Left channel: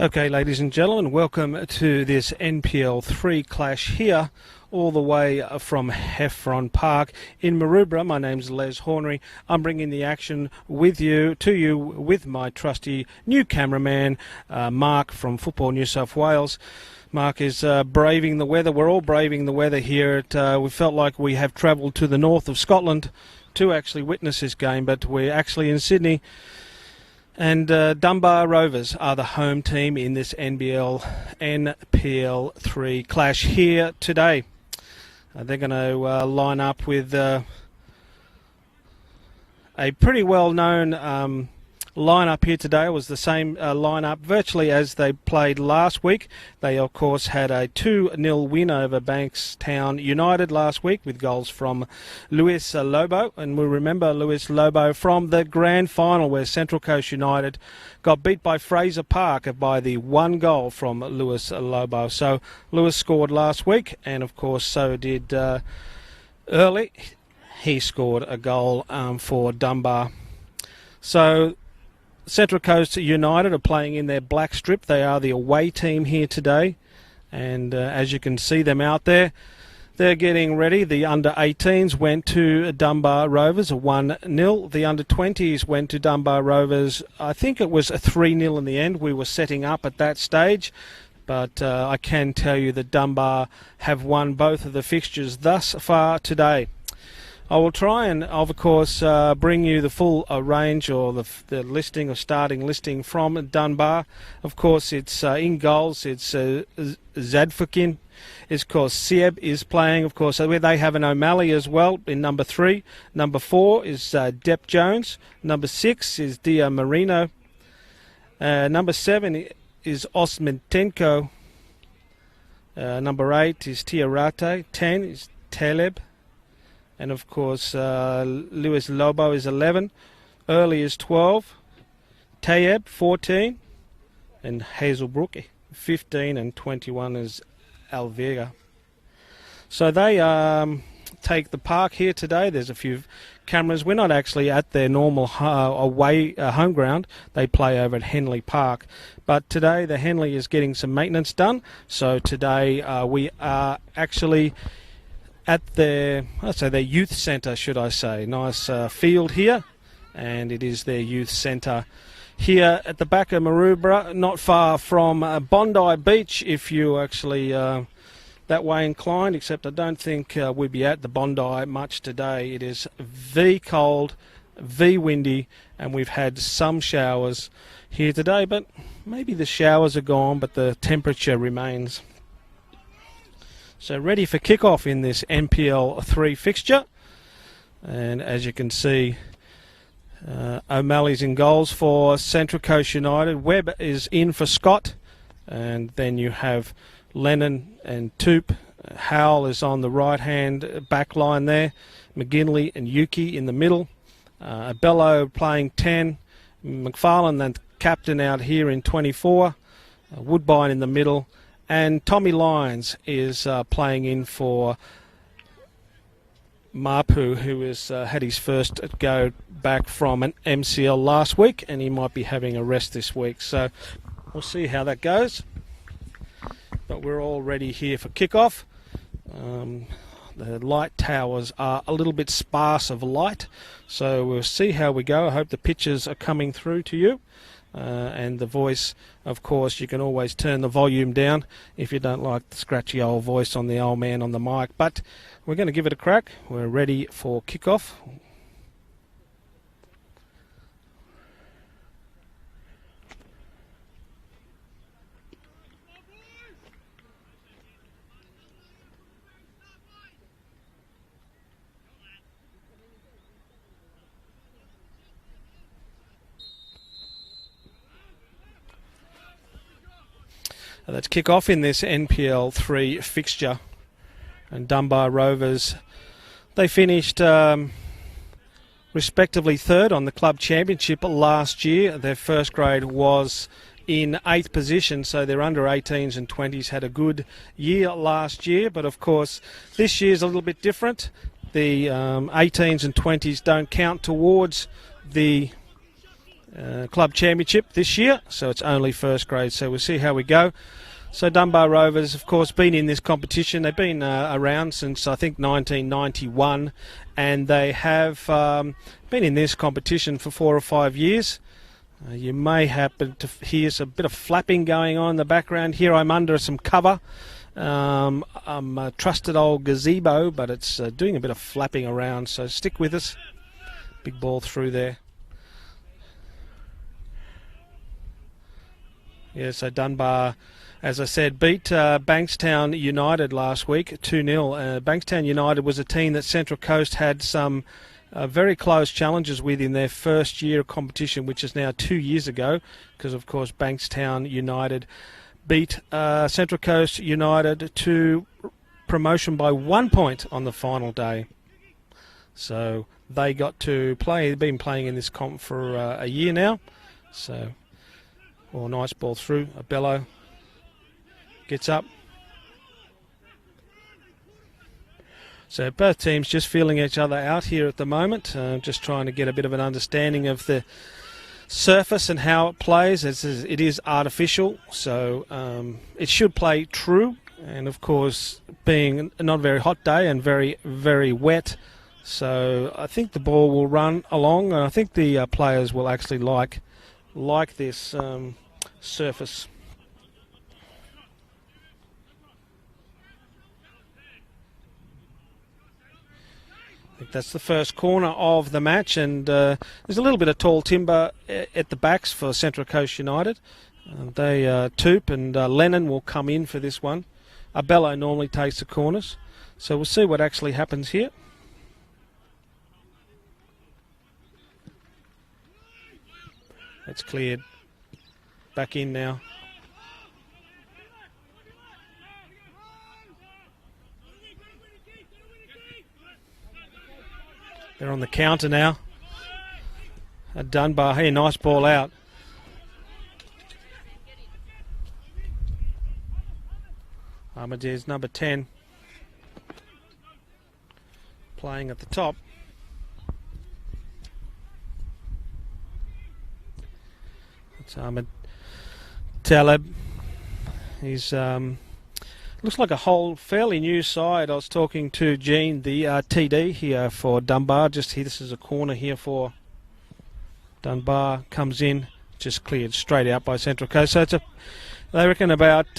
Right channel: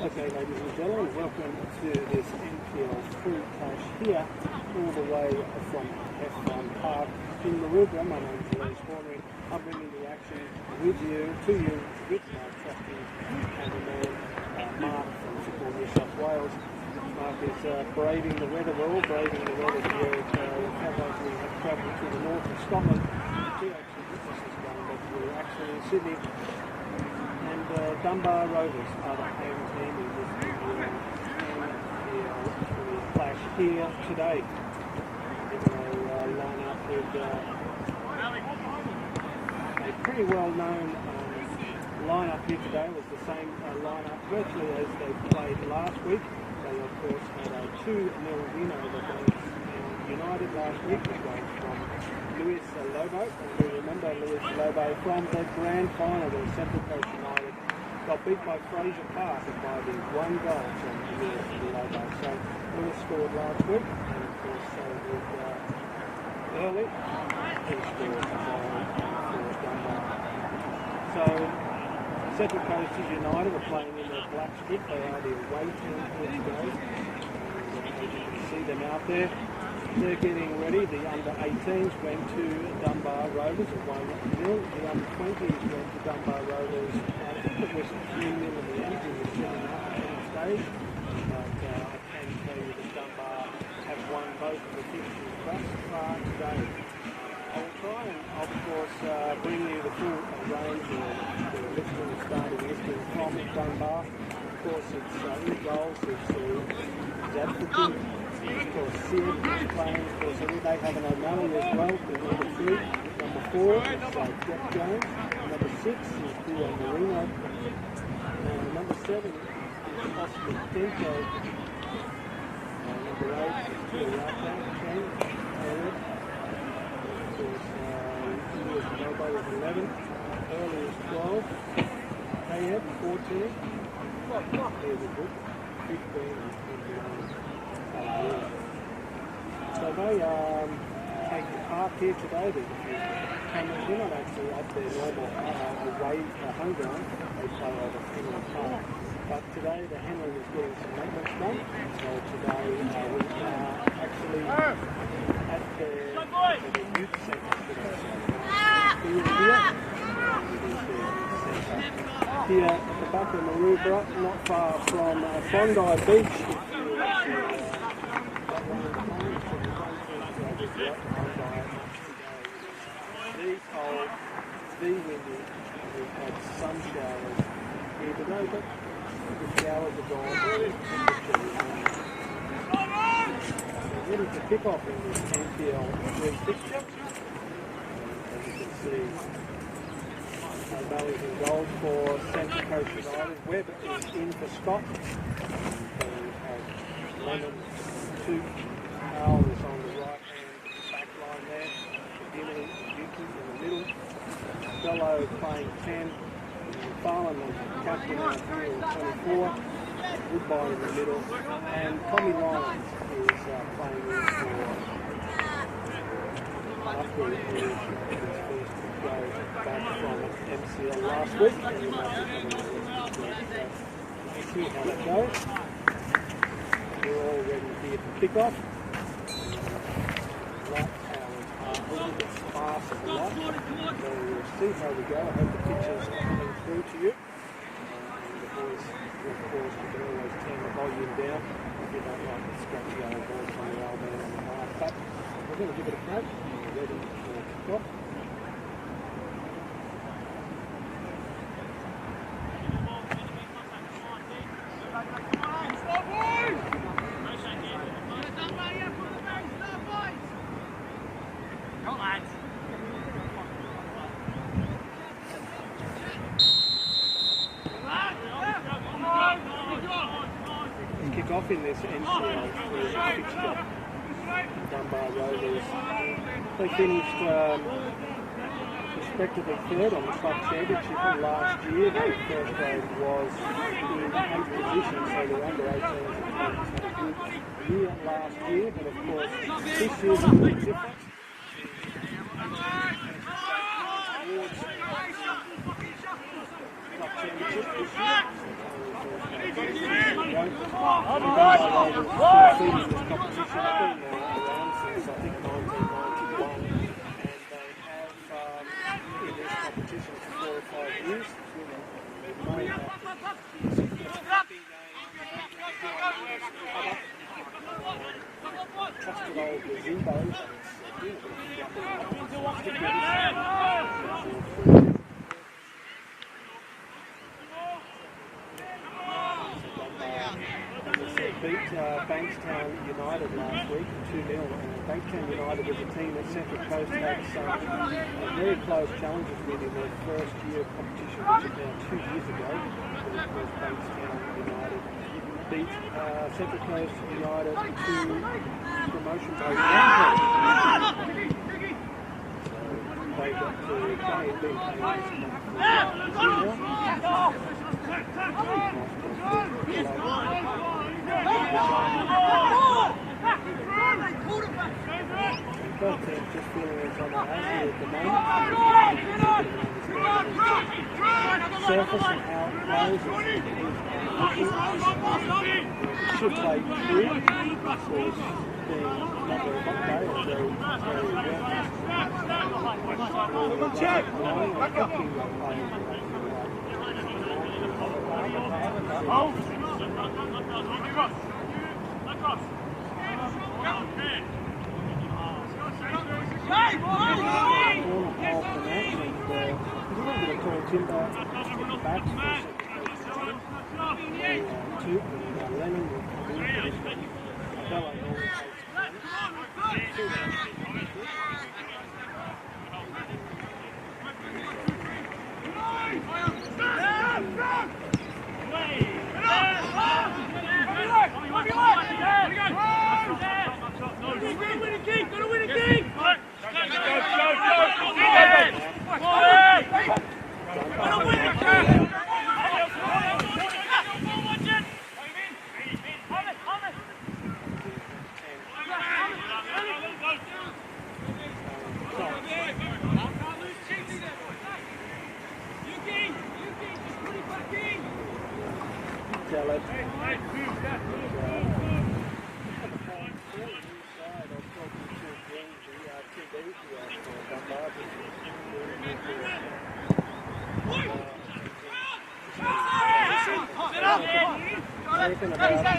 Okay, ladies and gentlemen, welcome to this NPL 3 clash here, all the way from Heffron Park in Maroubra. My name's Les Hornery. I'm bringing the action to you with my trusty new cameraman, Mark from Football New South Wales. Mark is braving the weather. We're all braving the weather here. We felt like we have travelled to the north of Scotland to actually witness this game, but we're actually in Sydney. And Dunbar Rovers are the home team in this NPL 3 clash here today. They're going to line up with a pretty well-known lineup here today. It was the same lineup virtually as they played last week. They, of course, had a 2-0 win over Bankstown United last week with goals from Luis Lobo. And we remember Luis Lobo from the grand final where Central Coast United got beat by Fraser Park by the 1 goal from Luis Lobo. So Luis scored last week, and of course so did Early. He scored a goal for Dunbar. So Central Coast United are playing in their black strip. They are the away team here today, and as you can see them out there, they're getting ready. The under-18s went to Dunbar Rovers, a 1-0. The under-20s went to Dunbar Rovers. I think it was a 3-0 in the end. We were setting up at that stage, but I can tell you that Dunbar have won both of the fixtures thus far today. I will try and, of course, bring you the full range or the listing, or starting listing from Dunbar. Of course, it's in goals. It's Zadfukin. It's, of course, Sieb is playing. Of course, they have an O'Malley as well in number 3. Number 4 is Depp Jones. Number 6 is Dia Marino. Number 7 is Osmentenko. Number 8 is Tiarate. 10 is Taleb. And of course, Luis Lobo is 11, Early is 12, Tayeb 14, and Hazelbrook 15, and 21 is Alvega. So they take the park here today. There's a few cameras. We're not actually at their normal away home ground. They play over at Henley Park. But today the Henley is getting some maintenance done. So today we are actually at their youth centre, should I say. Nice field here, and it is their youth centre here at the back of Maroubra, not far from Bondi Beach, if you actually that way inclined, except I don't think we'll be at the Bondi much today. It is cold, windy, and we've had some showers here today, but maybe the showers are gone, but the temperature remains. So ready for kickoff in this NPL 3 fixture, and as you can see, O'Malley's in goals for Central Coast United. Webb is in for Scott, and then you have Lennon and Toop. Howell is on the right hand back line there. McGinley and Yuki in the middle. Abello playing 10. McFarlane, the captain, out here in 24. Woodbine in the middle. And Tommy Lyons is playing in for Mapu, who has had his first go back from an MCL last week, and he might be having a rest this week. So we'll see how that goes. But we're all ready here for kickoff. The light towers are a little bit sparse of light, so we'll see how we go. I hope the pictures are coming through to you. And the voice, of course, you can always turn the volume down if you don't like the scratchy old voice on the old man on the mic. But we're going to give it a crack. We're ready for kickoff. Let's kick off in this NPL 3 fixture. And Dunbar Rovers, they finished respectively 3rd on the club championship last year. Their first grade was in 8th position, so their under 18s and 20s had a good year last year. But of course, this year's a little bit different. The 18s and 20s don't count towards the club championship this year, so it's only first grade, so we'll see how we go. So Dunbar Rovers, of course, been in this competition. They've been around since, I think, 1991, and they have been in this competition for 4 or 5 years. You may happen to hear a bit of flapping going on in the background. Here I'm under some cover. I'm a trusted old gazebo, but it's doing a bit of flapping around, so stick with us. Big ball through there. Yeah, so Dunbar, as I said, beat Bankstown United last week, 2-0. Bankstown United was a team that Central Coast had some very close challenges with in their first year of competition, which is now 2 years ago, because of course Bankstown United beat Central Coast United to promotion by 1 point on the final day. So they got to play. They've been playing in this comp for a year now. So a nice ball through. Bello gets up. So both teams just feeling each other out here at the moment. Just trying to get a bit of an understanding of the surface and how it plays. It is artificial, so it should play true. And of course, being a not very hot day and very, very wet, so I think the ball will run along. I think the players will actually like this surface. That's the first corner of the match, and there's a little bit of tall timber at the backs for Central Coast United. They Toop and Lennon will come in for this one. Bello normally takes the corners, so we'll see what actually happens here. It's clear. Back in now. On the counter now. Dunbar here, nice ball out. Armadillo's number 10. Playing at the top. Taleb is looks like a whole fairly new side. I was talking to Gene, the TD here for Dunbar. Just here, this is a corner here for Dunbar. Comes in, just cleared straight out by Central Coast. So it's they reckon about,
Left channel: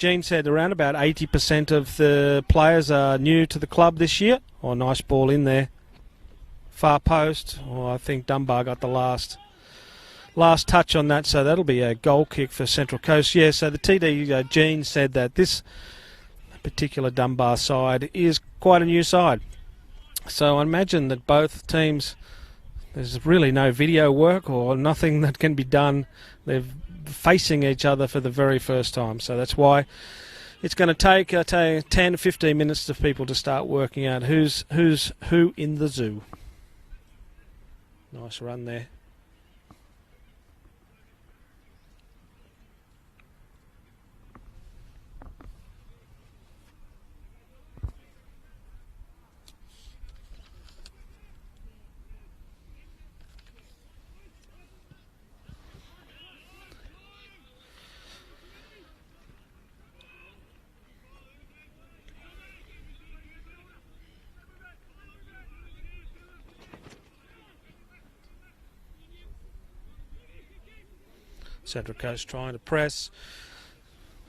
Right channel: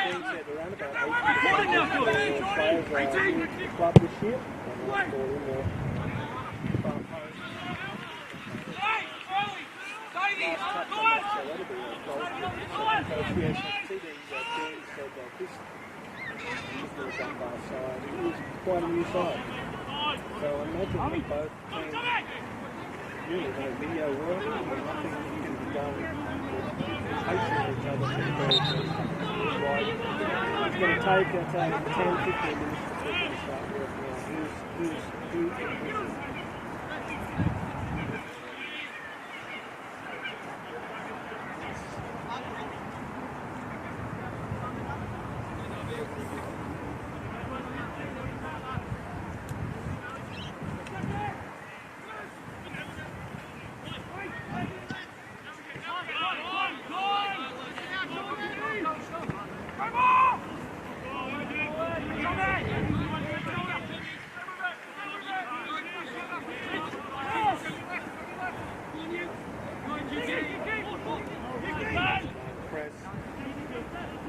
Gene said around about 80% of the players are new to the club this year. Oh, nice ball in there. Far post. Oh, I think Dunbar got the last touch on that, so that'll be a goal kick for Central Coast. Yeah, so the TD, Gene, said that this particular Dunbar side is quite a new side. So I imagine that both teams, there's really no video work or nothing that can be done. They're facing each other for the very first time. So that's why it's going to take 10 to 15 minutes for people to start working out who's who in the zoo. Nice run there. So the coach trying to press.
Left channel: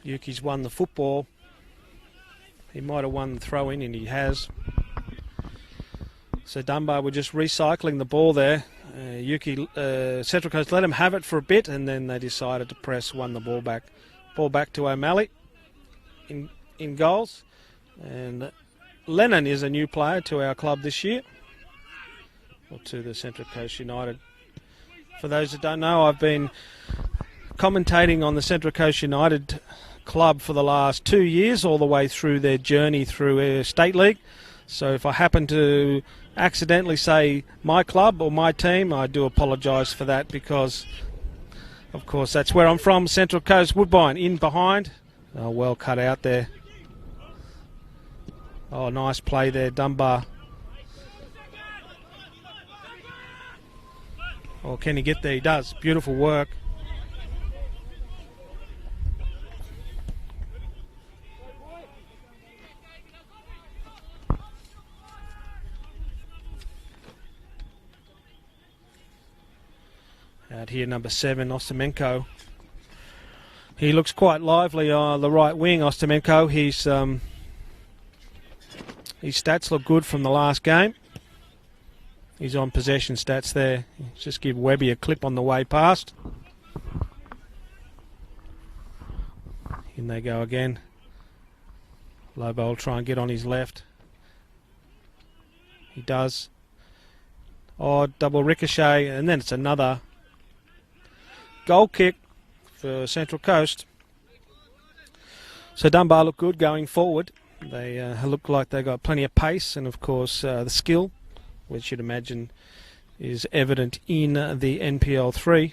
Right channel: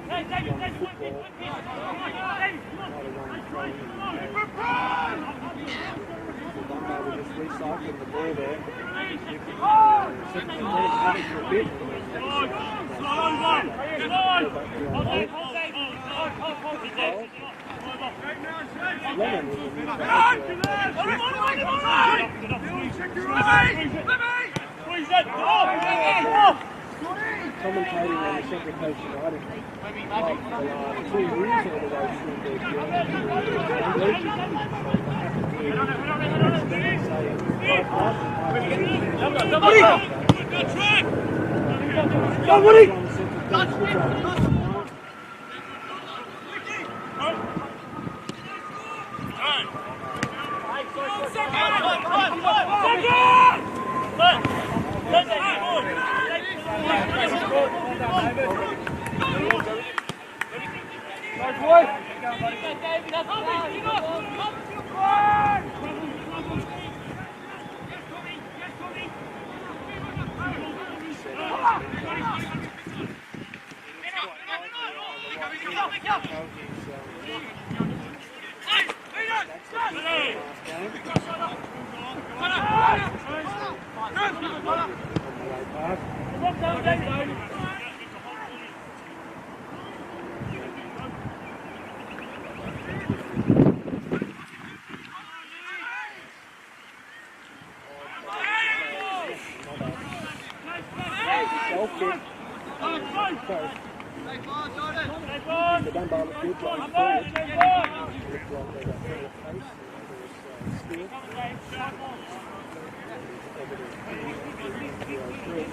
Yuki's won the football. He might have won the throw in, and he has. So Dunbar were just recycling the ball there. Yuki, Central Coast let him have it for a bit, and then they decided to press, won the ball back. Ball back to O'Malley in goals. And Lennon is a new player to our club this year. To the Central Coast United. For those who don't know, I've been commentating on the Central Coast United club for the last 2 years, all the way through their journey through State League. So if I happen to accidentally say my club or my team, I do apologise for that, because of course that's where I'm from, Central Coast. Woodbine in behind. Oh, well cut out there. Oh, nice play there, Dunbar. Can he get there? He does. Beautiful work. And here, number 7, Ostomenko. He looks quite lively on the right wing, Ostomenko. His stats look good from the last game. His on possession stats there. Just give Webby a clip on the way past. And they go again. Lobo will try and get on his left. He does. Oh, double ricochet, and then it's another goal kick for Central Coast. So Dunbar look good going forward. They look like they've got plenty of pace, and of course the skill, which you'd imagine is evident in the NPL 3.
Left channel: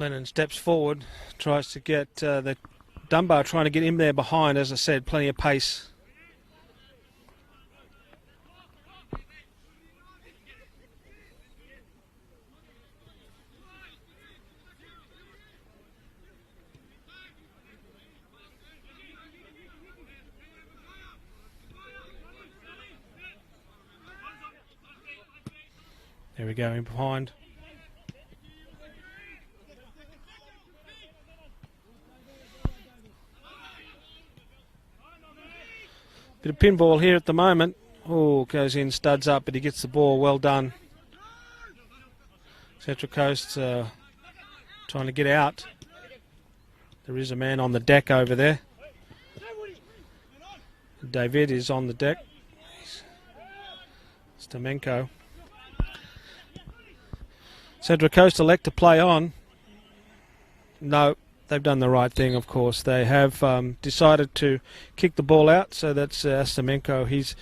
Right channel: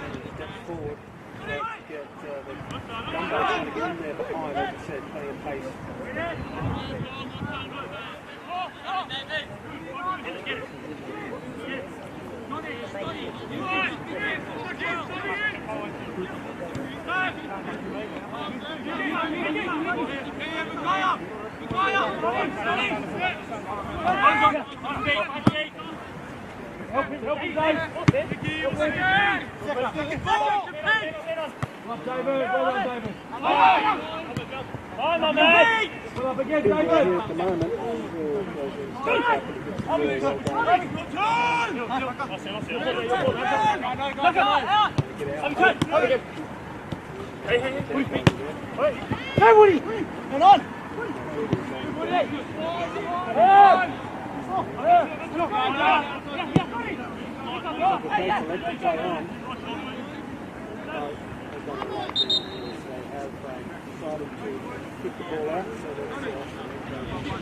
Lennon steps forward, tries to get the Dunbar trying to get in there behind. As I said, plenty of pace. There we go, behind. Good pinball here at the moment. Oh, goes in, studs up, but he gets the ball. Well done. Central Coast trying to get out. There is a man on the deck over there. David is on the deck. Stomenko. Central Coast elect to play on. No, they've done the right thing, of course. They have decided to kick the ball out, so that's Stomenko. He's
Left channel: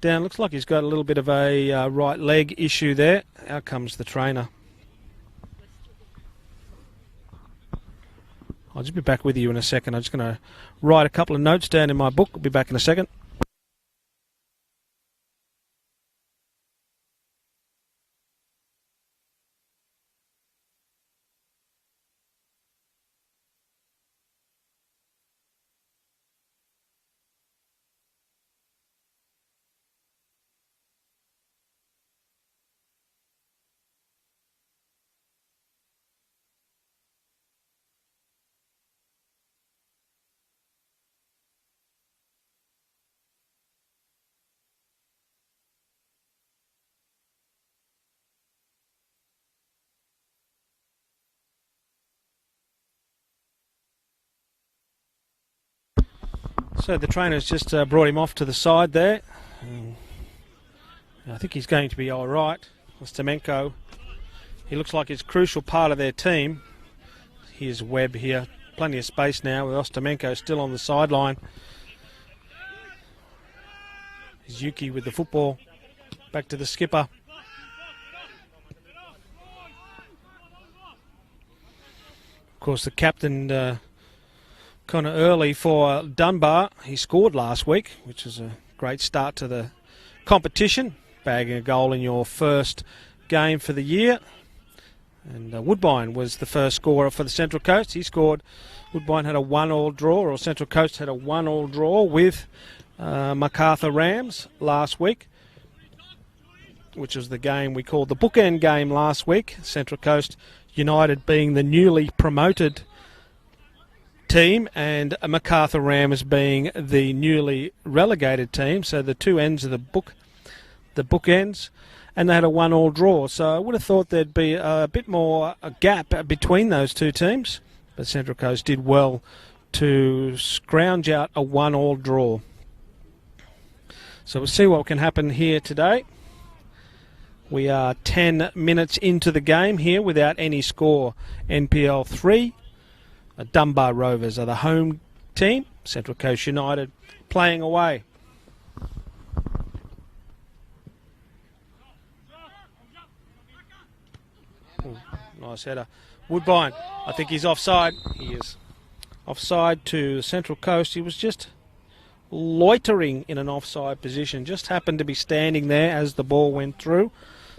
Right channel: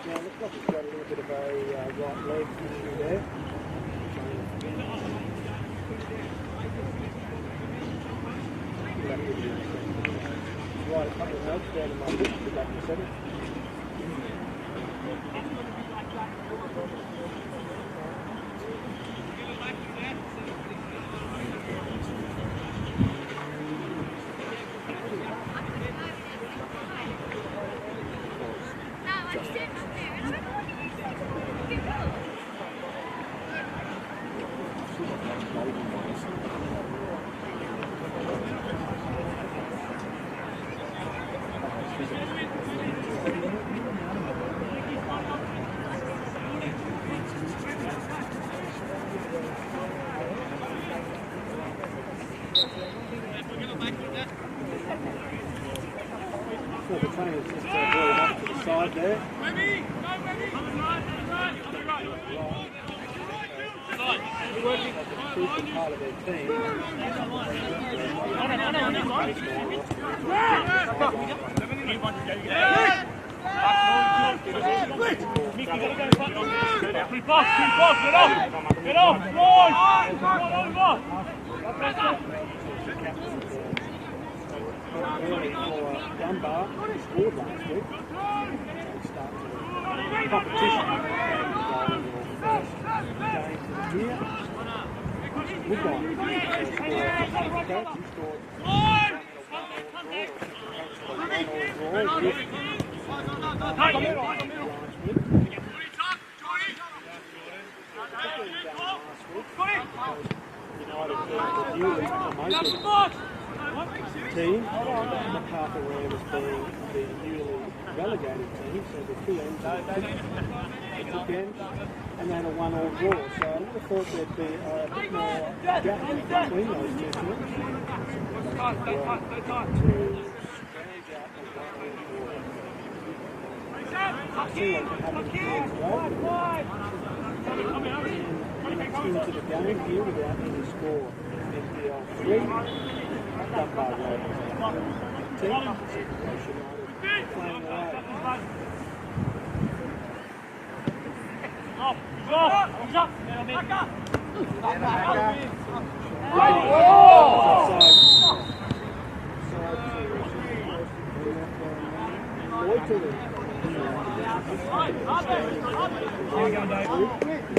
down. Looks like he's got a little bit of a right leg issue there. Out comes the trainer. I'll just be back with you in a second. I'm just going to write a couple of notes down in my book. I'll be back in a second. So the trainer's just brought him off to the side there. I think he's going to be all right. Stomenko, he looks like he's a crucial part of their team. Here's Webb here. Plenty of space now with Ostomenko still on the sideline. Zuki with the football. Back to the skipper. Of course, the captain kind of early for Dunbar. He scored last week, which is a great start to the competition. Bagging a goal in your first game for the year. Woodbine was the first scorer for the Central Coast. He scored. Woodbine had a 1-1 draw, or Central Coast had a 1-1 draw with Macarthur Rams last week, which was the game we called the bookend game last week. Central Coast United being the newly promoted team, and MacArthur Rams being the newly relegated team. So the two ends of the bookends, and they had a 1-1 draw. So I would have thought there'd be a bit more gap between those two teams. But Central Coast did well to scrounge out a 1-1 draw. So we'll see what can happen here today. We are 10 minutes into the game here without any score. NPL 3. Dunbar Rovers are the home team. Central Coast United playing away. Nice header. Woodbine, I think he's offside. Yes. Offside to Central Coast. He was just loitering in an offside position. Just happened to be standing there as the ball went through.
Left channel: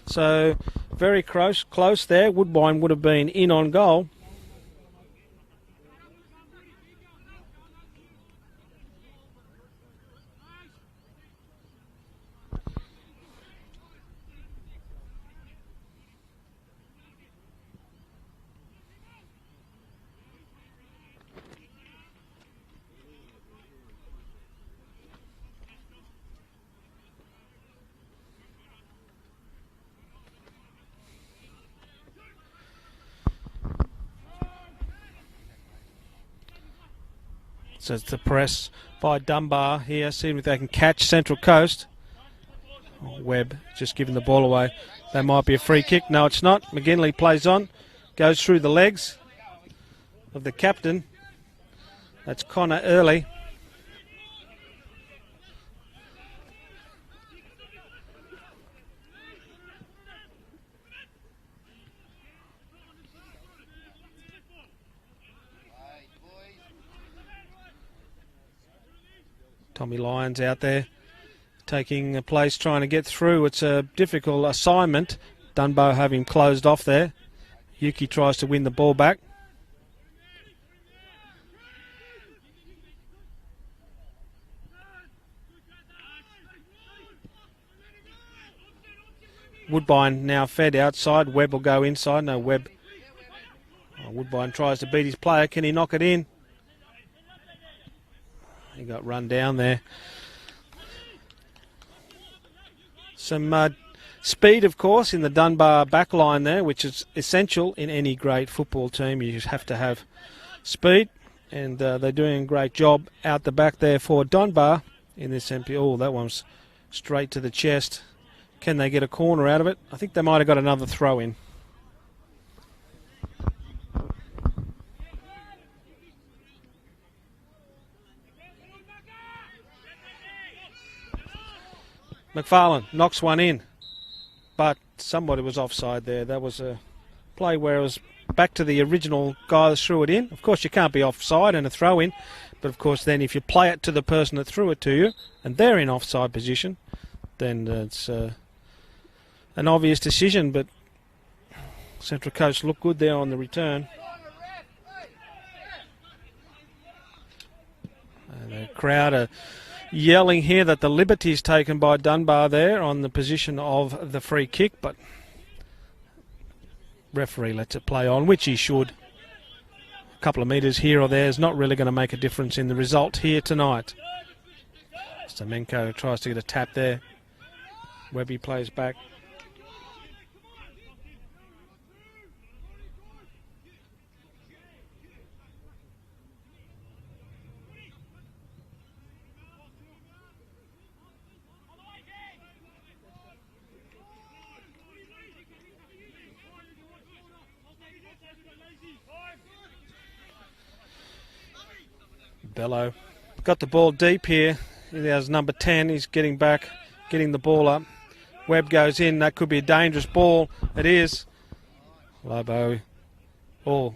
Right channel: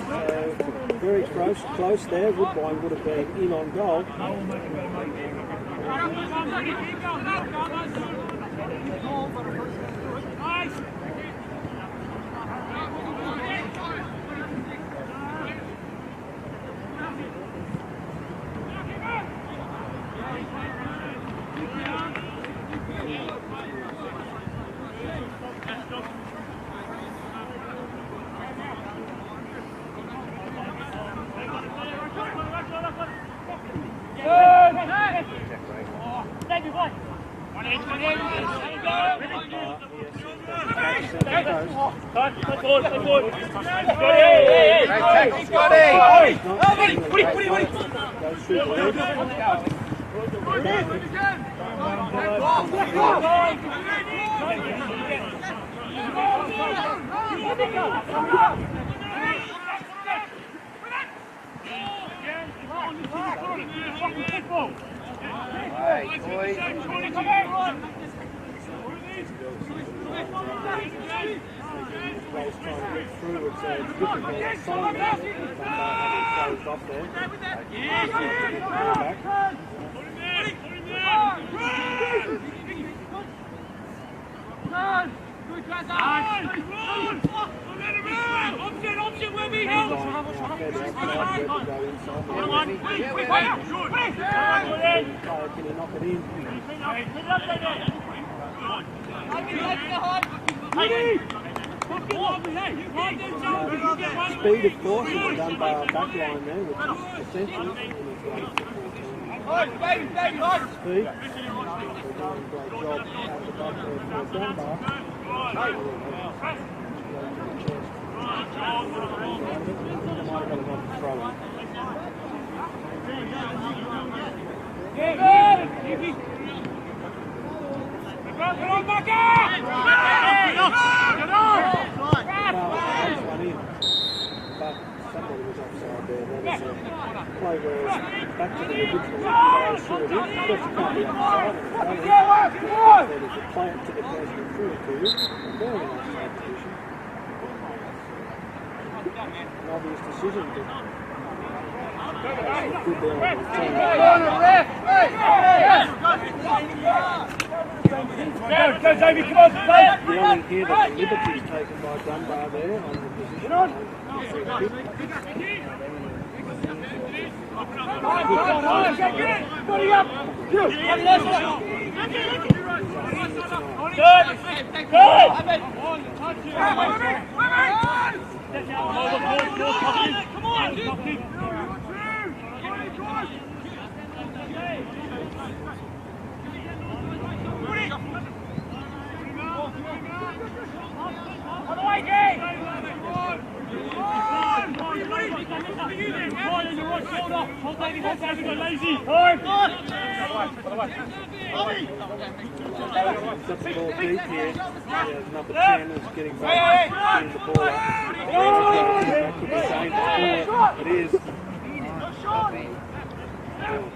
So very close there. Woodbine would have been in on goal. Just the press by Dunbar here, seeing if they can catch Central Coast. Webb just giving the ball away. That might be a free kick. No, it's not. McGinley plays on, goes through the legs. The captain, it's Connor Early. Tommy Lyons out there taking a place, trying to get through. It's a difficult assignment. Dunbar having closed off there. Yuki tries to win the ball back. Woodbine now fed outside. Webb will go inside. No, Webb. Woodbine tries to beat his player. Can he knock it in? Got run down there. Some speed, of course, in the Dunbar back line there, which is essential in any great football team. You just have to have speed, and they're doing a great job out the back there for Dunbar in this MP. Oh, that one's straight to the chest. Can they get a corner out of it? I think they might have got another throw in. McFarlane knocks one in, but somebody was offside there. That was a play where it was back to the original guy that threw it in. Of course, you can't be offside and a throw in, but of course then if you play it to the person that threw it to you and they're in offside position, then it's an obvious decision. But Central Coast looked good there on the return. Crowd are yelling here that the liberty's taken by Dunbar there on the position of the free kick, but referee lets it play on, which he should. A couple of metres here or there is not really going to make a difference in the result here tonight. Stamenko tries to get a tap there. Webby plays back. Bello got the ball deep here. There's number 10. He's getting back, getting the ball up. Webb goes in. That could be a dangerous ball. It is. Although, oh,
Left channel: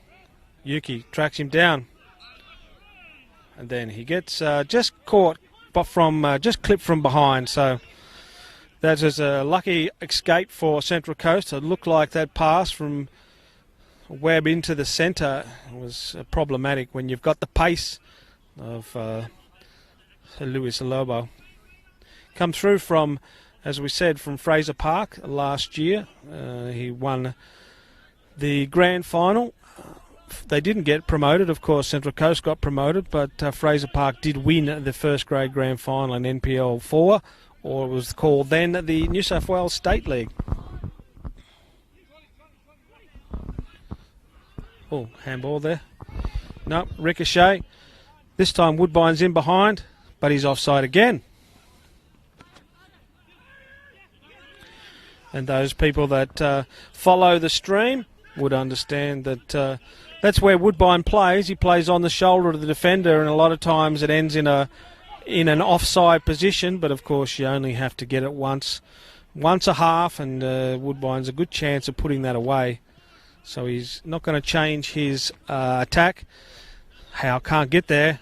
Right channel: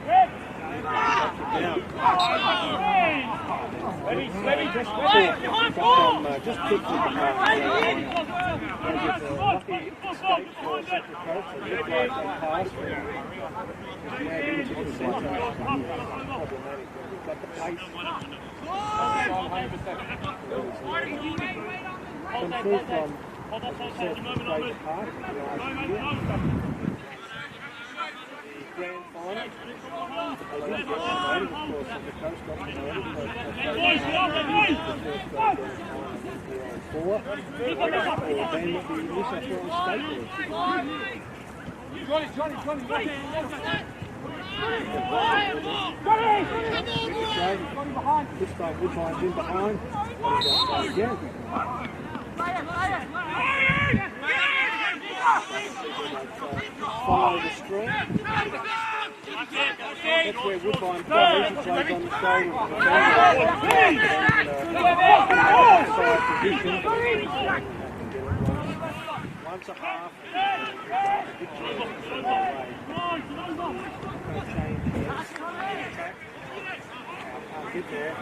Yuki tracks him down. Then he gets just caught from just clipped from behind. So that was a lucky escape for Central Coast. It looked like that pass from Webb into the centre is problematic when you've got the pace of Luis Alobo. Come through from, as we said, from Fraser Park last year. He won the grand final they didn't get promoted. Of course, Central Coast got promoted, but Fraser Park did win the first grade grand final in NPL 4, or it was called then the New South Wales State League. Oh, handball there. No, ricochet. This time Woodbine's in behind, but he's offside again. And those people that follow the stream would understand that that's where Woodbine plays. He plays on the shoulder of the defender, and a lot of times it ends in an offside position. But of course, you only have to get it once a half, and Woodbine's a good chance of putting that away. So he's not going to change his attack. Howe can't get there.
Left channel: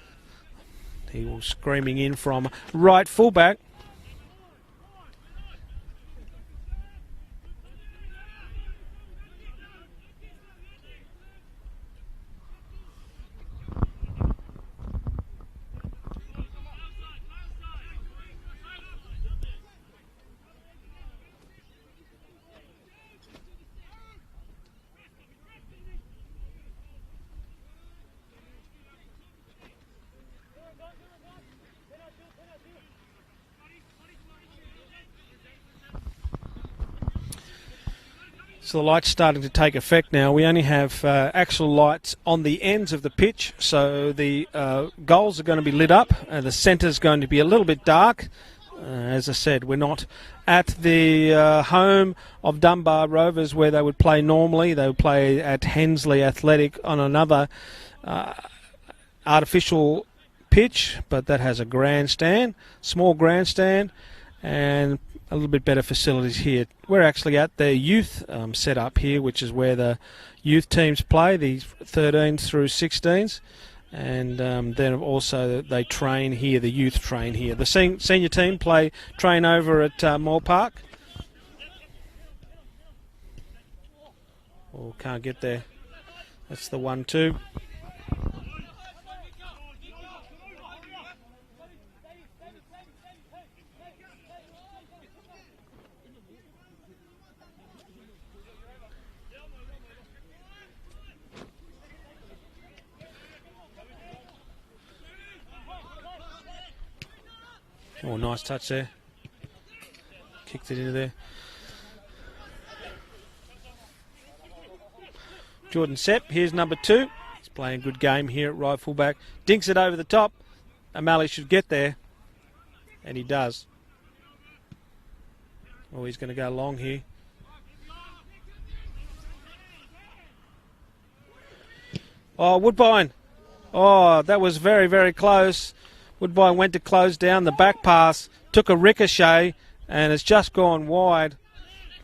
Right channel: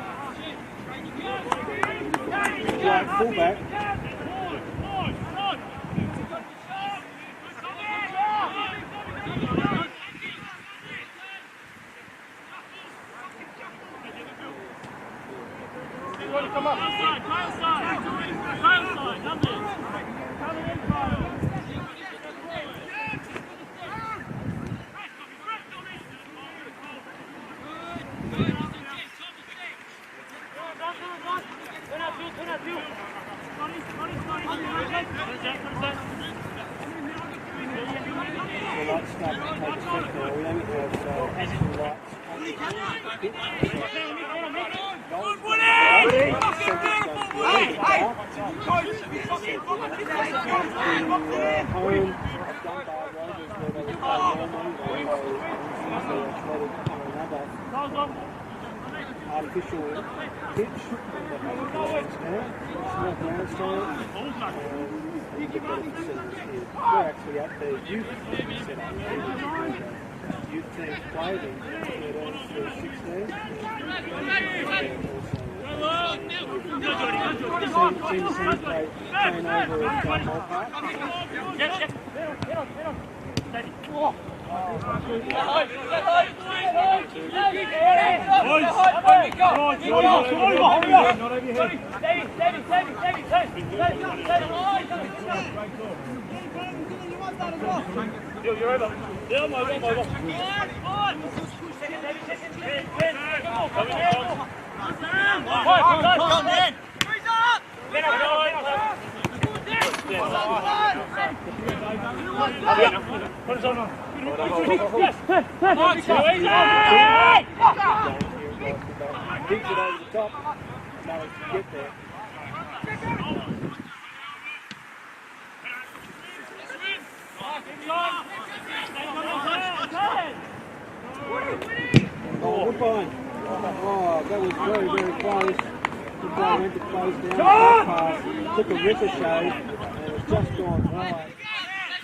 Screaming in from right fullback. So the light's starting to take effect now. We only have actual lights on the ends of the pitch, so the goals are going to be lit up and the centre's going to be a little bit dark. As I said, we're not at the home of Dunbar Rovers where they would play normally. They would play at Hensley Athletic on another artificial pitch, but that has a grandstand, small grandstand, and a little bit better facilities here. We're actually at the youth setup here, which is where the youth teams play, the 13s through 16s, and then also they train here, the youth train here. The senior team train over at Moore Park. Can't get there. That's the 1-2. Nice touch there. Jordan set, here's number 2. He's playing a good game here at right fullback. Dinks it over the top. O'Malley should get there. And he does. Oh, he's going to go long here. Oh, Woodbine. Oh, that was very, very close. Woodbine went to close down the back pass, took a ricochet, and it's just gone wide.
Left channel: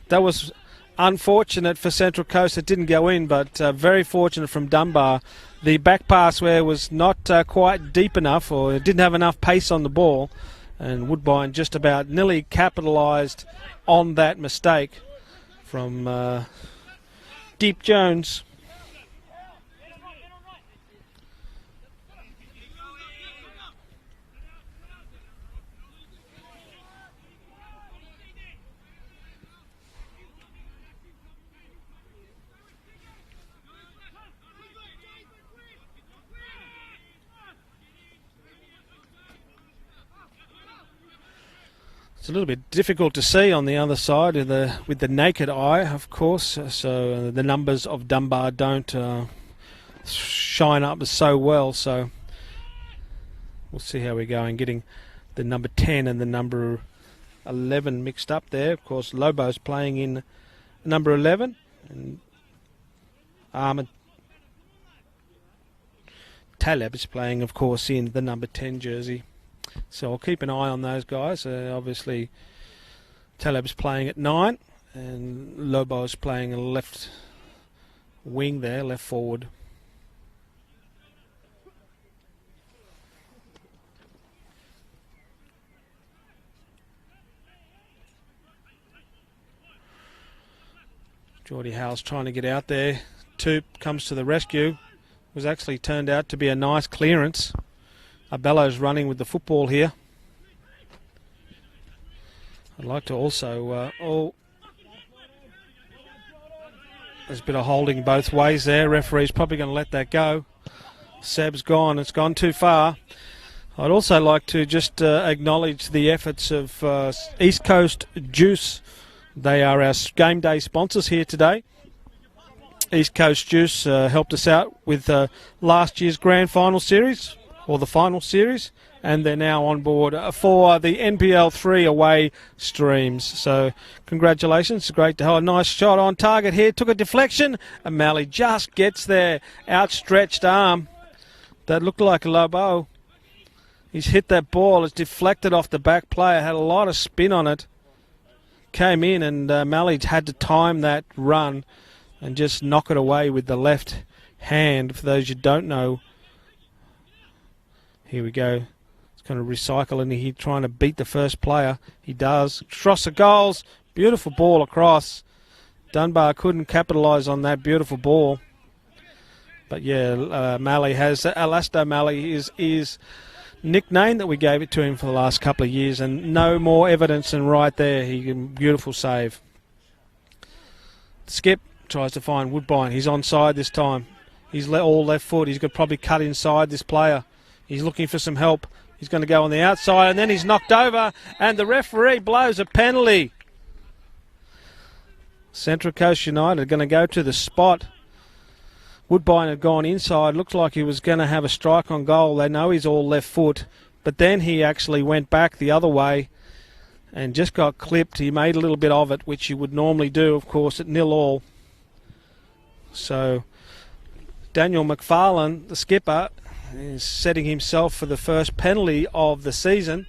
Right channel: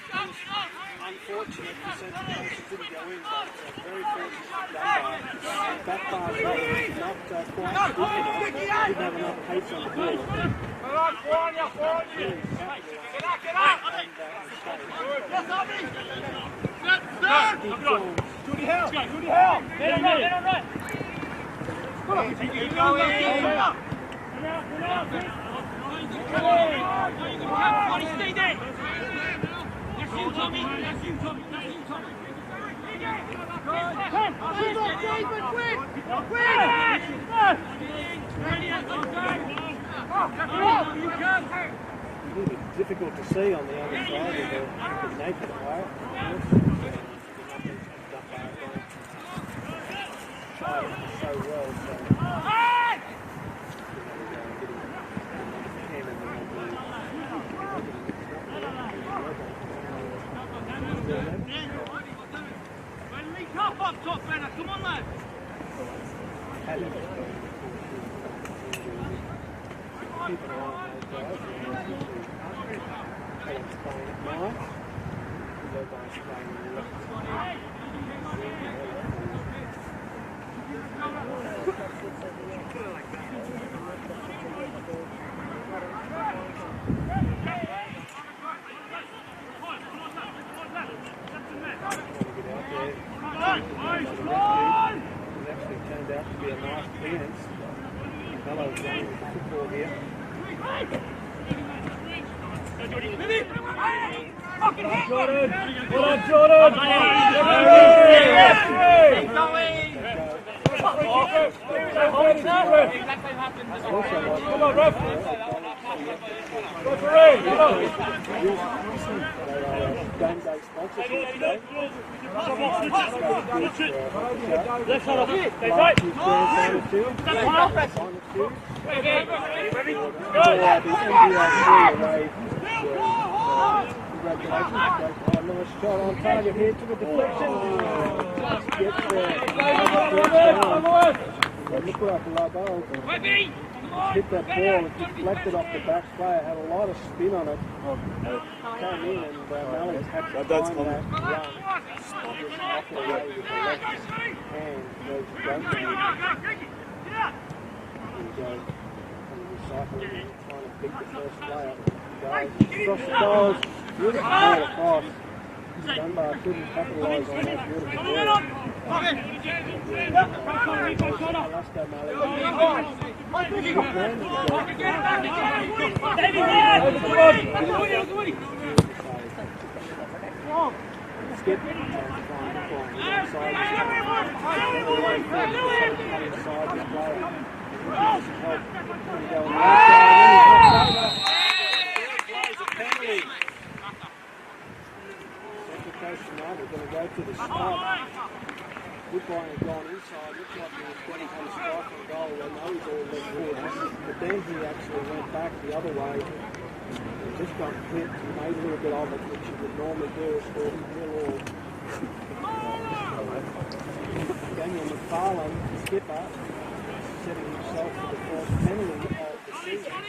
That was unfortunate for Central Coast. It didn't go in, but very fortunate from Dunbar. The back pass where it was not quite deep enough, or it didn't have enough pace on the ball, and Woodbine just about nearly capitalised on that mistake from Deep Jones. It's a little bit difficult to see on the other side with the naked eye, of course, so the numbers of Dunbar don't shine up so well, so let's see how we're going, getting the number 10 and the number 11 mixed up there. Of course, Lobo's playing in number 11. Taleb's playing, of course, in the number 10 jersey. So I'll keep an eye on those guys. Obviously, Taleb's playing at 9, and Lobo's playing a left wing there, left forward. Jordy Howe's trying to get out there. Toop comes to the rescue. It was actually turned out to be a nice clearance. Abello's running with the football here. I'd like to also holding both ways there. Referee's probably going to let that go. Seb's gone. It's gone too far. I'd also like to just acknowledge the efforts of East Coast Juice. They are our game day sponsors here today. East Coast Juice helped us out with last year's grand final series, or the final series, and they're now on board for the NPL 3 away streams. So congratulations, great to have a nice shot on target here. Took a deflection, and Malley just gets there. Outstretched arm that looked like Lobo. He's hit that ball, it's deflected off the back player, had a lot of spin on it. Came in, and Malley had to time that run and just knock it away with the left hand. For those you don't know, here we go. He's going to recycle in here, trying to beat the first player. He does. Strasser goals. Beautiful ball across. Dunbar couldn't capitalise on that beautiful ball. But yeah, Malley has Elasto Malley is his nickname that we gave it to him for the last couple of years, and no more evidence than right there. Beautiful save. Skip tries to find Woodbine. He's onside this time. He's all left foot. He's got probably cut inside this player. He's looking for some help. He's going to go on the outside, and then he's knocked over, and the referee blows a penalty. Central Coast United are going to go to the spot. Woodbine had gone inside. Looked like he was going to have a strike on goal. They know he's all left foot, but then he actually went back the other way and just got clipped. He made a little bit of it, which you would normally do, of course, at 0-0. So Daniel McFarlane, the skipper, is setting himself for the first penalty of the season.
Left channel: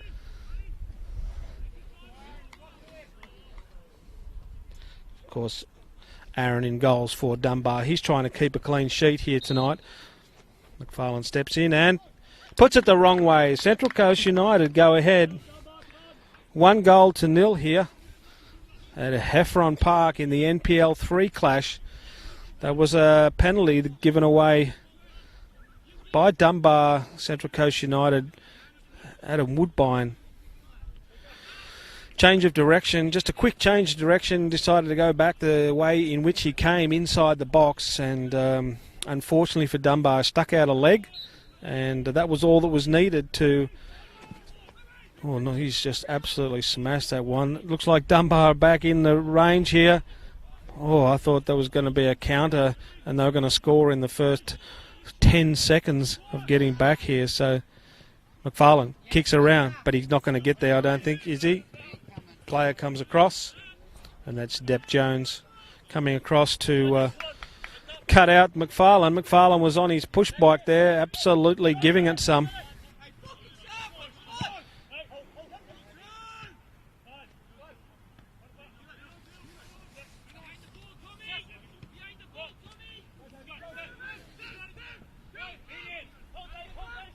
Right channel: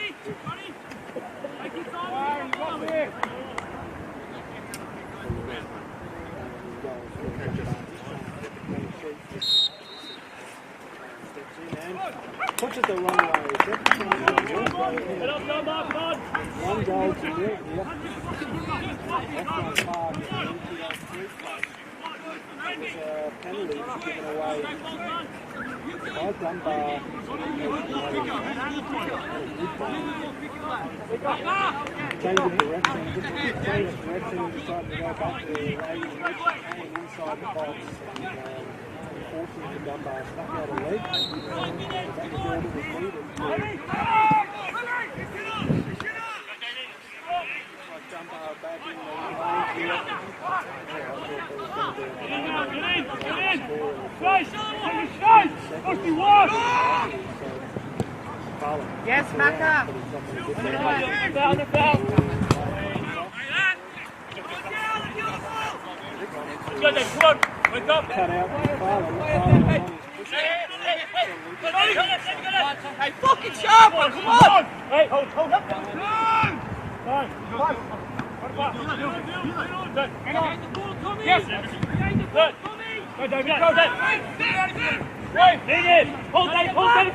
Of course, Aaron in goals for Dunbar. He's trying to keep a clean sheet here tonight. McFarlane steps in and puts it the wrong way. Central Coast United go ahead. 1-0 here at Heffron Park in the NPL 3 clash. That was a penalty given away by Dunbar. Central Coast United out of Woodbine. Change of direction, just a quick change of direction. Decided to go back the way in which he came inside the box, and unfortunately for Dunbar, stuck out a leg, and that was all that was needed to. Oh no, he's just absolutely smashed that one. Looks like Dunbar back in the range here. Oh, I thought there was going to be a counter and they were going to score in the first 10 seconds of getting back here. So McFarlane kicks around, but he's not going to get there, I don't think, is he? Player comes across, and that's Depp Jones coming across to cut out McFarlane. McFarlane was on his push bike there, absolutely giving it some. Hey, fucking sharp one, come on! Hey, hold up. Yes. Go, David, go, David. Right, lead it. Hold Dave, hold Dave.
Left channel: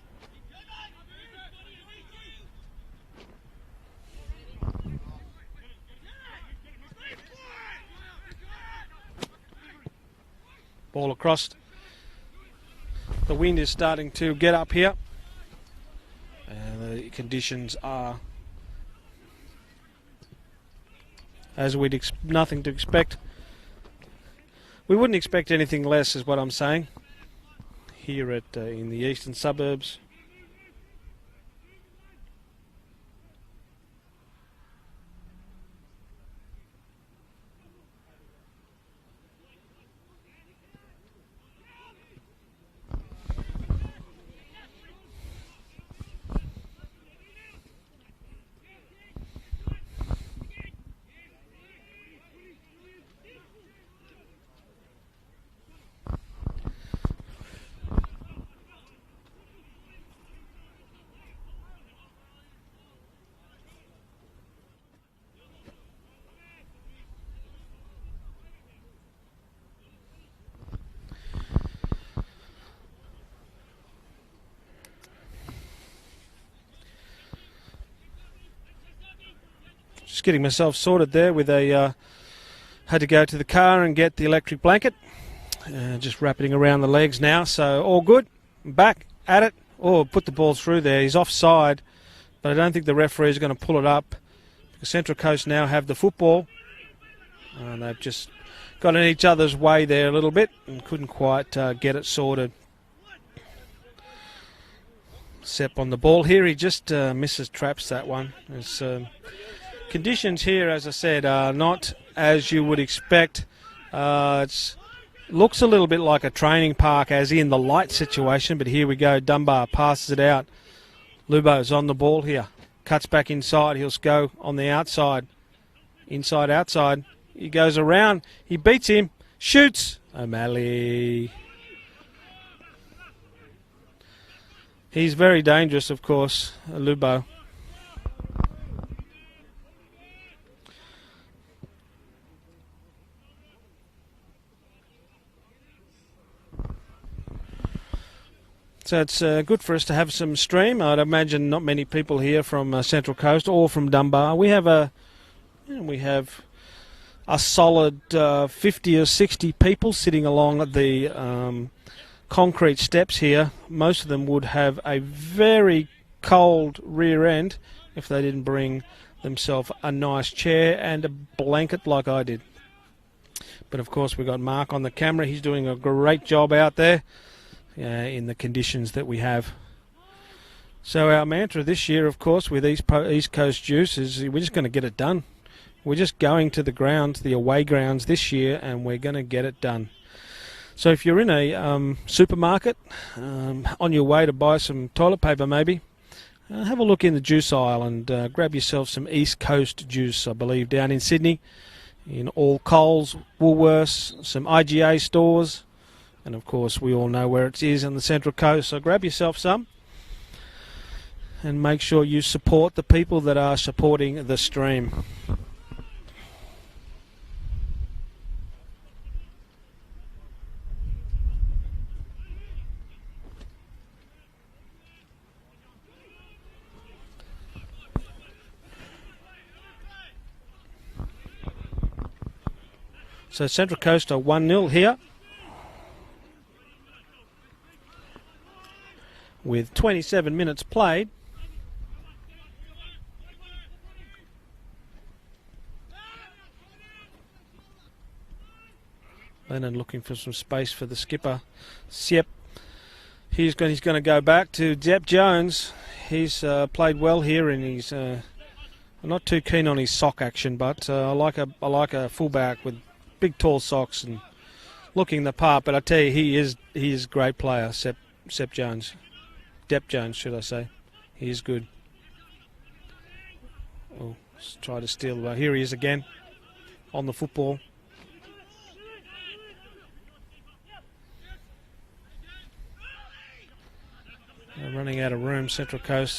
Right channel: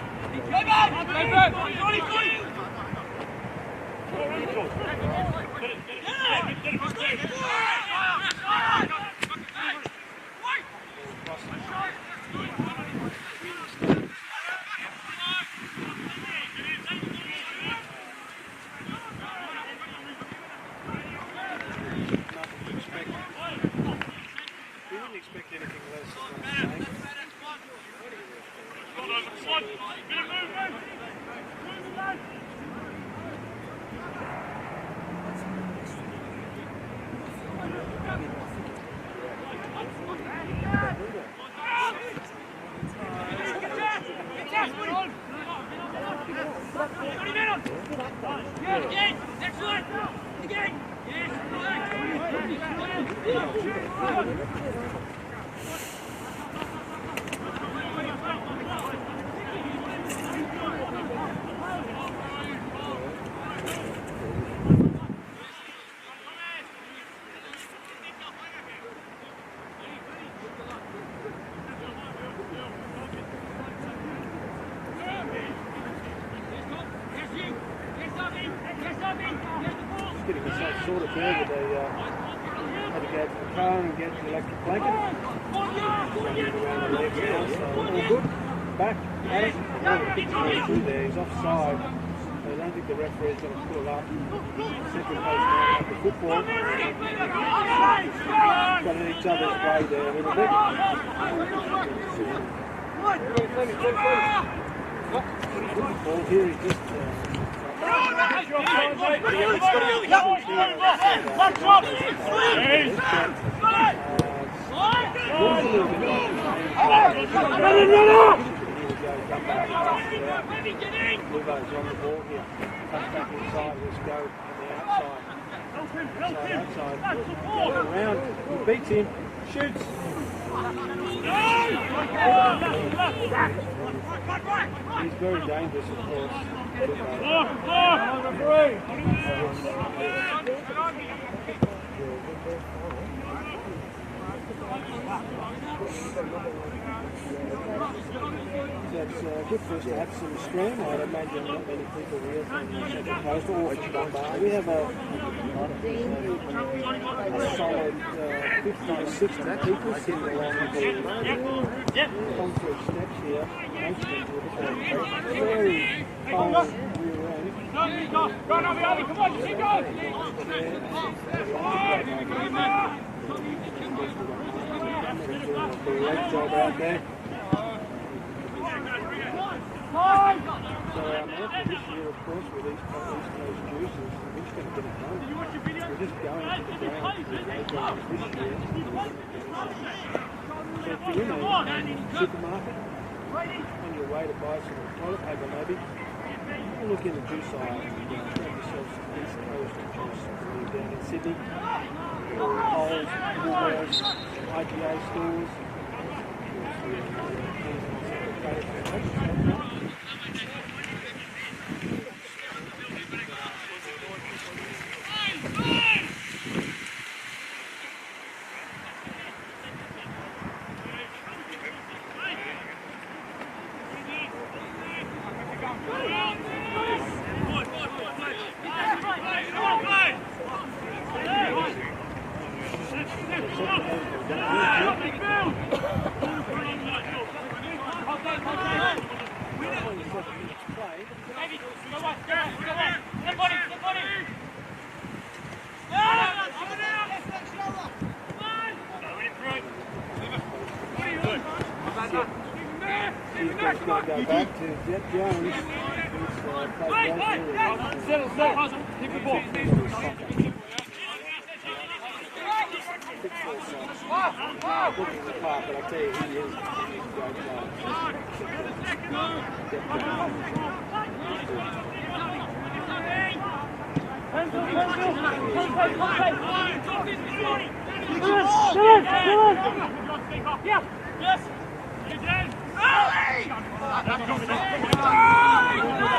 Ball across. The wind is starting to get up here. The conditions are as we'd nothing to expect. We wouldn't expect anything less, is what I'm saying, here at in the eastern suburbs. Just getting myself sorted there with a had to go to the car and get the electric blanket. Just wrapping around the legs now, so all good. Back at it. Oh, put the ball through there. He's offside, but I don't think the referee is going to pull it up. Central Coast now have the football. just got in each other's way there a little bit. Couldn't quite get it sorted. Sepp on the ball here. He just misses traps that one. Conditions here, as I said, are not as you would expect. It looks a little bit like a training park, as in the light situation, but here we go. Dunbar passes it out. Lubo's on the ball here. Cuts back inside. He'll go on the outside. Inside, outside. He goes around. He beats him. Shoots. O'Malley. He's very dangerous, of course, Lubo. So it's good for us to have some stream. I'd imagine not many people here from Central Coast or from Dunbar. We have a solid 50 or 60 people sitting along at the concrete steps here. Most of them would have a very cold rear end if they didn't bring themselves a nice chair and a blanket like I did. But of course we've got Mark on the camera. He's doing a great job out there in the conditions that we have. So our mantra this year, of course, with East Coast Juice is we're just going to get it done. We're just going to the grounds, the away grounds this year, and we're going to get it done. So if you're in a supermarket, on your way to buy some toilet paper maybe, have a look in the juice aisle and grab yourself some East Coast juice, I believe, down in Sydney, in all Coles, Woolworths, some IGA stores, and of course we all know where it is on the Central Coast, so grab yourself some and make sure you support the people that are supporting the stream. So Central Coast are 1-0 here, with 27 minutes played. And I'm looking for some space for the skipper. Yep. He's going to go back to Depp Jones. He's played well here, and he's not too keen on his sock action, but I like a fullback with big tall socks and looking the part. But I tell you, he is a great player, Sepp Jones. Depp Jones, should I say. He's good. Trying to steal that. Here he is again on the football. Running out of room, Central Coast.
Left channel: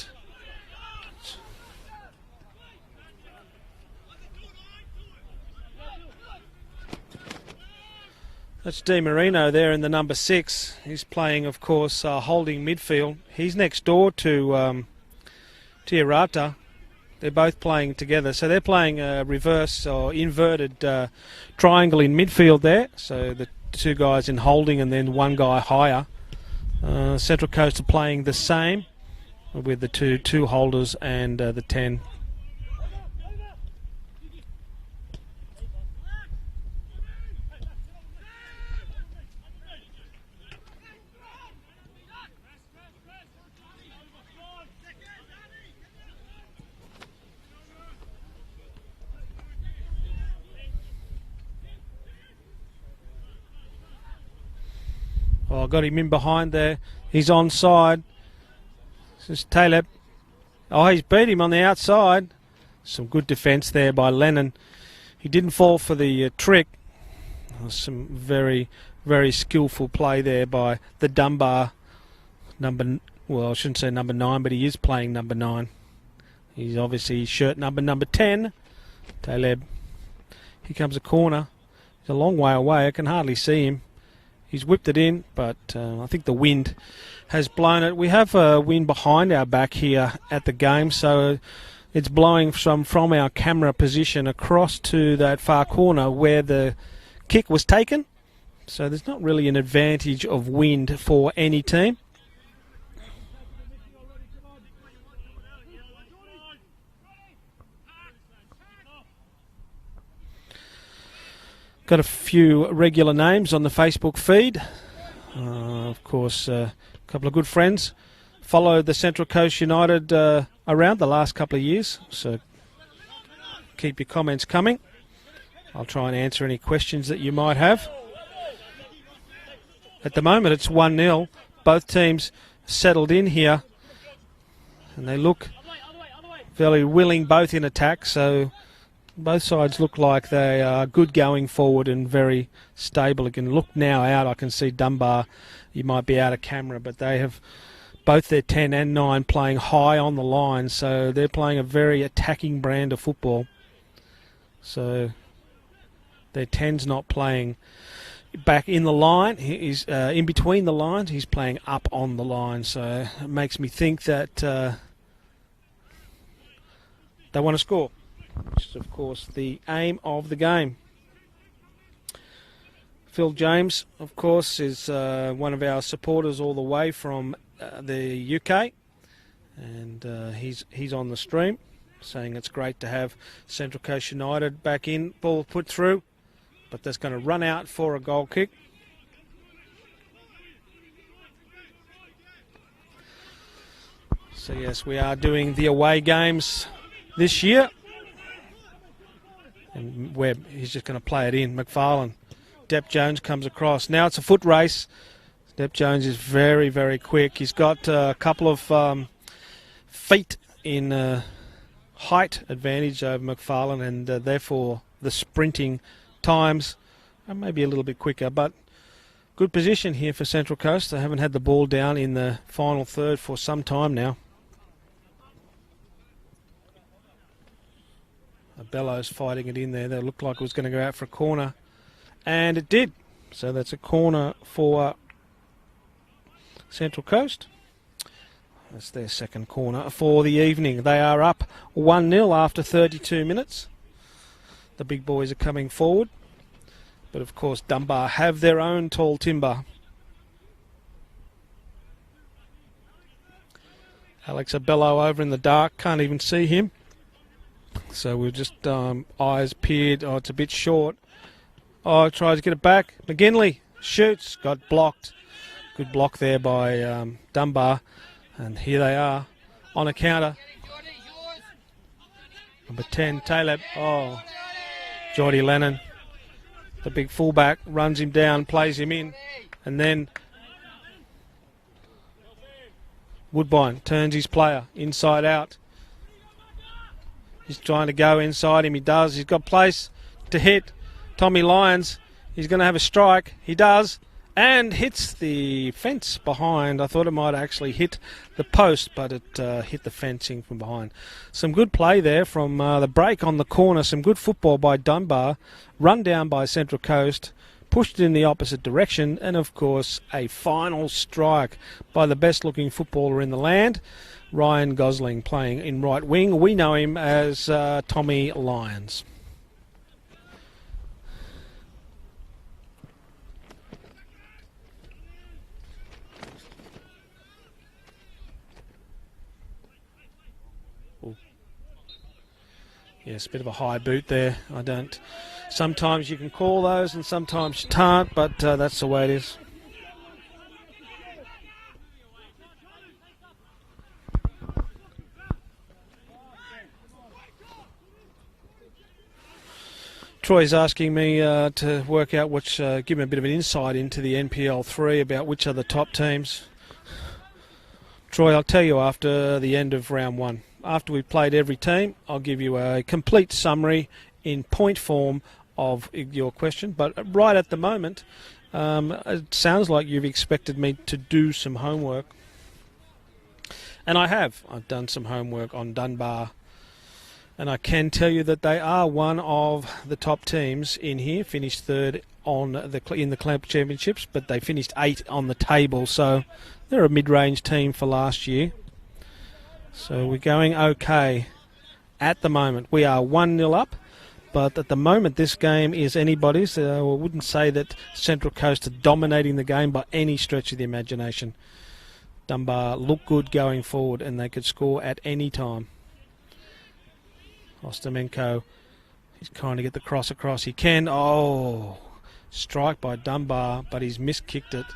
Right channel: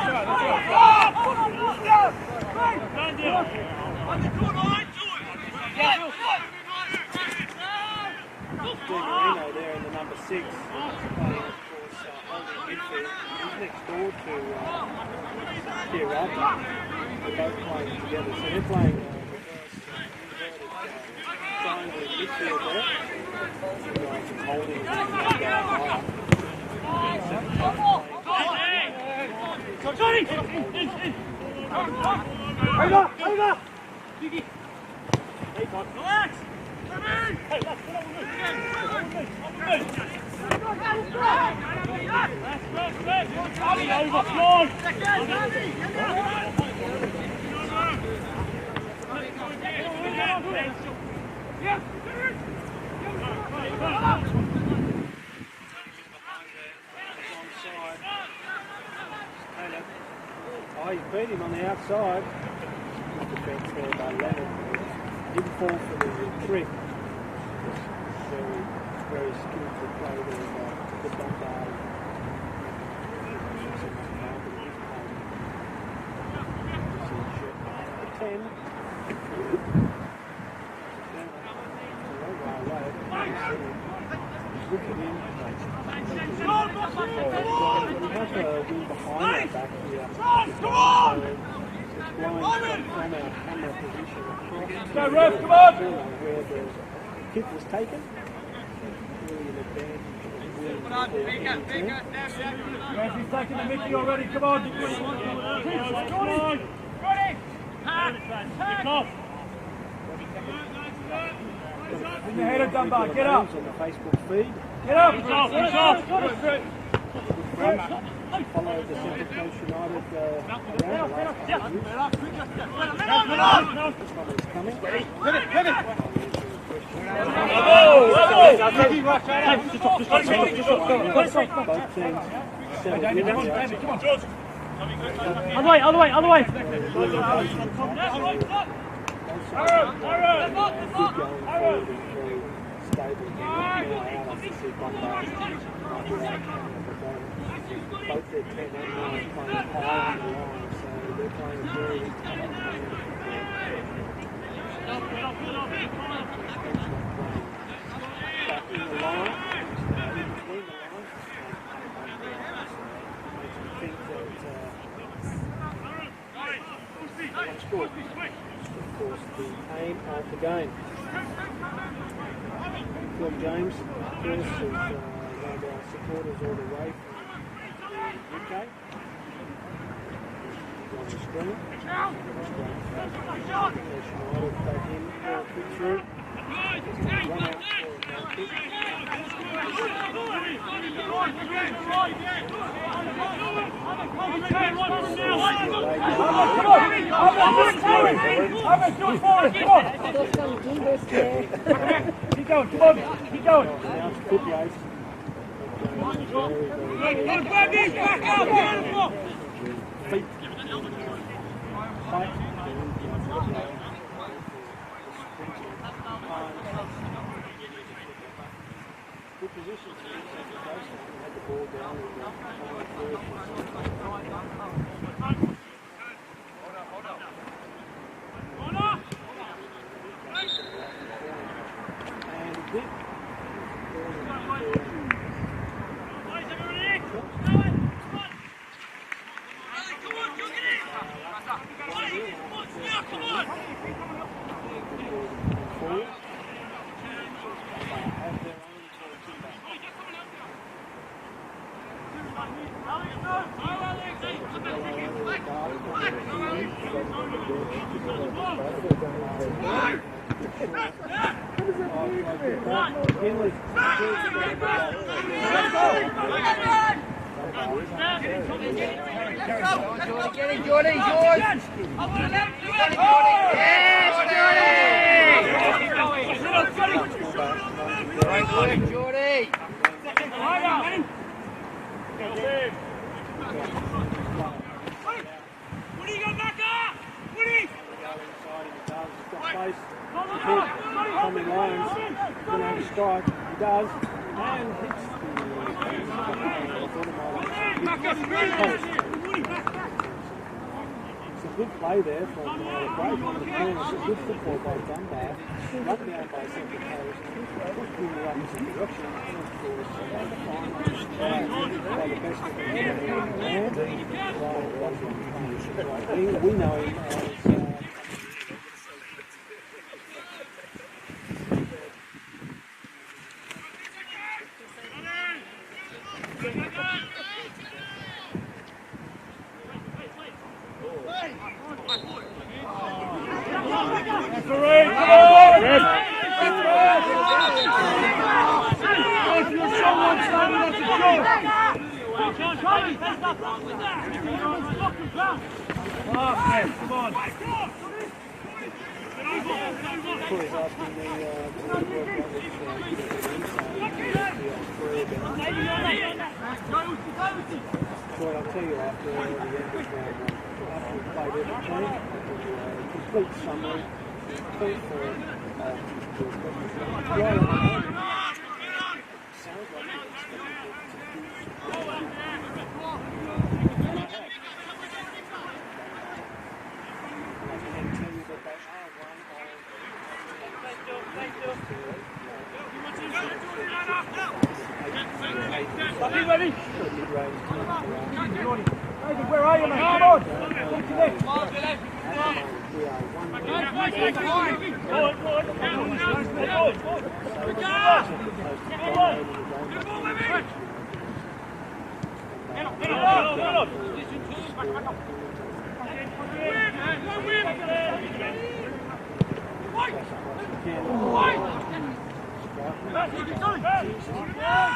It's Di Marino there in the number 6. He's playing, of course, holding midfield. He's next door to Tiarata. They're both playing together, so they're playing a reverse or inverted triangle in midfield there. So the two guys in holding and then one guy higher. Central Coast are playing the same with the two holders and the 10. Oh, got him in behind there. He's onside. This is Taleb. Oh, he's beat him on the outside. Some good defence there by Lennon. He didn't fall for the trick. There's some very, very skillful play there by the Dunbar well, I shouldn't say number 9, but he is playing number 9. He's obviously shirt number 10. Taleb. Here comes a corner. It's a long way away. I can hardly see him. He's whipped it in, but I think the wind has blown it. We have wind behind our back here at the game, so it's blowing from our camera position across to that far corner where the kick was taken. So there's not really an advantage of wind for any team. got a few regular names on the Facebook feed. Of course, a couple of good friends. Followed the Central Coast United around the last couple of years. So keep your comments coming. I'll try and answer any questions that you might have. At the moment, it's 1-0. Both teams settled in here. And they look fairly willing, both in attack. So both sides look like they are good going forward and very stable. You can look now out. I can see Dunbar. You might be out of camera, but they have both their 10 and 9 playing high on the line. So they're playing a very attacking brand of football. So their 10's not playing back in the line. He's in between the lines. He's playing up on the line. So it makes me think that they want to score. Which is, of course, the aim of the game. Phil James, of course, is one of our supporters all the way from the UK. And he's on the stream, saying it's great to have Central Coast United back in. Ball put through. But that's going to run out for a goal kick. So yes, we are doing the away games this year. Webb, he's just going to play it in. McFarlane. Depp Jones comes across. Now it's a foot race. Depp Jones is very, very quick. He's got a couple of feet in height advantage over McFarlane, and therefore the sprinting times maybe a little bit quicker, but good position here for Central Coast. They haven't had the ball down in the final third for some time now. Bellows fighting it in there. They looked like it was going to go out for a corner, and it did. So that's a corner for Central Coast. It's their second corner for the evening. They are up 1-0 after 32 minutes. The big boys are coming forward. But of course Dunbar have their own tall timber. Alex Abello over in the dark, can't even see him. So we've just eyes peered. Oh, it's a bit short. Oh, tries to get it back. McGinley shoots, got blocked. Good block there by Dunbar. And here they are on a counter. 10, Taylor. Oh, Jordy Leonard. The big fullback runs him down, plays him in, and then Woodbine turns his player inside out. He's trying to go inside him. He does. He's got place to hit Tommy Lyons. He's going to have a strike. He does, and hits the fence behind. I thought it might actually hit the post, but it hit the fencing from behind. Some good play there from the break on the corner. Some good football by Dunbar. Run down by Central Coast, pushed in the opposite direction, and of course a final strike by the best looking footballer in the land, Ryan Gosling, playing in right wing. We know him as Tommy Lyons. Yes, with the high boot there. Sometimes you can call those and sometimes you can't, but that's the way it is. Troy's asking me to work out which, give me a bit of an insight into the NPL 3 about which are the top teams. Troy, I'll tell you after the end of round 1. After we've played every team, I'll give you a complete summary in point form of your question. But right at the moment, it sounds like you've expected me to do some homework. And I have. I've done some homework on Dunbar. And I can tell you that they are one of the top teams in here. Finished third in the Clamp Championships, but they finished 8th on the table. So they're a mid-range team for last year. So we're going okay at the moment. We are 1-0 up, but at the moment this game is anybody's. I wouldn't say that Central Coast are dominating the game by any stretch of the imagination. Dunbar look good going forward, and they could score at any time. Stomenko He's trying to get the cross across. He can. Oh, strike by Dunbar, but he's miskicked it.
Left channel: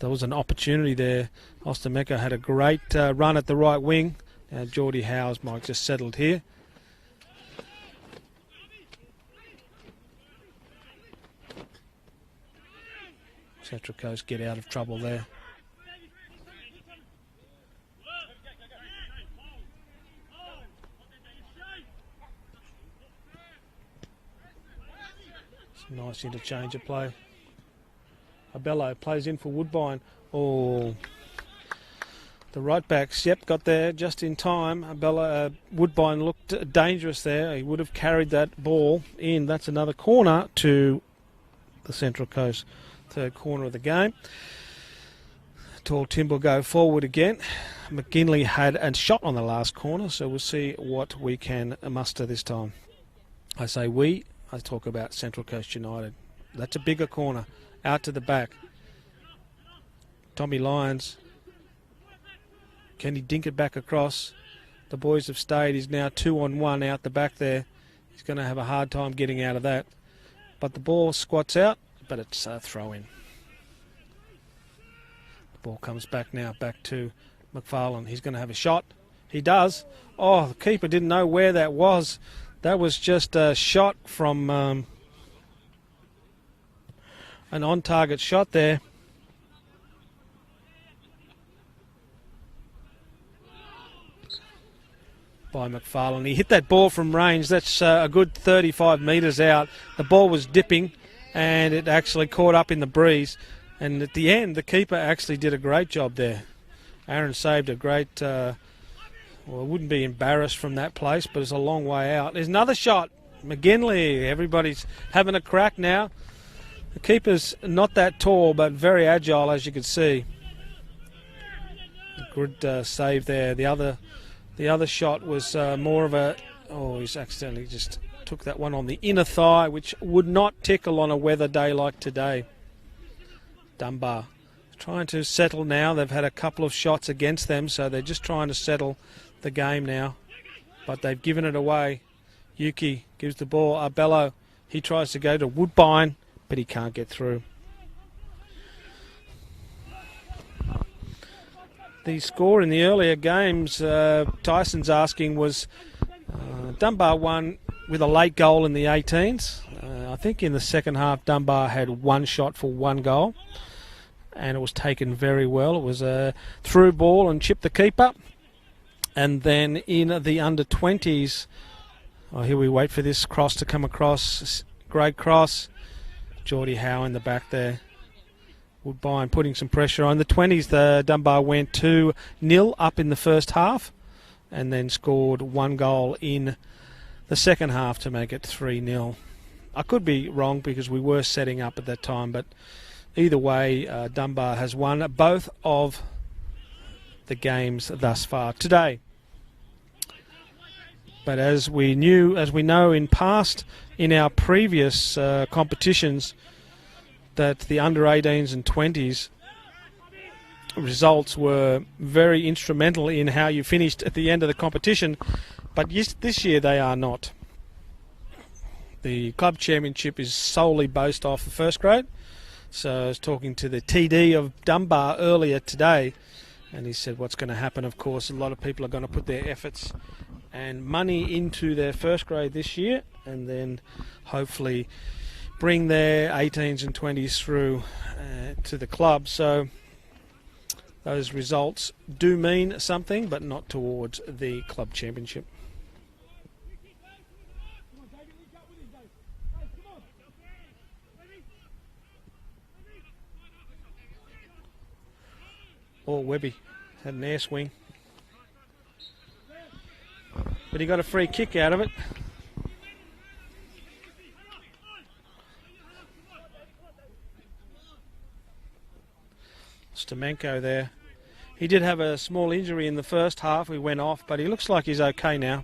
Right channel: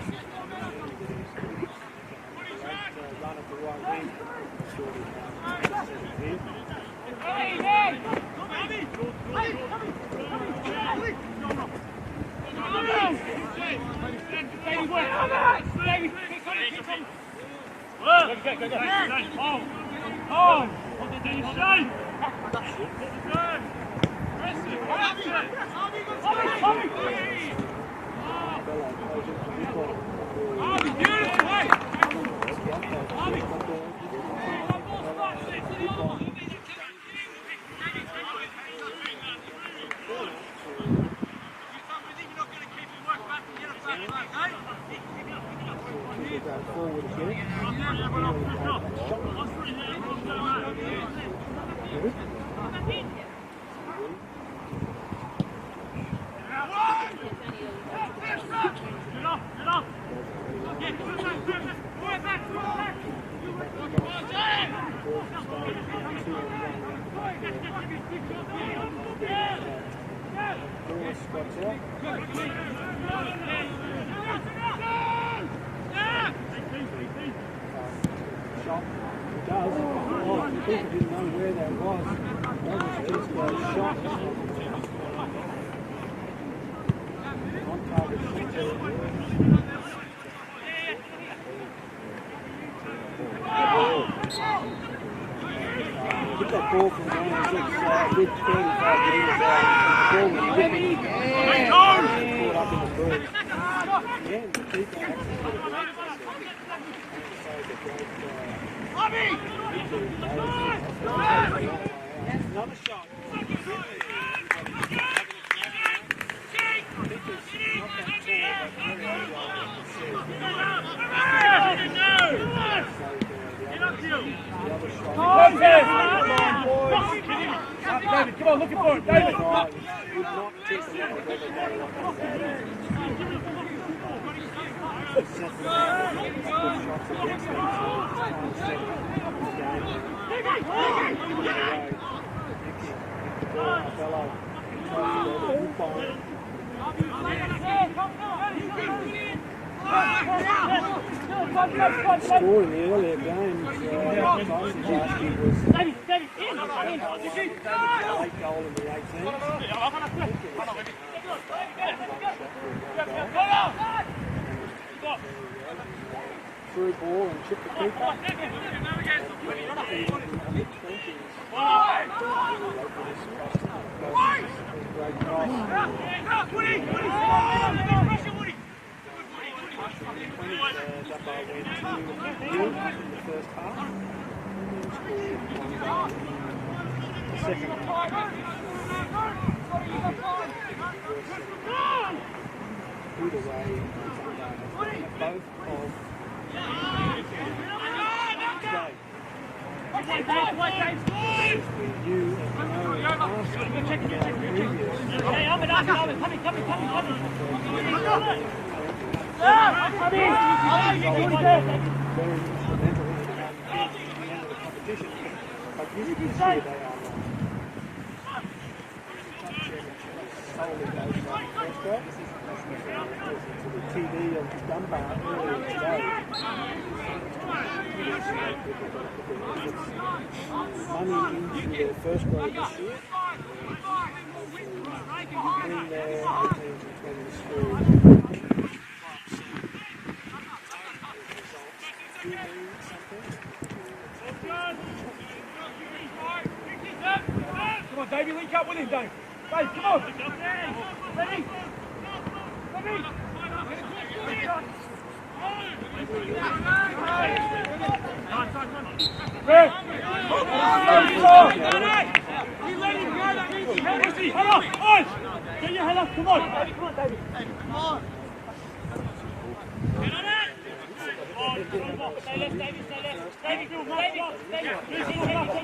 There was an opportunity there. Ostameko had a great run at the right wing. Now Geordie Howes might have just settled here. Central Coast get out of trouble there. Bello plays in from Woodbine. Oh, the right backs, yep, got there just in time. Woodbine looked dangerous there. He would have carried that ball in. That's another corner to the Central Coast. Third corner of the game. Tall Tim will go forward again. McGinley had a shot on the last corner, so we'll see what we can muster this time. I say we, I'll talk about Central Coast United. That's a bigger corner, out to the back. Tommy Lyons, can he dink it back across? The boys have stayed. He's now 2-on-1 out the back there. He's going to have a hard time getting out of that. But the ball squats out, but it's a throw in. Ball comes back now, back to McFarlane. He's going to have a shot. He does. Oh, the keeper didn't know where that was. That was just a shot from an on-target shot there. By McFarlane. He hit that ball from range. That's a good 35 metres out. The ball was dipping and it actually caught up in the breeze. And at the end, the keeper actually did a great job there. Aaron saved a great... he wouldn't be embarrassed from that place, but he's a long way out. There's another shot. McGinley. Everybody's having a crack now. The keeper's not that tall, but very agile, as you can see. Good save there. The other shot was more of a... Oh, he's accidentally just took that one on the inner thigh, which would not tickle on a weather day like today. Dunbar trying to settle now. They've had a couple of shots against them, so they're just trying to settle the game now. But they've given it away. Yuki gives the ball. Arbello, he tries to go to Woodbine, but he can't get through. The score in the earlier games, Tyson's asking, was Dunbar won with a late goal in the 18s. I think in the second half, Dunbar had one shot for one goal, and it was taken very well. It was a through ball and chipped the keeper. And then in the under-20s, here we wait for this cross to come across. This great cross. Geordie Howe in the back there. Woodbine putting some pressure on. The 20s, the Dunbar went 2-0 up in the first half and then scored one goal in the second half to make it 3-0. I could be wrong because we were setting up at that time, but either way, Dunbar has won both of the games thus far today. But as we know in our previous competitions, that the under-18s and 20s results were very instrumental in how you finished at the end of the competition, but this year they are not. The club championship is solely based off first grade. So I was talking to the TD of Dunbar earlier today, and he said what's going to happen, of course, a lot of people are going to put their efforts and money into their first grade this year, and then hopefully bring their 18s and 20s through to the club. So those results do mean something, but not towards the club championship. Come on, Davey, link up with him, Dave. Dave, come on. Ready? Ball Webby. Air swing. Red. And he got a free kick out of it. Get your head up, come on. Come on, David. Come on. Stamenko there. He did have a small injury in the first half. He went off, but he looks like he's okay now.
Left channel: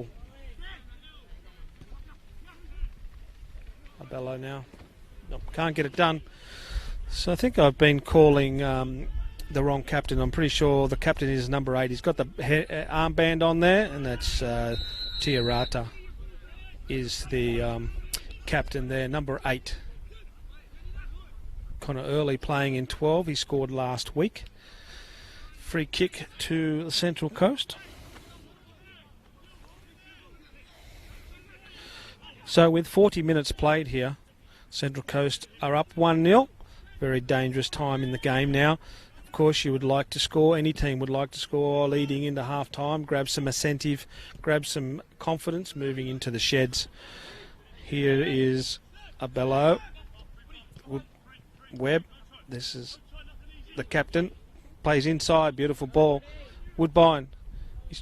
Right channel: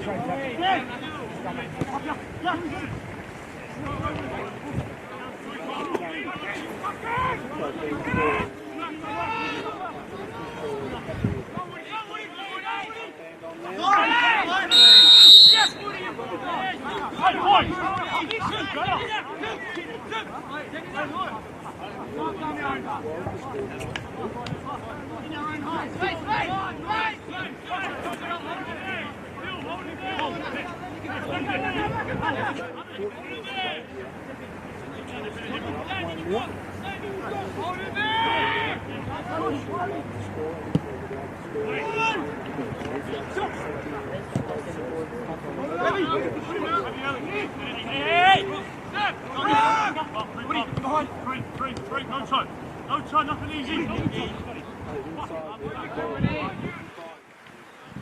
ball. Can't get it done. So I think I've been calling the wrong captain. I'm pretty sure the captain is number 8. He's got the armband on there, and that's Tiarata is the captain there, number 8. Kind of early playing in 12. He scored last week. Free kick to the Central Coast. So with 40 minutes played here, Central Coast are up 1-0. Very dangerous time in the game now. Of course, you would like to score. Any team would like to score leading into half-time, grab some incentive, grab some confidence moving into the sheds. Here is up below. Webb. This is the captain. Plays inside. Beautiful ball. Woodbine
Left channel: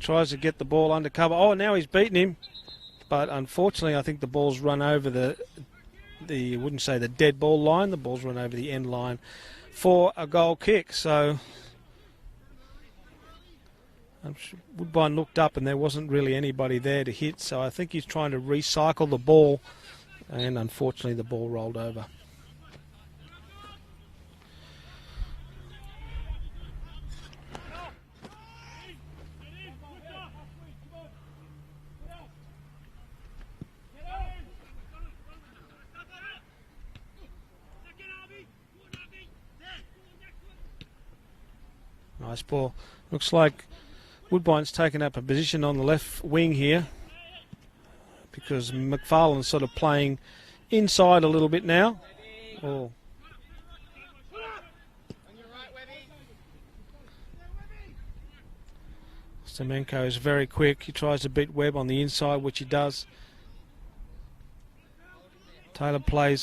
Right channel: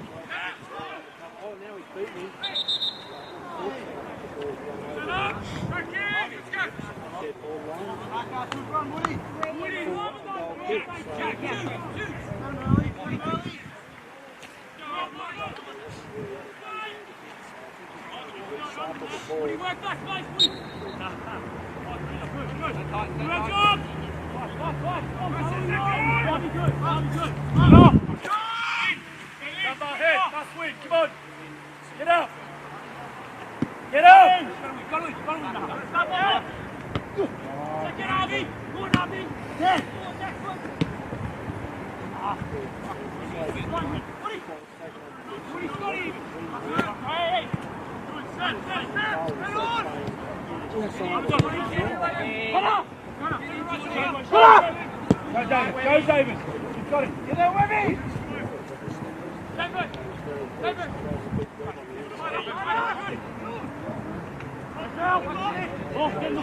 tries to get the ball under cover. Oh, now he's beaten him. But unfortunately, I think the ball's run over you wouldn't say the dead ball line. The ball's run over the end line for a goal kick. So Woodbine looked up and there wasn't really anybody there to hit. So I think he's trying to recycle the ball. And unfortunately, the ball rolled over. Get out! Get out! Nice ball. Looks like Woodbine's taken up a position on the left wing here, because McFarlane's sort of playing inside a little bit now. Go, David. You've got it. Get there, Webby. Stamenko is very quick. He tries to beat Webb on the inside, which he does. Taylor plays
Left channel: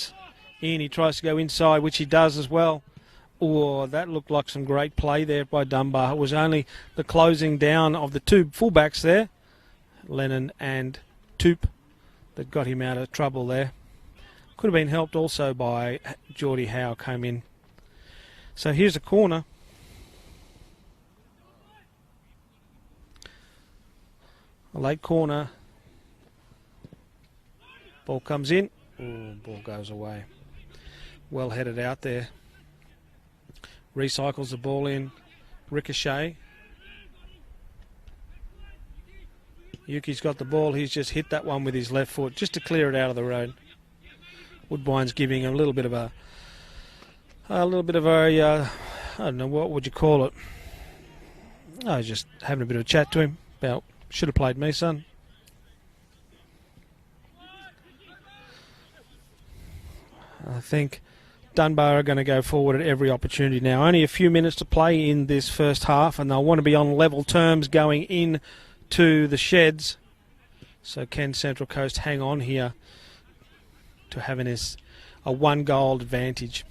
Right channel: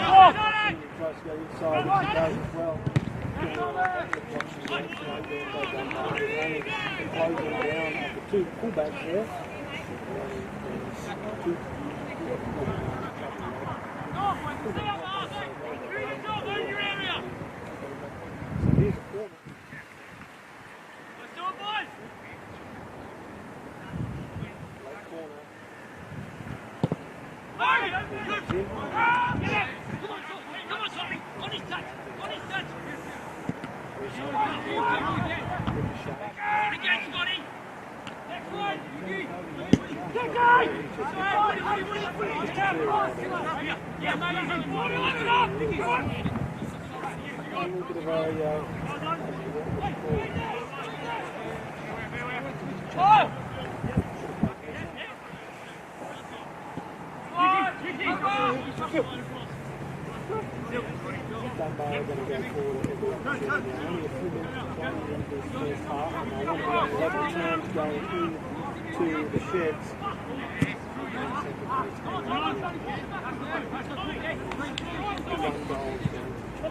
in. He tries to go inside, which he does as well. Oh, that looked like some great play there by Dunbar. It was only the closing down of the two fullbacks there, Lennon and Toop, that got him out of trouble there. Could have been helped also by Geordie Howe come in. So here's a corner. A late corner. Ball comes in. Goes away. Well headed out there. Recycles the ball in. Ricochet. Yuki's got the ball. He's just hit that one with his left foot just to clear it out of the road. Woodbine's giving a little bit of a I don't know, what would you call it? I was just having a bit of a chat to him about, should have played me, son. I think Dunbar are going to go forward at every opportunity now. Only a few minutes to play in this first half, and they'll want to be on level terms going in to the sheds. So can Central Coast hang on here to having this a 1-goal advantage?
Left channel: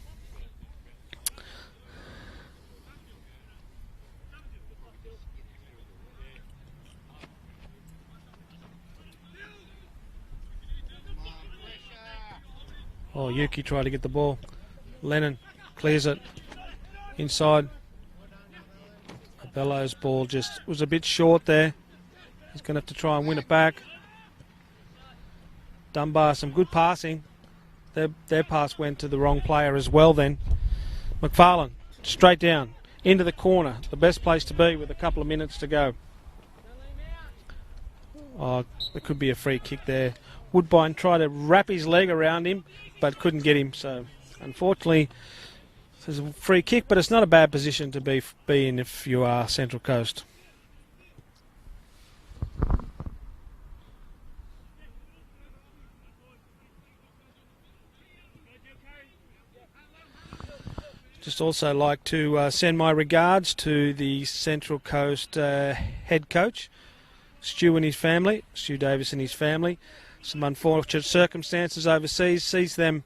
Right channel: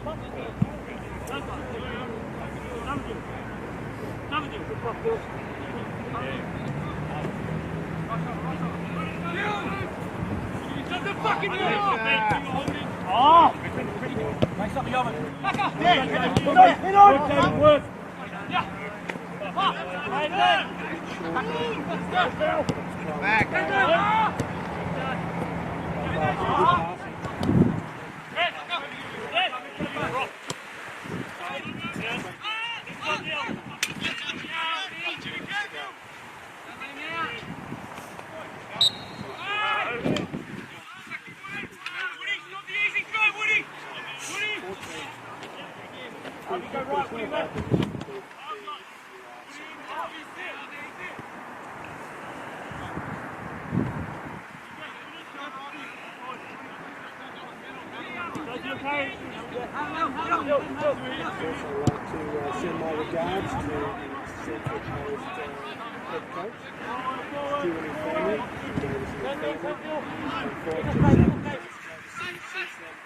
Yuki tried to get the ball. Lennon clears it inside. Bellow's ball just was a bit short there. He's going to have to try and win it back. Dunbar, some good passing. Their pass went to the wrong player as well then. McFarlane, straight down, into the corner. The best place to be with a couple of minutes to go. Oh, it could be a free kick there. Woodbine tried to wrap his leg around him, but couldn't get him. So, unfortunately, this is a free kick, but it's not a bad position to be in if you are Central Coast. Just also like to send my regards to the Central Coast head coach, Stu and his family, Stu Davis and his family. Some unfortunate circumstances overseas sees them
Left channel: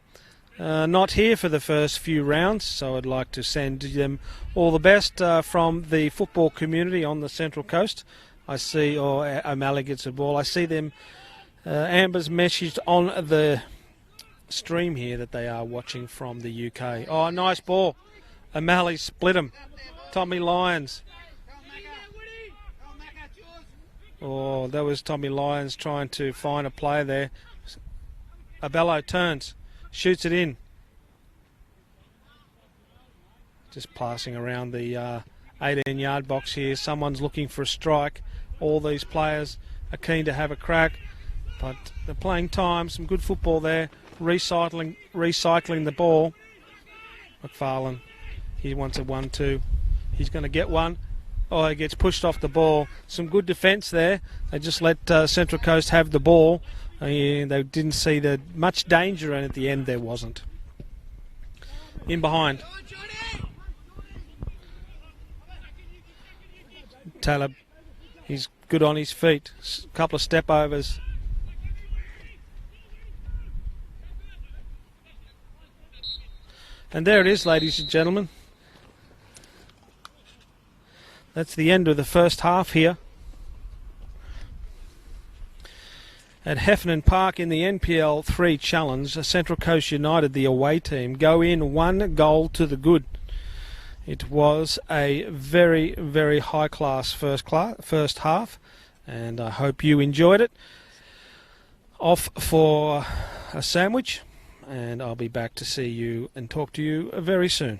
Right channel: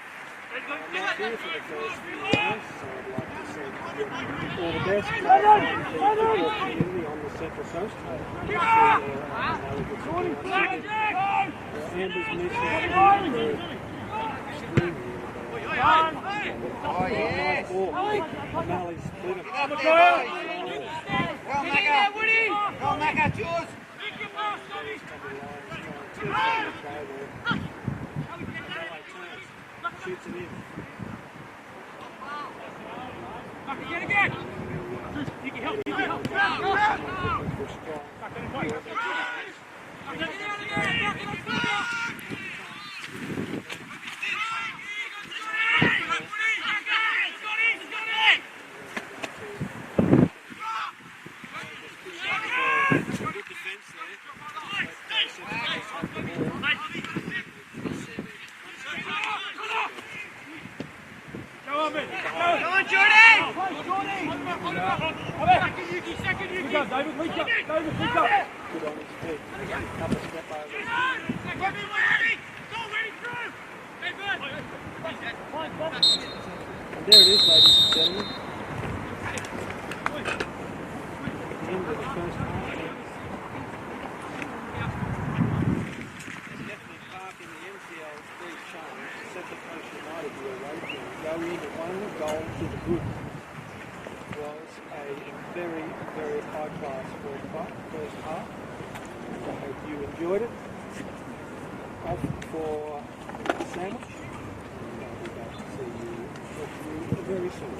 not here for the first few rounds, so I'd like to send them all the best from the football community on the Central Coast. I see, or O'Malley gets a ball. I see them, Amber's messaged on the stream here that they are watching from the UK. Oh, nice ball. O'Malley split him. Tommy Lyons. Oh, that was Tommy Lyons trying to find a player there. Abello turns, shoots it in. Just passing around the 18-yard box here. Someone's looking for a strike. All these players are keen to have a crack. They're playing time, some good football there. Recycling the ball. McFarlane, he wants a 1-2. He's going to get one. Oh, he gets pushed off the ball. Some good defence there. They just let Central Coast have the ball. They didn't see much danger, and at the end there wasn't. In behind. Taylor is good on his feet. A couple of step overs. And there it is, ladies and gentlemen. That's the end of the first half here at Heffernan Park in the NPL 3 Challenge. Central Coast United, the away team, go in 1 goal to the good. It was a very, very high-class first half, and I hope you enjoyed it. Off for a sandwich, and I'll be back to see you and talk to you very soon.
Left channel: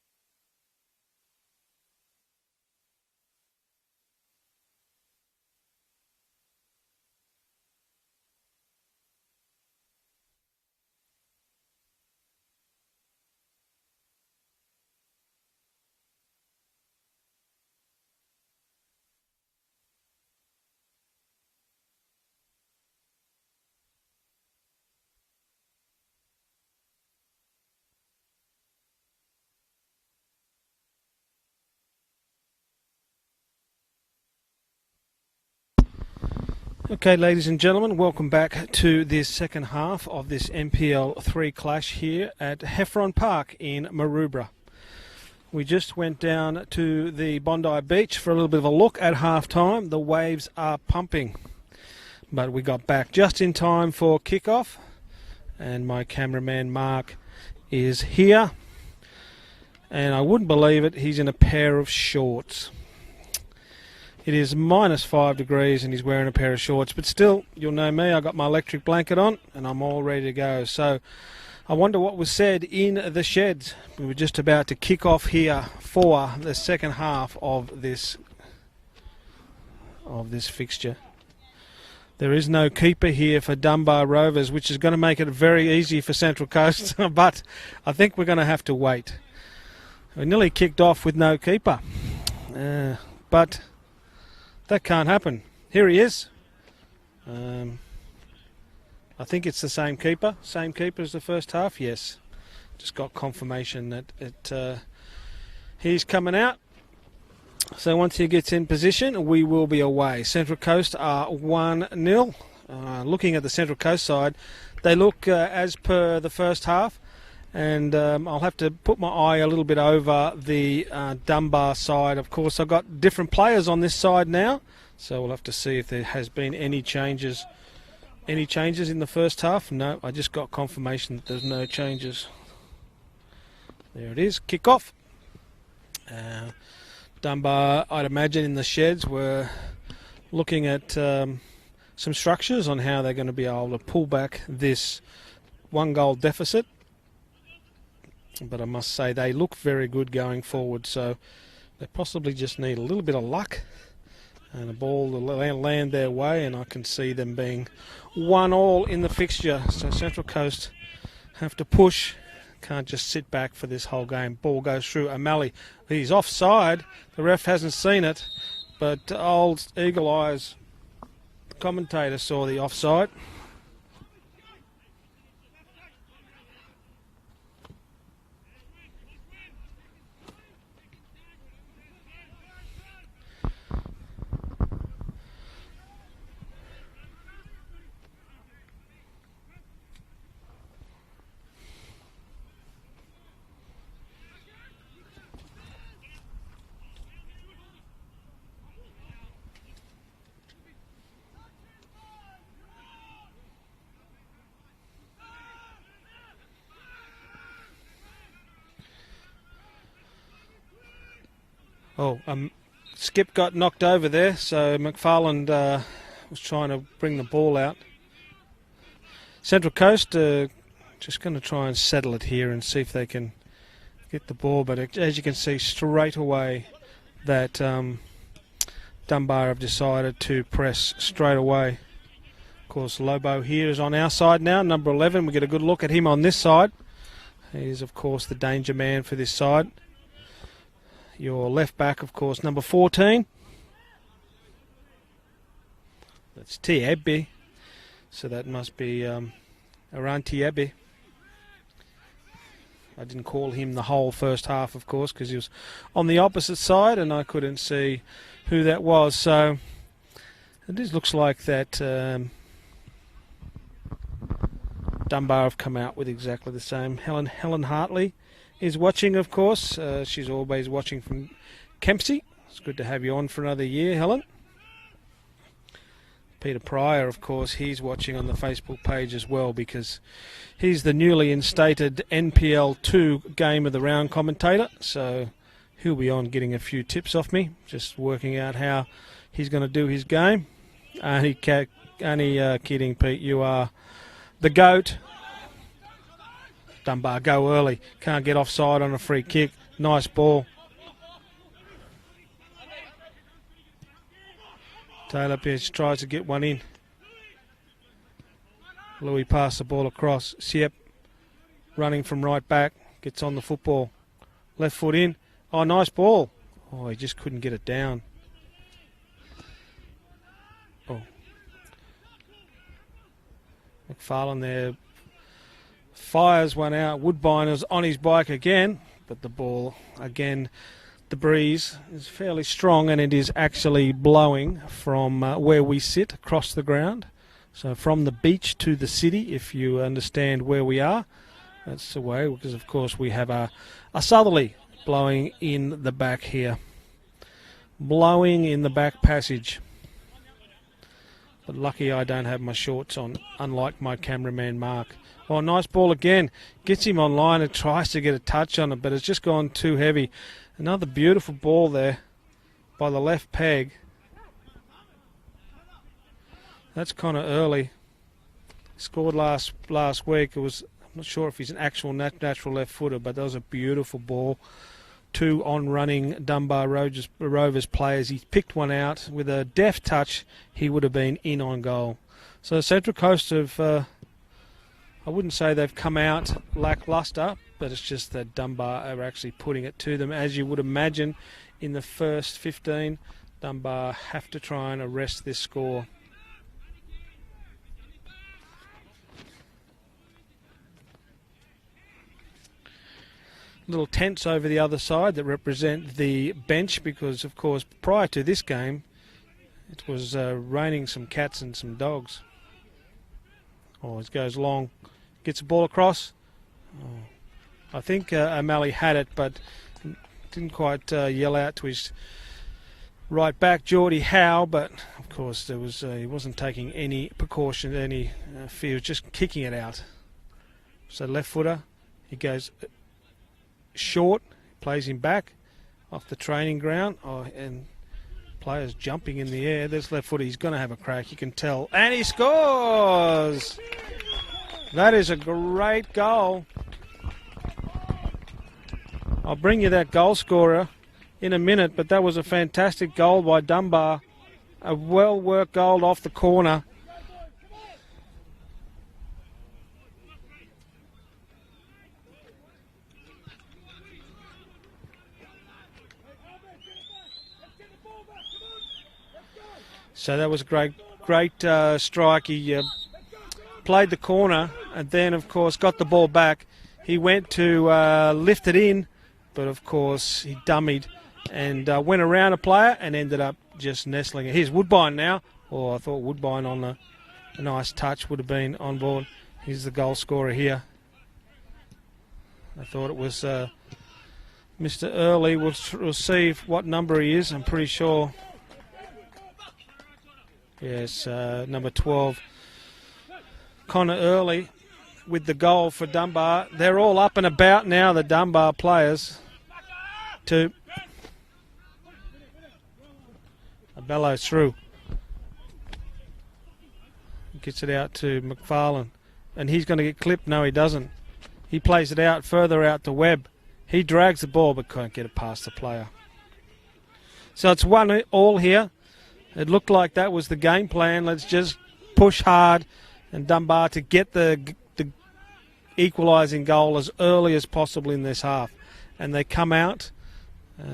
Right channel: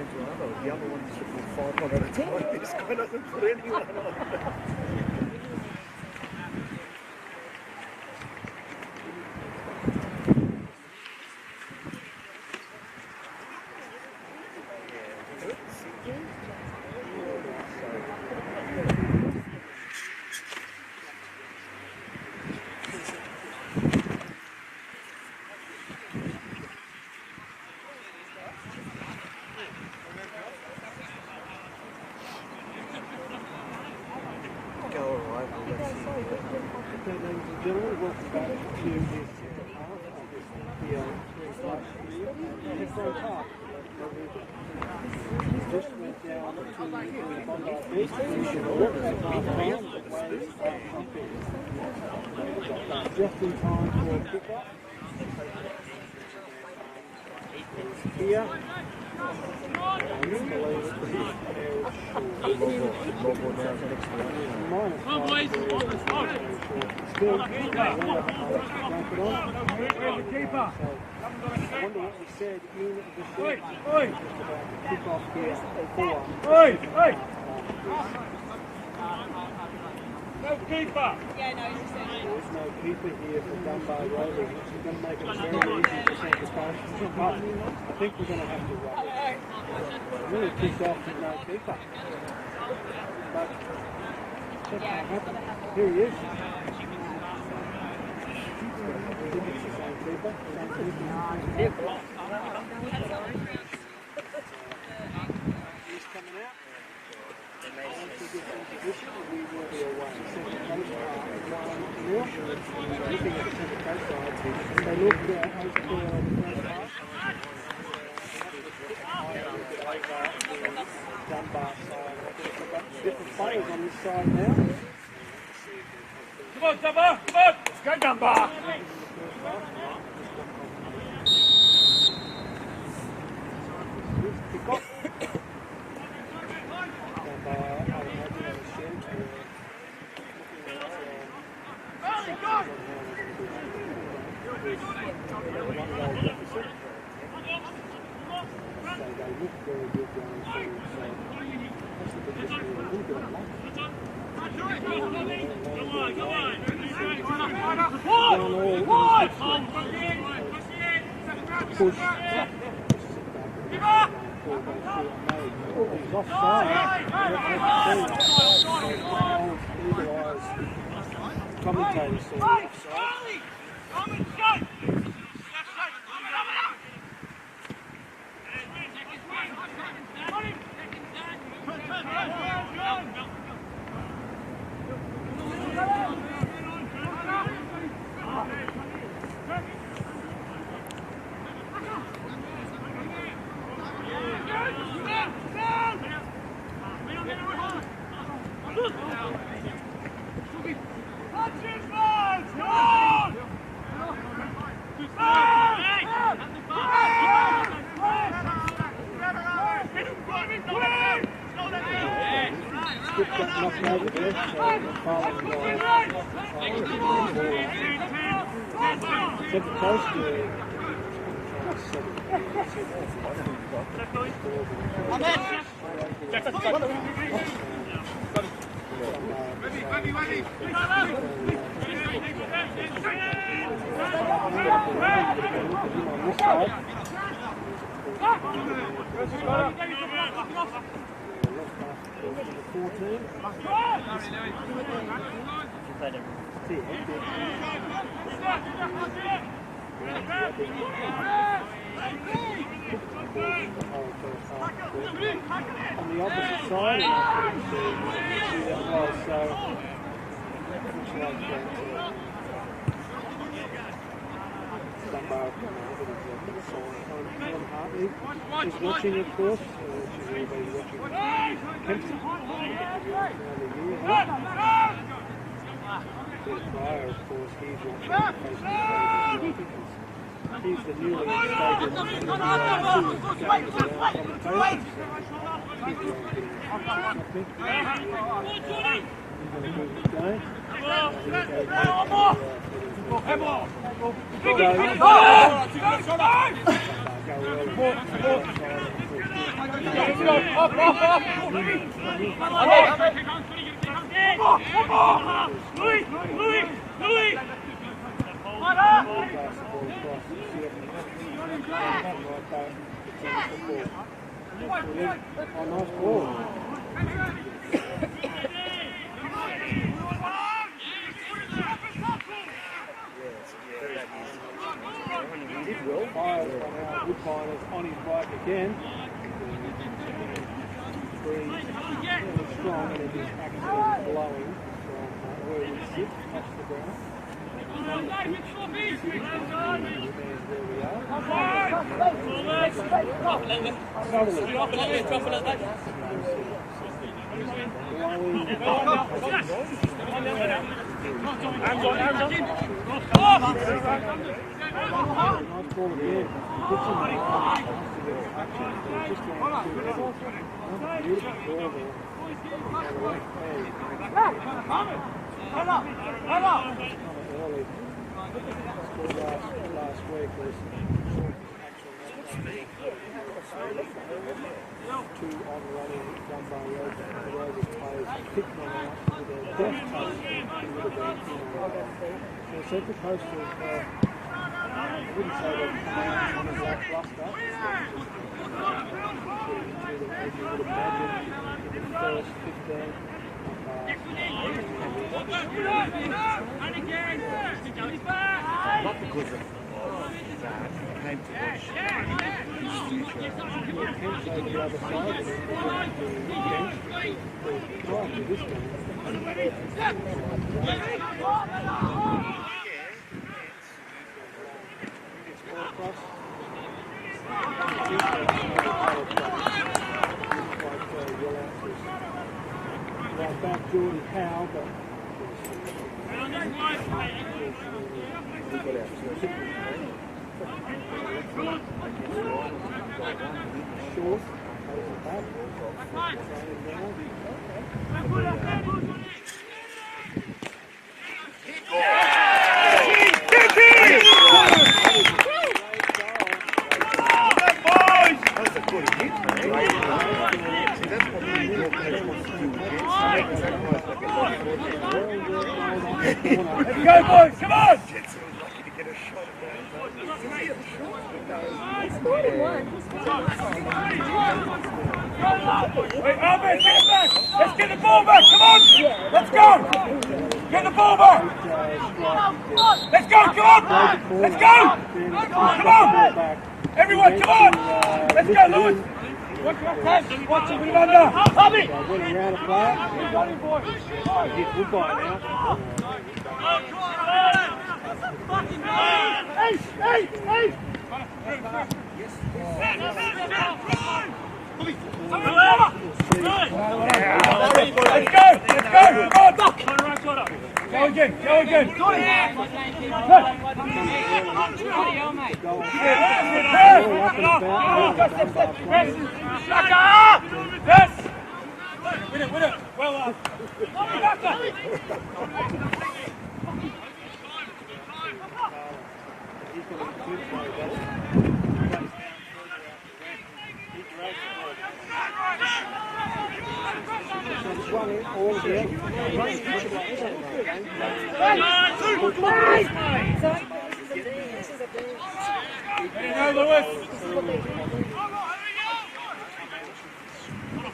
The other one's put 5 on at a time. This guy doesn't put anyone on. Okay, ladies and gentlemen, welcome back to this second half of this NPL 3 clash here at Heffron Park in Maroubra. We just went down to the Bondi Beach for a little bit of a look at half-time. The waves are pumping, but we got back just in time for kickoff, and my cameraman Mark is here. And I wouldn't believe it, he's in a pair of shorts. It is -5 degrees and he's wearing a pair of shorts, but still, you'll know me, I've got my electric blanket on and I'm all ready to go. So I wonder what was said in the sheds. We're just about to kick off here for the second half of this fixture. There is no keeper here for Dunbar Rovers, which is going to make it very easy for Central Coast, but I think we're going to have to wait. We nearly kicked off with no keeper, but that can't happen. Here he is. I think it's the same keeper as the first half. Yes, just got confirmation that he's coming out. So once he gets in position, we will be away. Central Coast are 1-0. Looking at the Central Coast side, they look as per the first half. And I'll have to put my eye a little bit over the Dunbar side. Of course, I've got different players on this side now, so we'll have to see if there has been any changes. Any changes in the first half? No, I just got confirmation that there's no changes. There it is, kickoff. Dunbar, I'd imagine in the sheds, were looking at some structures on how they're going to be able to pull back this 1-goal deficit. But I must say they look very good going forward, so they possibly just need a little bit of luck and the ball will land their way, and I can see them being 1-1 in the fixture. So Central Coast have to push, can't just sit back for this whole game. Ball goes through O'Malley, he's offside, the ref hasn't seen it, but old Eagle Eyes commentator saw the offside. Skip got knocked over there, so McFarland was trying to bring the ball out. Central Coast just going to try and settle it here and see if they can hit the ball, but as you can see straight away that Dunbar have decided to press straight away. Of course, Lobo here is on our side now, number 11. We get a good look at him on this side. He is, of course, the danger man for this side. Your left back, of course, number 14. It's Tiabi, so that must be around Tiabi. I didn't call him the whole first half, of course, because he was on the opposite side and I couldn't see who that was. So it just looks like that Dunbar have come out with exactly the same. Helen Hartley is watching, of course. She's always watching from Kempsey. It's good to have you on for another year, Helen. Peter Pryor, of course, he's watching on the Facebook page as well, because he's the newly instated NPL 2 Game of the Round commentator. So he'll be on getting a few tips off me, just working out how he's going to do his game. Only kidding, Pete. You are the GOAT. Dunbar go early. Can't get offside on a free kick. Nice ball. Taylor Pierce tries to get one in. Louis pass the ball across. Siep running from right back. Gets on the football. Left foot in. Oh, nice ball. Oh, he just couldn't get it down. Farland there fires one out. Woodbine is on his bike again, but the ball again, the breeze is fairly strong, and it is actually blowing from where we sit across the ground. So from the beach to the city, if you understand where we are. That's the way, because of course we have a southerly blowing in the back here. Blowing in the back passage. Lucky I don't have my shorts on, unlike my cameraman Mark. Oh, nice ball again. Gets him online and tries to get a touch on it, but it's just gone too heavy. Another beautiful ball there by the left peg. That's kind of early. Scored last week. It was not sure if he's an actual natural left footer, but that was a beautiful ball. Two on-running Dunbar Rovers players. He picked one out with a deft touch. He would have been in on goal. So Central Coast have, I wouldn't say they've come out lacklustre, but it's just that Dunbar are actually putting it to them. As you would imagine, in the first 15, Dunbar have to try and arrest this score. Little tents over the other side that represent the bench, because of course prior to this game it was raining some cats and some dogs. Oh, it goes long, gets the ball across. I think O'Malley had it, but didn't quite yell out to his right back Geordie Howe, but of course there was, he wasn't taking any precaution, any fear, just kicking it out. So left footer goes short, plays him back off the training ground. Oh, and players jumping in the air. This left footer, he's going to have a crack, you can tell. And he scores! That is a great goal. I'll bring you that goal scorer in a minute, but that was a fantastic goal by Dunbar. A well-worked goal off the corner. Go, boys, come on! Let's get the ball back, come on! Let's go! So that was great strike. He let's go, come on! played the corner and then of course got the ball back. He went to lift it in, but of course dummied and went around a player and ended up just nestling. Here's Woodbine now. Oh, I thought Woodbine on a nice touch would have been on there. He's the goal scorer here. I thought it was Mr. Early. We'll see what number he is. I'm pretty sure. Yes, number 12. Connor Early with the goal for Dunbar. They're all up and about now, the Dunbar players. Bellows through. Gets it out to McFarlane. And he's going to get clipped. No, he doesn't. He plays it out further out to Webb. He drags the ball but can't get it past the player. So it's 1-all here. It looked like that was the game plan. Let's just push hard Dunbar to get the equalising goal as early as possible in this half. And they come out.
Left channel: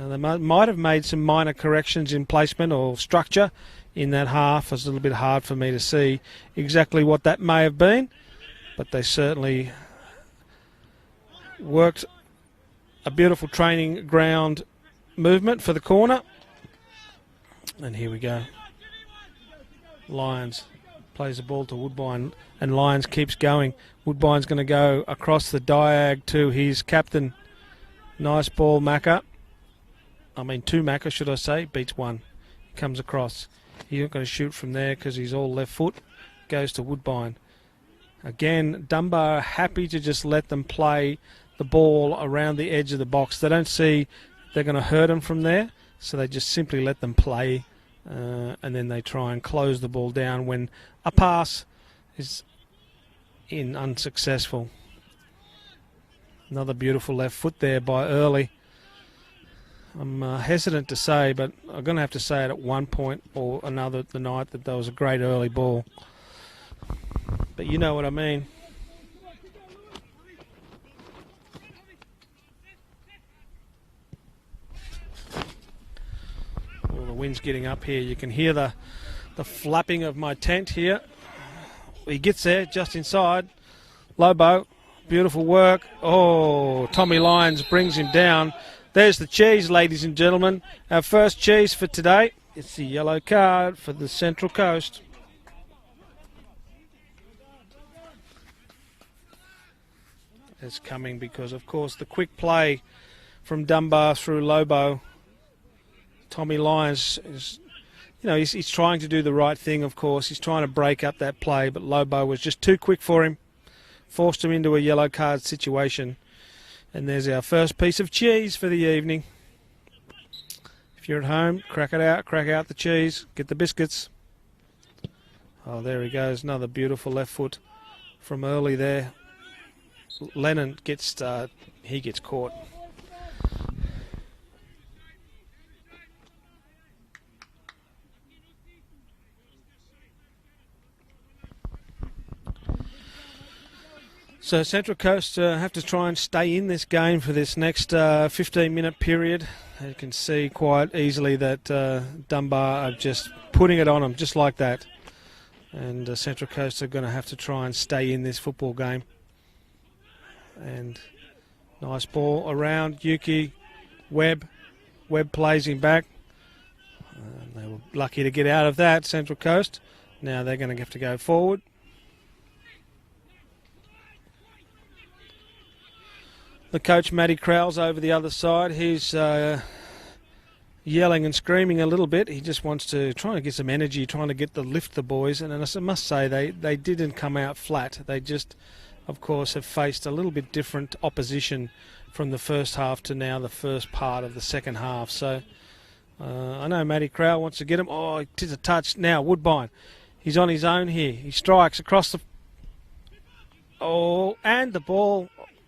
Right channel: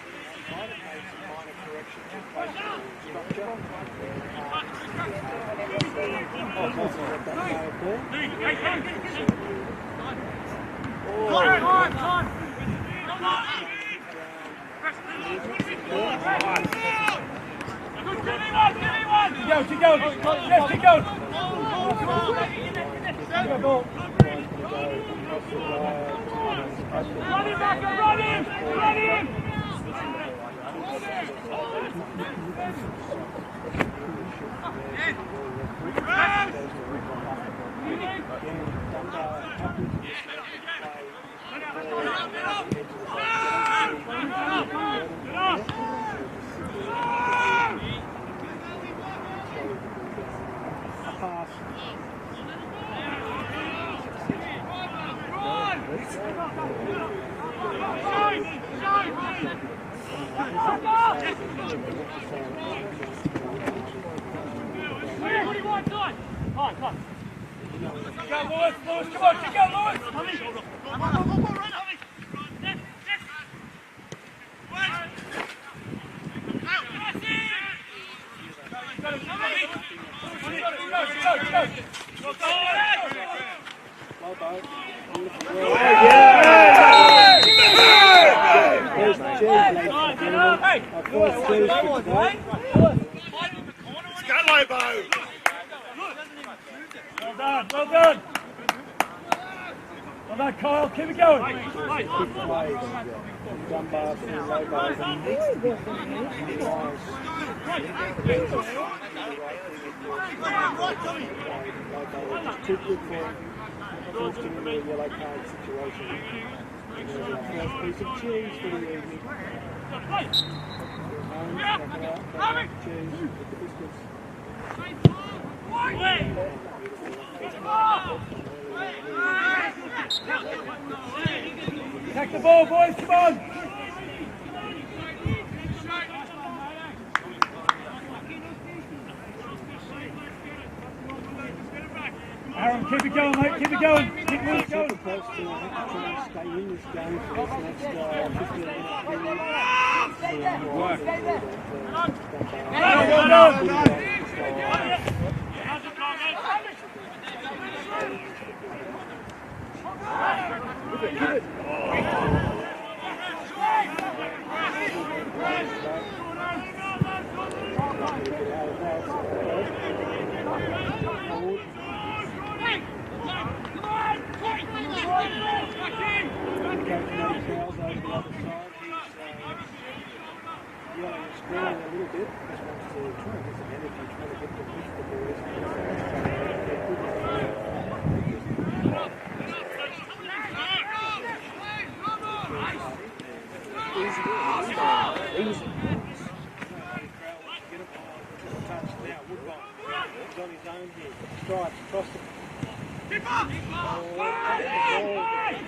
They might have made some minor corrections in placement or structure in that half. It's a little bit hard for me to see exactly what that may have been, but they certainly worked a beautiful training ground movement for the corner. And here we go. Lyons plays the ball to Woodbine, and Lyons keeps going. Woodbine's going to go across the diag to his captain. Nice ball, Macca. I mean, two Macca, should I say? Beats one. Comes across. He's not going to shoot from there because he's all left foot. Goes to Woodbine. Again, Dunbar are happy to just let them play the ball around the edge of the box. They don't see they're going to hurt them from there, so they just simply let them play, and then they try and close the ball down when a pass is unsuccessful. Another beautiful left foot there by Early. I'm hesitant to say, but I'm going to have to say it at one point or another tonight that was a great early ball. But you know what I mean. The wind's getting up here. You can hear the flapping of my tent here. He gets there just inside. Lobo, beautiful work. Oh, Tommy Lyons brings him down. There's the cheese, ladies and gentlemen. Our first cheese for today. It's the yellow card for the Central Coast. Well done. Well done, Kyle. Keep it going. Of course, the quick play from Dunbar through Lobo. Tommy Lyons, he's trying to do the right thing, of course. He's trying to break up that play, but Lobo was just too quick for him. Forced him into a yellow card situation. And there's our first piece of cheese for the evening. If you're at home, crack out the cheese, get the biscuits. Oh, there he goes, another beautiful left foot from Early there. Lennon gets caught. Come on, boys, come on. Aaron, keep it going, mate, keep it going. So Central Coast have to try and stay in this game for this next 15-minute period. You can see quite easily that Dunbar are just putting it on them, just like that. And Central Coast are going to have to try and stay in this football game. And nice ball around Yuki. Webb plays him back. Lucky to get out of that, Central Coast. Now they're going to have to go forward. The coach, Matty Crowell's over the other side. He's yelling and screaming a little bit. He just wants to try and get some energy, trying to lift the boys. And I must say, they didn't come out flat. They just, of course, have faced a little bit different opposition from the first half to now the first part of the second half. So I know Matty Crowell wants to get him. Oh, it is a touch. Now Woodbine, he's on his own here. He strikes across the... Oh, and the ball...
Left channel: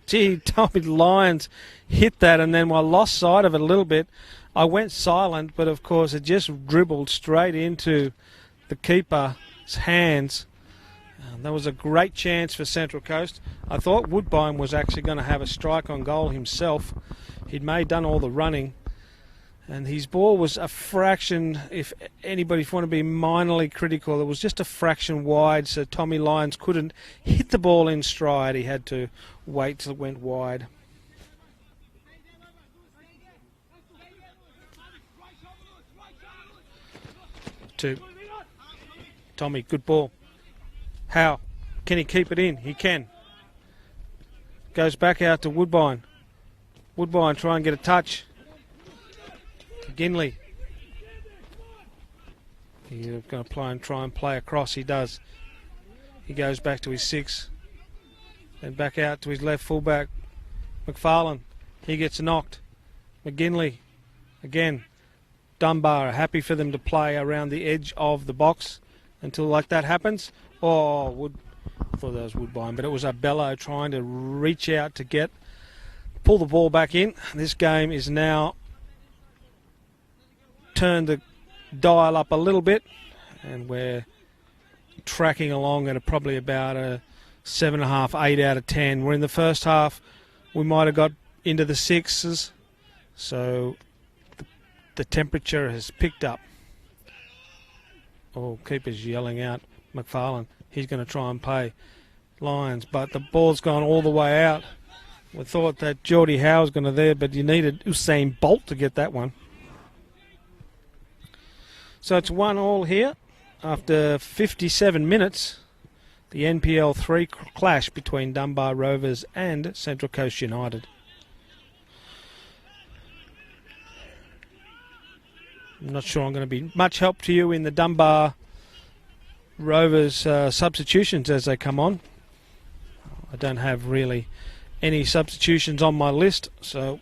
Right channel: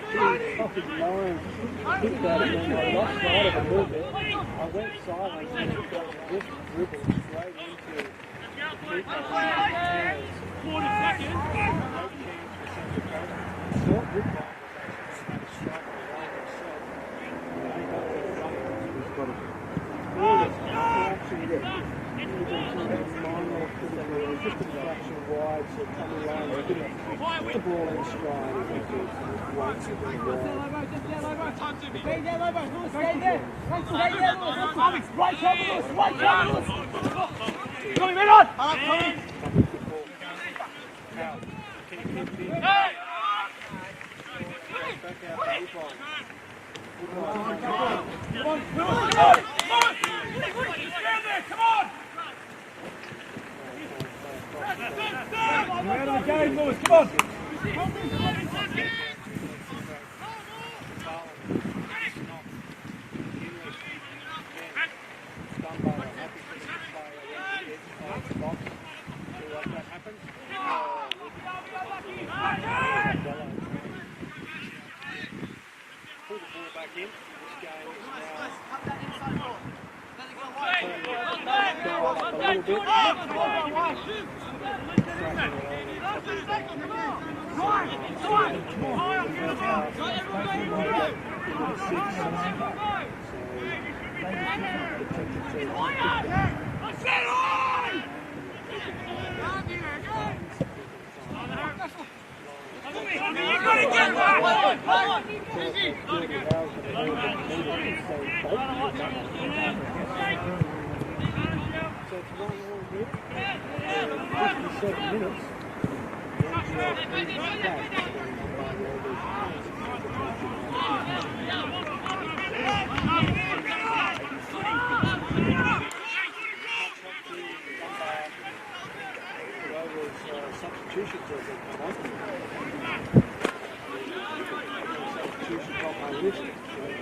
Gee, Tommy Lyons hit that, and then I lost sight of it a little bit. I went silent, but of course it just dribbled straight into the keeper's hands. That was a great chance for Central Coast. I thought Woodbine was actually going to have a strike on goal himself. He'd done all the running, and his ball was a fraction, if anybody's want to be minorly critical, it was just a fraction wide, so Tommy Lyons couldn't hit the ball in stride. He had to wait till it went wide. Tommy, good ball. How? Can he keep it in? He can. Goes back out to Woodbine. Woodbine try and get a touch. Ginley. He's going to try and play across. He does. He goes back to his 6. And back out to his left fullback. McFarlane. He gets knocked. McGinley. Again. Dunbar. Happy for them to play around the edge of the box until like that happens. Oh, I thought that was Woodbine, but it was Abello trying to reach out to pull the ball back in. This game is now turned the dial up a little bit. We're tracking along at probably about a 7.5, 8 out of 10. We're in the first half. We might have got into the 6s, so the temperature has picked up. Oh, keeper's yelling out McFarlane. He's going to try and play Lyons, but the ball's gone all the way out. I thought that Geordie Howe was going to there, but he needed Usain Bolt to get that one. So it's 1-1 here after 57 minutes. The NPL 3 clash between Dunbar Rovers and Central Coast United. I'm not sure I'm going to be much help to you in the Dunbar Rovers substitutions as they come on. I don't have really any substitutions on my list, so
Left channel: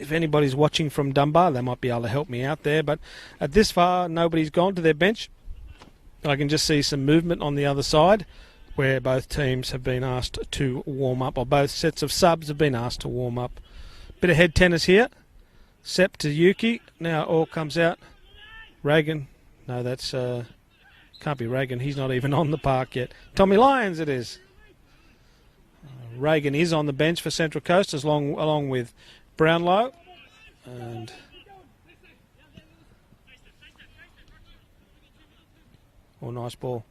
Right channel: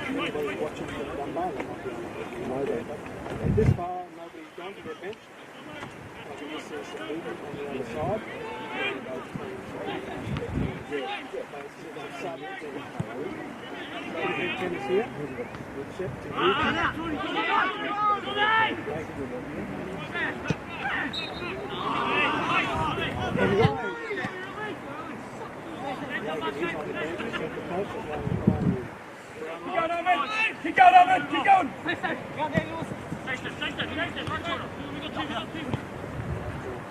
if anybody's watching from Dunbar, they might be able to help me out there. But at this far, nobody's gone to their bench. I can just see some movement on the other side. where both teams have been asked to warm up, or both sets of subs have been asked to warm up. Bit of head tennis here. Sep to Yuki. Now all comes out. Reagan. No, that's can't be Reagan. He's not even on the park yet. Tommy Lyons it is. Reagan is on the bench for Central Coast along with Brownlow. Keep going, Owen. Keep going. Nice ball.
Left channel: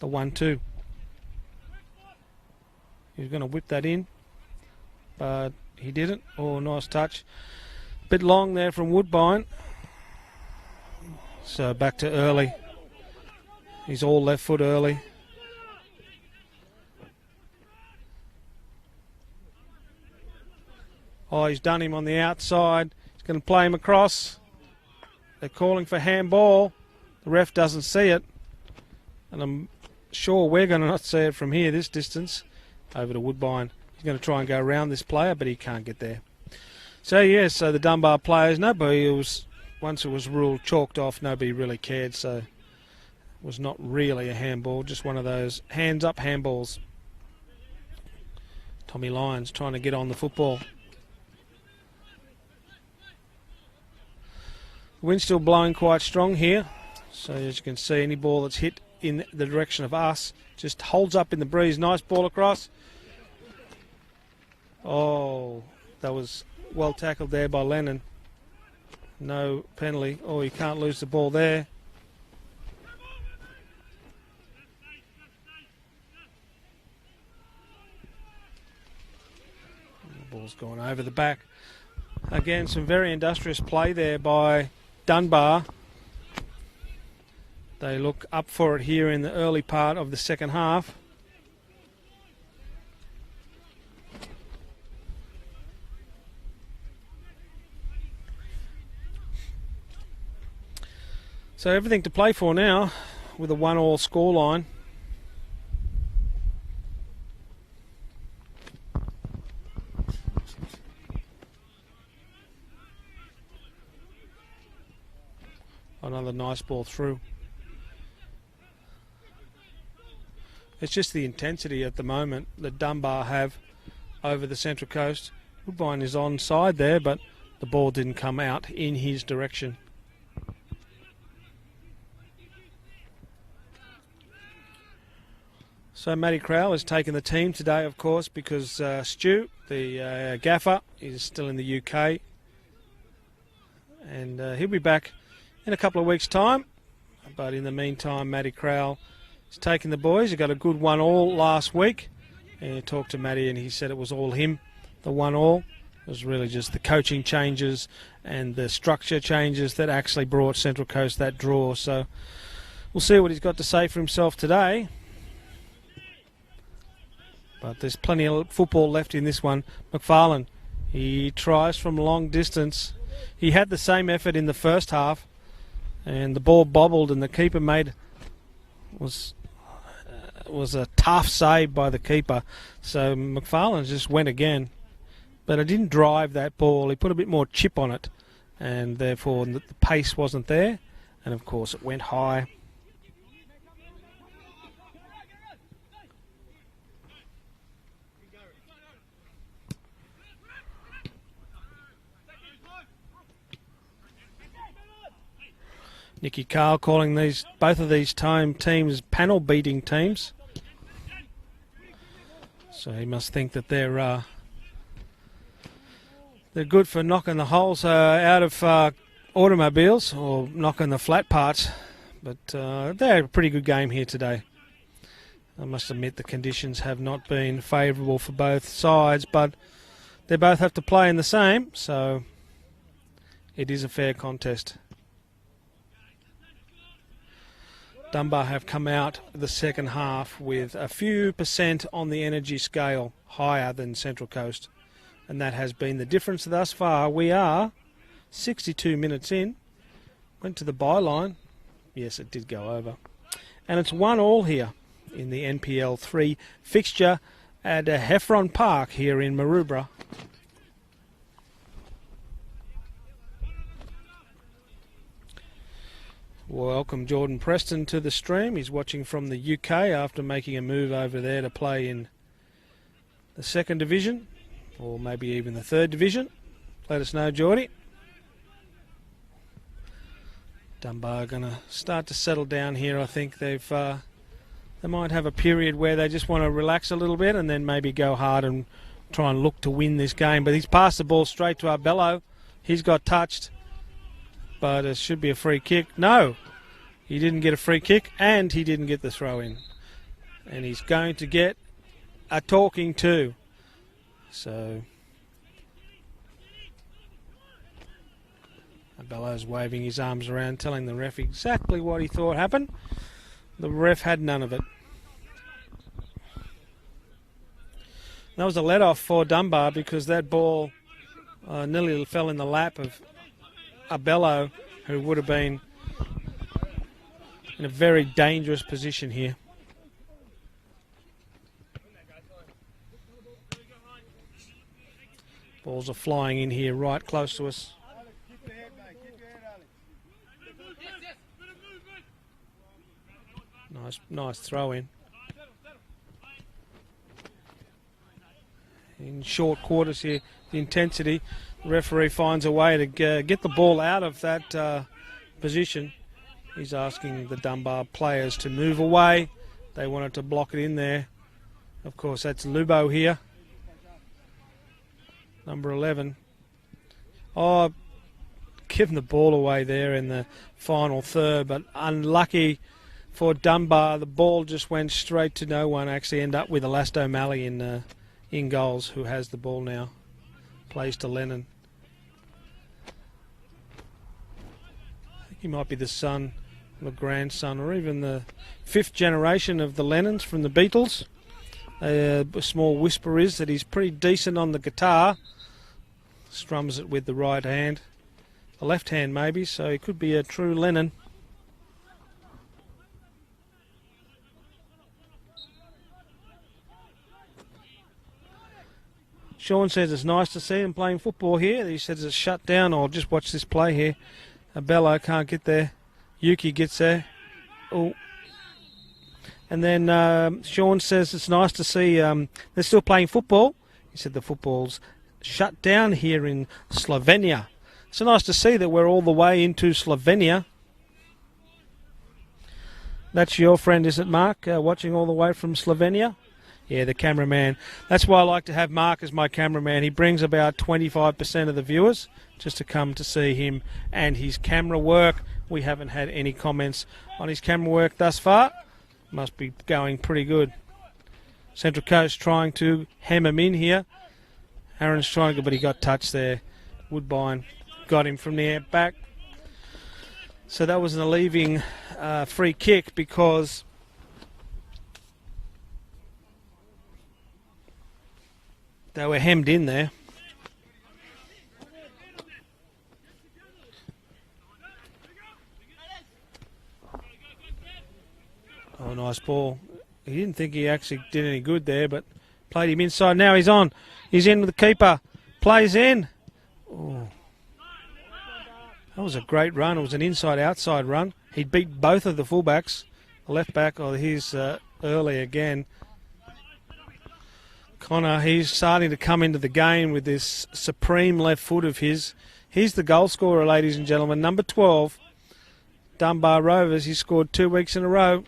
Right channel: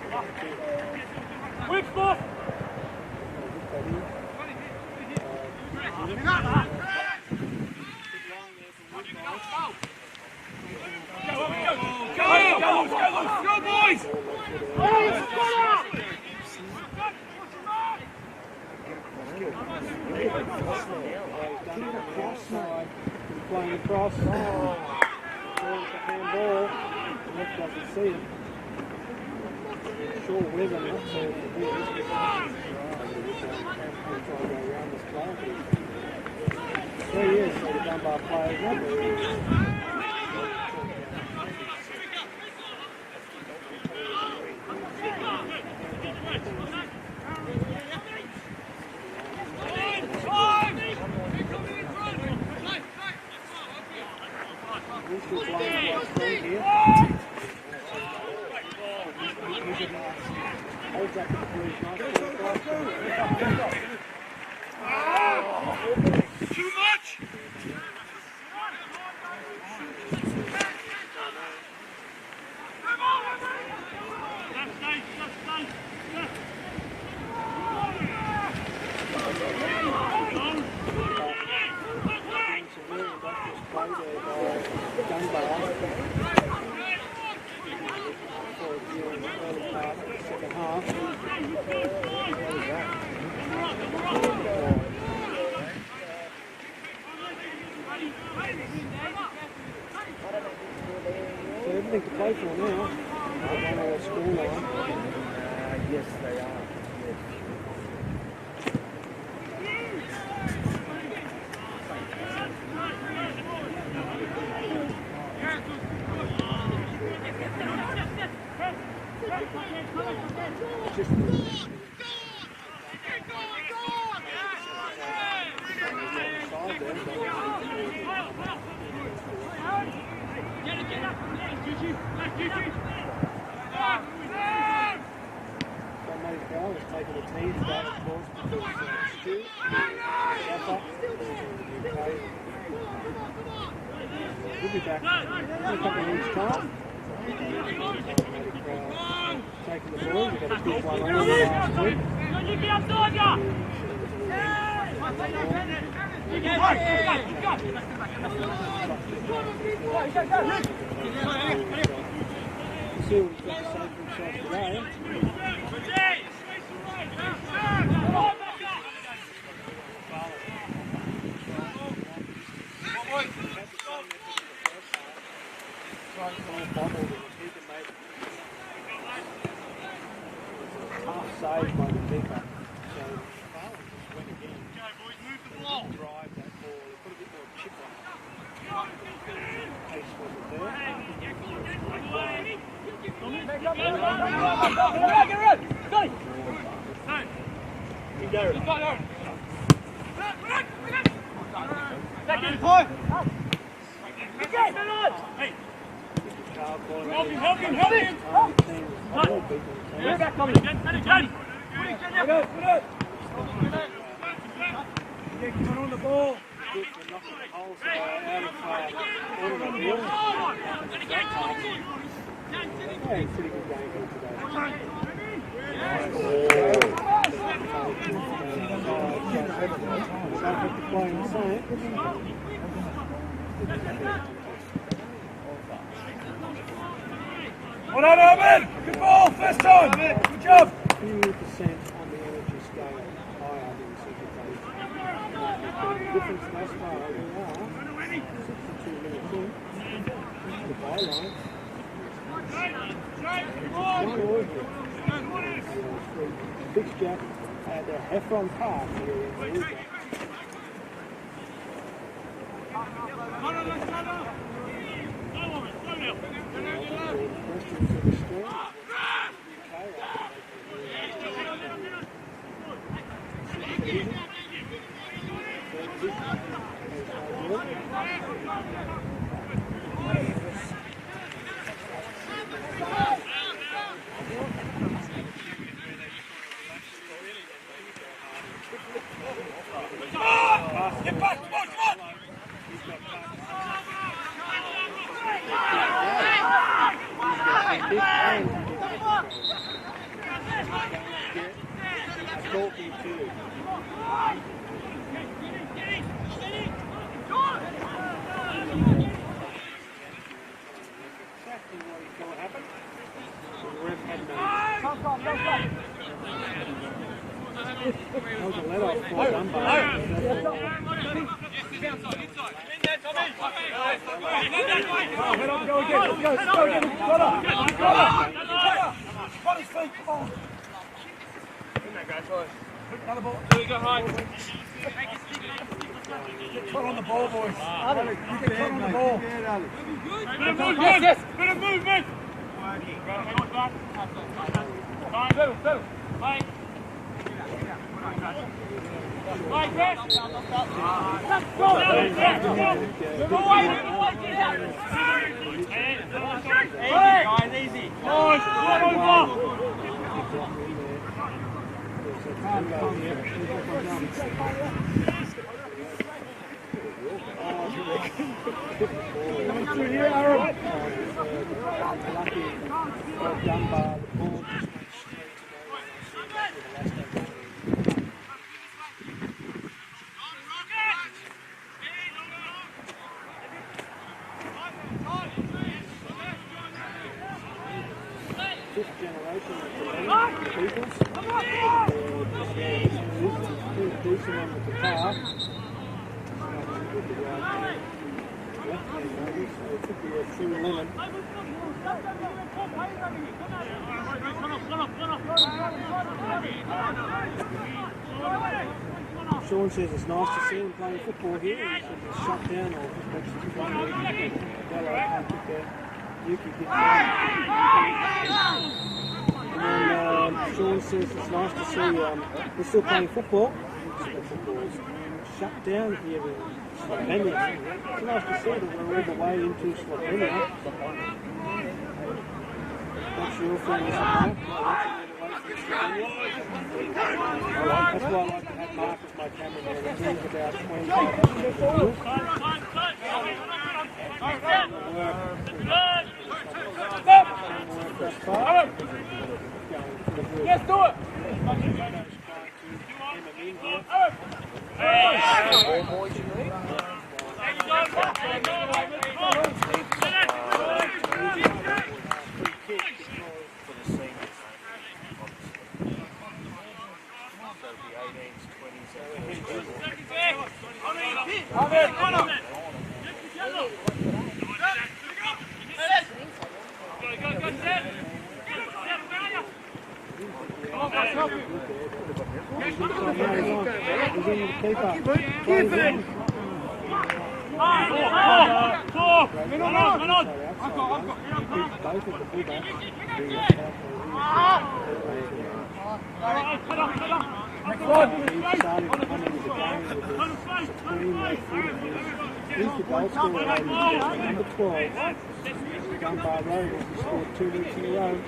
The 1-2. Whip, boss. We're going to whip that in. He didn't. Oh, nice touch. Bit long there from Woodbine. So back to early. He's all left foot early. Oh, he's done him on the outside. He's going to play him across. They're calling for handball. The ref doesn't see it. And I'm sure we're going to not see it from here, this distance. Over to Woodbine. He's going to try and go around this player, but he can't get there. So yes, so the Dunbar players, nobody was, once it was ruled chalked off, nobody really cared. So it was not really a handball, just one of those hands up handballs. Tommy Lyons trying to get on the football. Wind's still blowing quite strong here, so as you can see, any ball that's hit in the direction of us just holds up in the breeze. Nice ball across. Oh, that was well tackled there by Lennon. No penalty. Oh, you can't lose the ball there. Over the back. Again, some very industrious play there by Dunbar. They look up for it here in the early part of the second half. So everything to play for now with a 1-1 scoreline. Yes, they are. Another nice ball through. It's just the intensity at the moment that Dunbar have over the Central Coast. Woodbine is onside there, but the ball didn't come out in his direction. So Matty Crowell has taken the team today, of course, because Stu, the gaffer, is still in the UK. And he'll be back in a couple of weeks' time. But in the meantime, Matty Crowell has taken the boys. He got a good 1-1 last week. I talked to Matty and he said it was all him, the 1-1. It was really just the coaching changes and the structure changes that actually brought Central Coast that draw. So we'll see what he's got to say for himself today. There's plenty of football left in this one. McFarlane, he tries from long distance. He had the same effort in the first half, and the ball bobbled, and the keeper was a tough save by the keeper. So McFarlane just went again, but it didn't drive that ball. He put a bit more chip on it, and therefore the pace wasn't there. And of course, it went high. Nicky Carl calling both of these teams panel beating teams. So he must think that they're good for knocking the holes out of automobiles or knocking the flat parts. But they had a pretty good game here today. I must admit the conditions have not been favourable for both sides, but they both have to play in the same, so it is a fair contest. Dunbar have come out in the second half with a few percent on the energy scale higher than Central Coast, and that has been the difference thus far. We are 62 minutes in, went to the byline. Yes, it did go over. And it's 1-1 here in the NPL 3 fixture at Heffron Park here in Maroubra. Welcome Jordan Preston to the stream. He's watching from the UK after making a move over there to play in the 2nd division, or maybe even the 3rd division. Let us know, Geordie. Dunbar going to start to settle down here. I think they might have a period where they just want to relax a little bit and then maybe go hard and try and look to win this game. But he's passed the ball straight to Arbello. He's got touched, but it should be a free kick. No, he didn't get a free kick and he didn't get the throw in. And he's going to get a talking to. So Arbello's waving his arms around, telling the ref exactly what he thought happened. The ref had none of it. That was a let-off for Dunbar because that ball nearly fell in the lap of Arbello, who would have been in a very dangerous position here. Balls are flying in here right close to us. Nice throw in. Short quarters here, intensity. Referee finds a way to get the ball out of that position. He's asking the Dunbar players to move away. They wanted to block it in there. Of course, that's Lubo here, number 11. Oh, given the ball away there in the final third, but unlucky for Dunbar. The ball just went straight to no one. Actually end up with Elasto O'Malley in goals, who has the ball now. Plays to Lennon. He might be the son, the grandson, or even the 5th generation of the Lennons from the Beatles. The small whisper is that he's pretty decent on the guitar. Strums it with the right hand, the left hand maybe, so he could be a true Lennon. Sean says it's nice to see them playing football here. He says it's shut down. Or just watch this play here. Arbello can't get there. Yuki gets there. And then Sean says it's nice to see they're still playing football. He said the football's shut down here in Slovenia. It's nice to see that we're all the way into Slovenia. That's your friend, is it, Mark, watching all the way from Slovenia? Yeah, the cameraman. That's why I like to have Mark as my cameraman. He brings about 25% of the viewers just to come to see him and his camera work. We haven't had any comments on his camera work thus far. Must be going pretty good. Central Coast trying to hem him in here. Aaron's trying to, but he got touched there. Woodbine got him from the back. So that was an alleviating free kick because they were hemmed in there. Oh, nice ball. He didn't think he actually did any good there, but played him inside. Now he's on. He's in with the keeper. Plays in. That was a great run. It was an inside-outside run. He beat both of the fullbacks. Left back, he's early again. He's starting to come into the game with this supreme left foot of his. He's the goal scorer, ladies and gentlemen. Number 12, Dunbar Rovers. He scored 2 weeks in a row.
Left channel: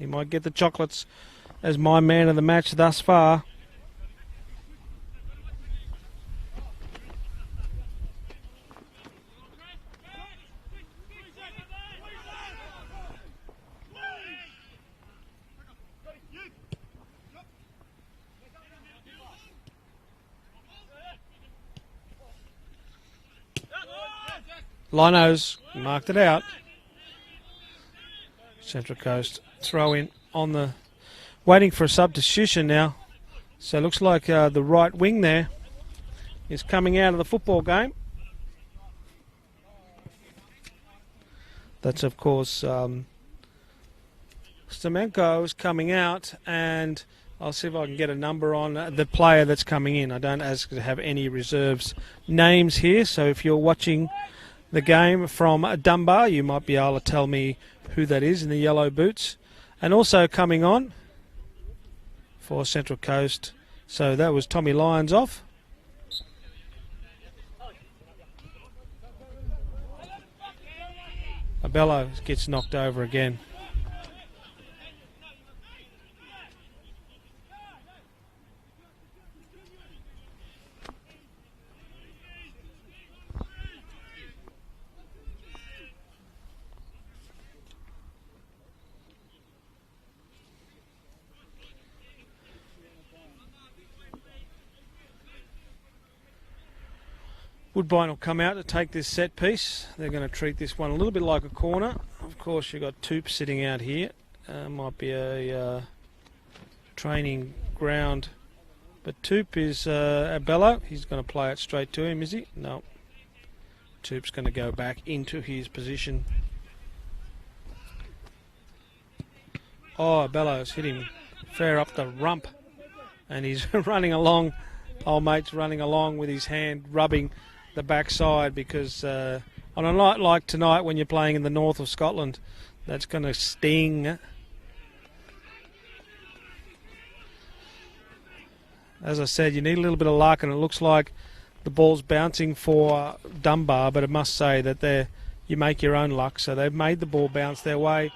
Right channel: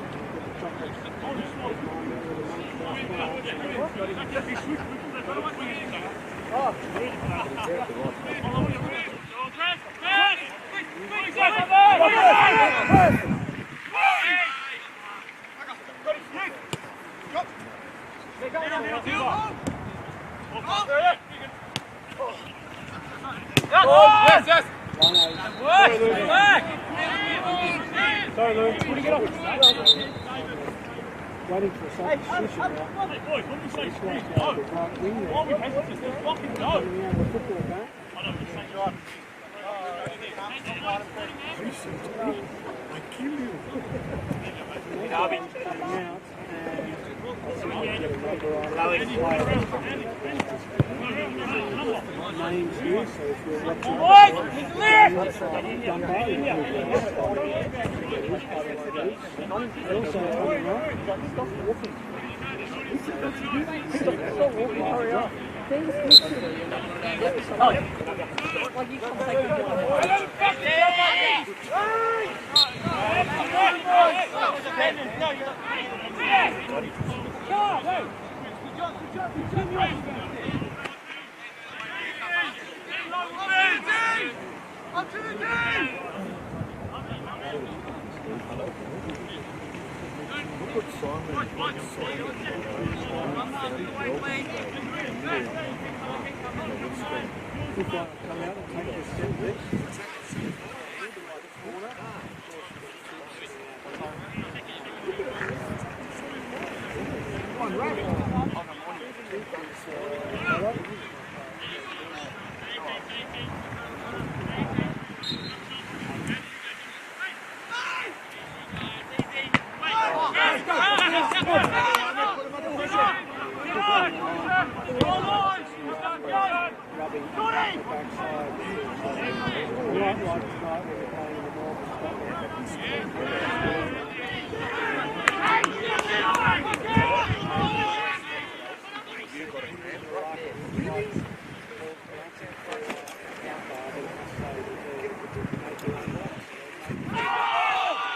He might get the chocolates as my man of the match thus far. Lino's marked it out. Central Coast throw in on the, waiting for a substitution now. So it looks like the right wing there is coming out of the football game. That's of course Stamenko is coming out, and I'll see if I can get a number on the player that's coming in. I don't have any reserves names here, so if you're watching the game from Dunbar, you might be able to tell me who that is in the yellow boots. And also coming on for Central Coast, so that was Tommy Lyons off. Bello gets knocked over again. Woodbine will come out to take this set piece. They're going to treat this one a little bit like a corner. Of course, you've got Toop sitting out here. That might be a training ground. But Toop is at Bello. He's going to play it straight to him, is he? No. Toop's going to go back into his position. Oh, Bello's hitting fair up the rump. And he's running along, old mate's running along with his hand rubbing the backside, because on a night like tonight when you're playing in the north of Scotland, that's going to sting. As I said, you need a little bit of luck, and it looks like the ball's bouncing for Dunbar, but I must say that you make your own luck, so they've made the ball bounce their way.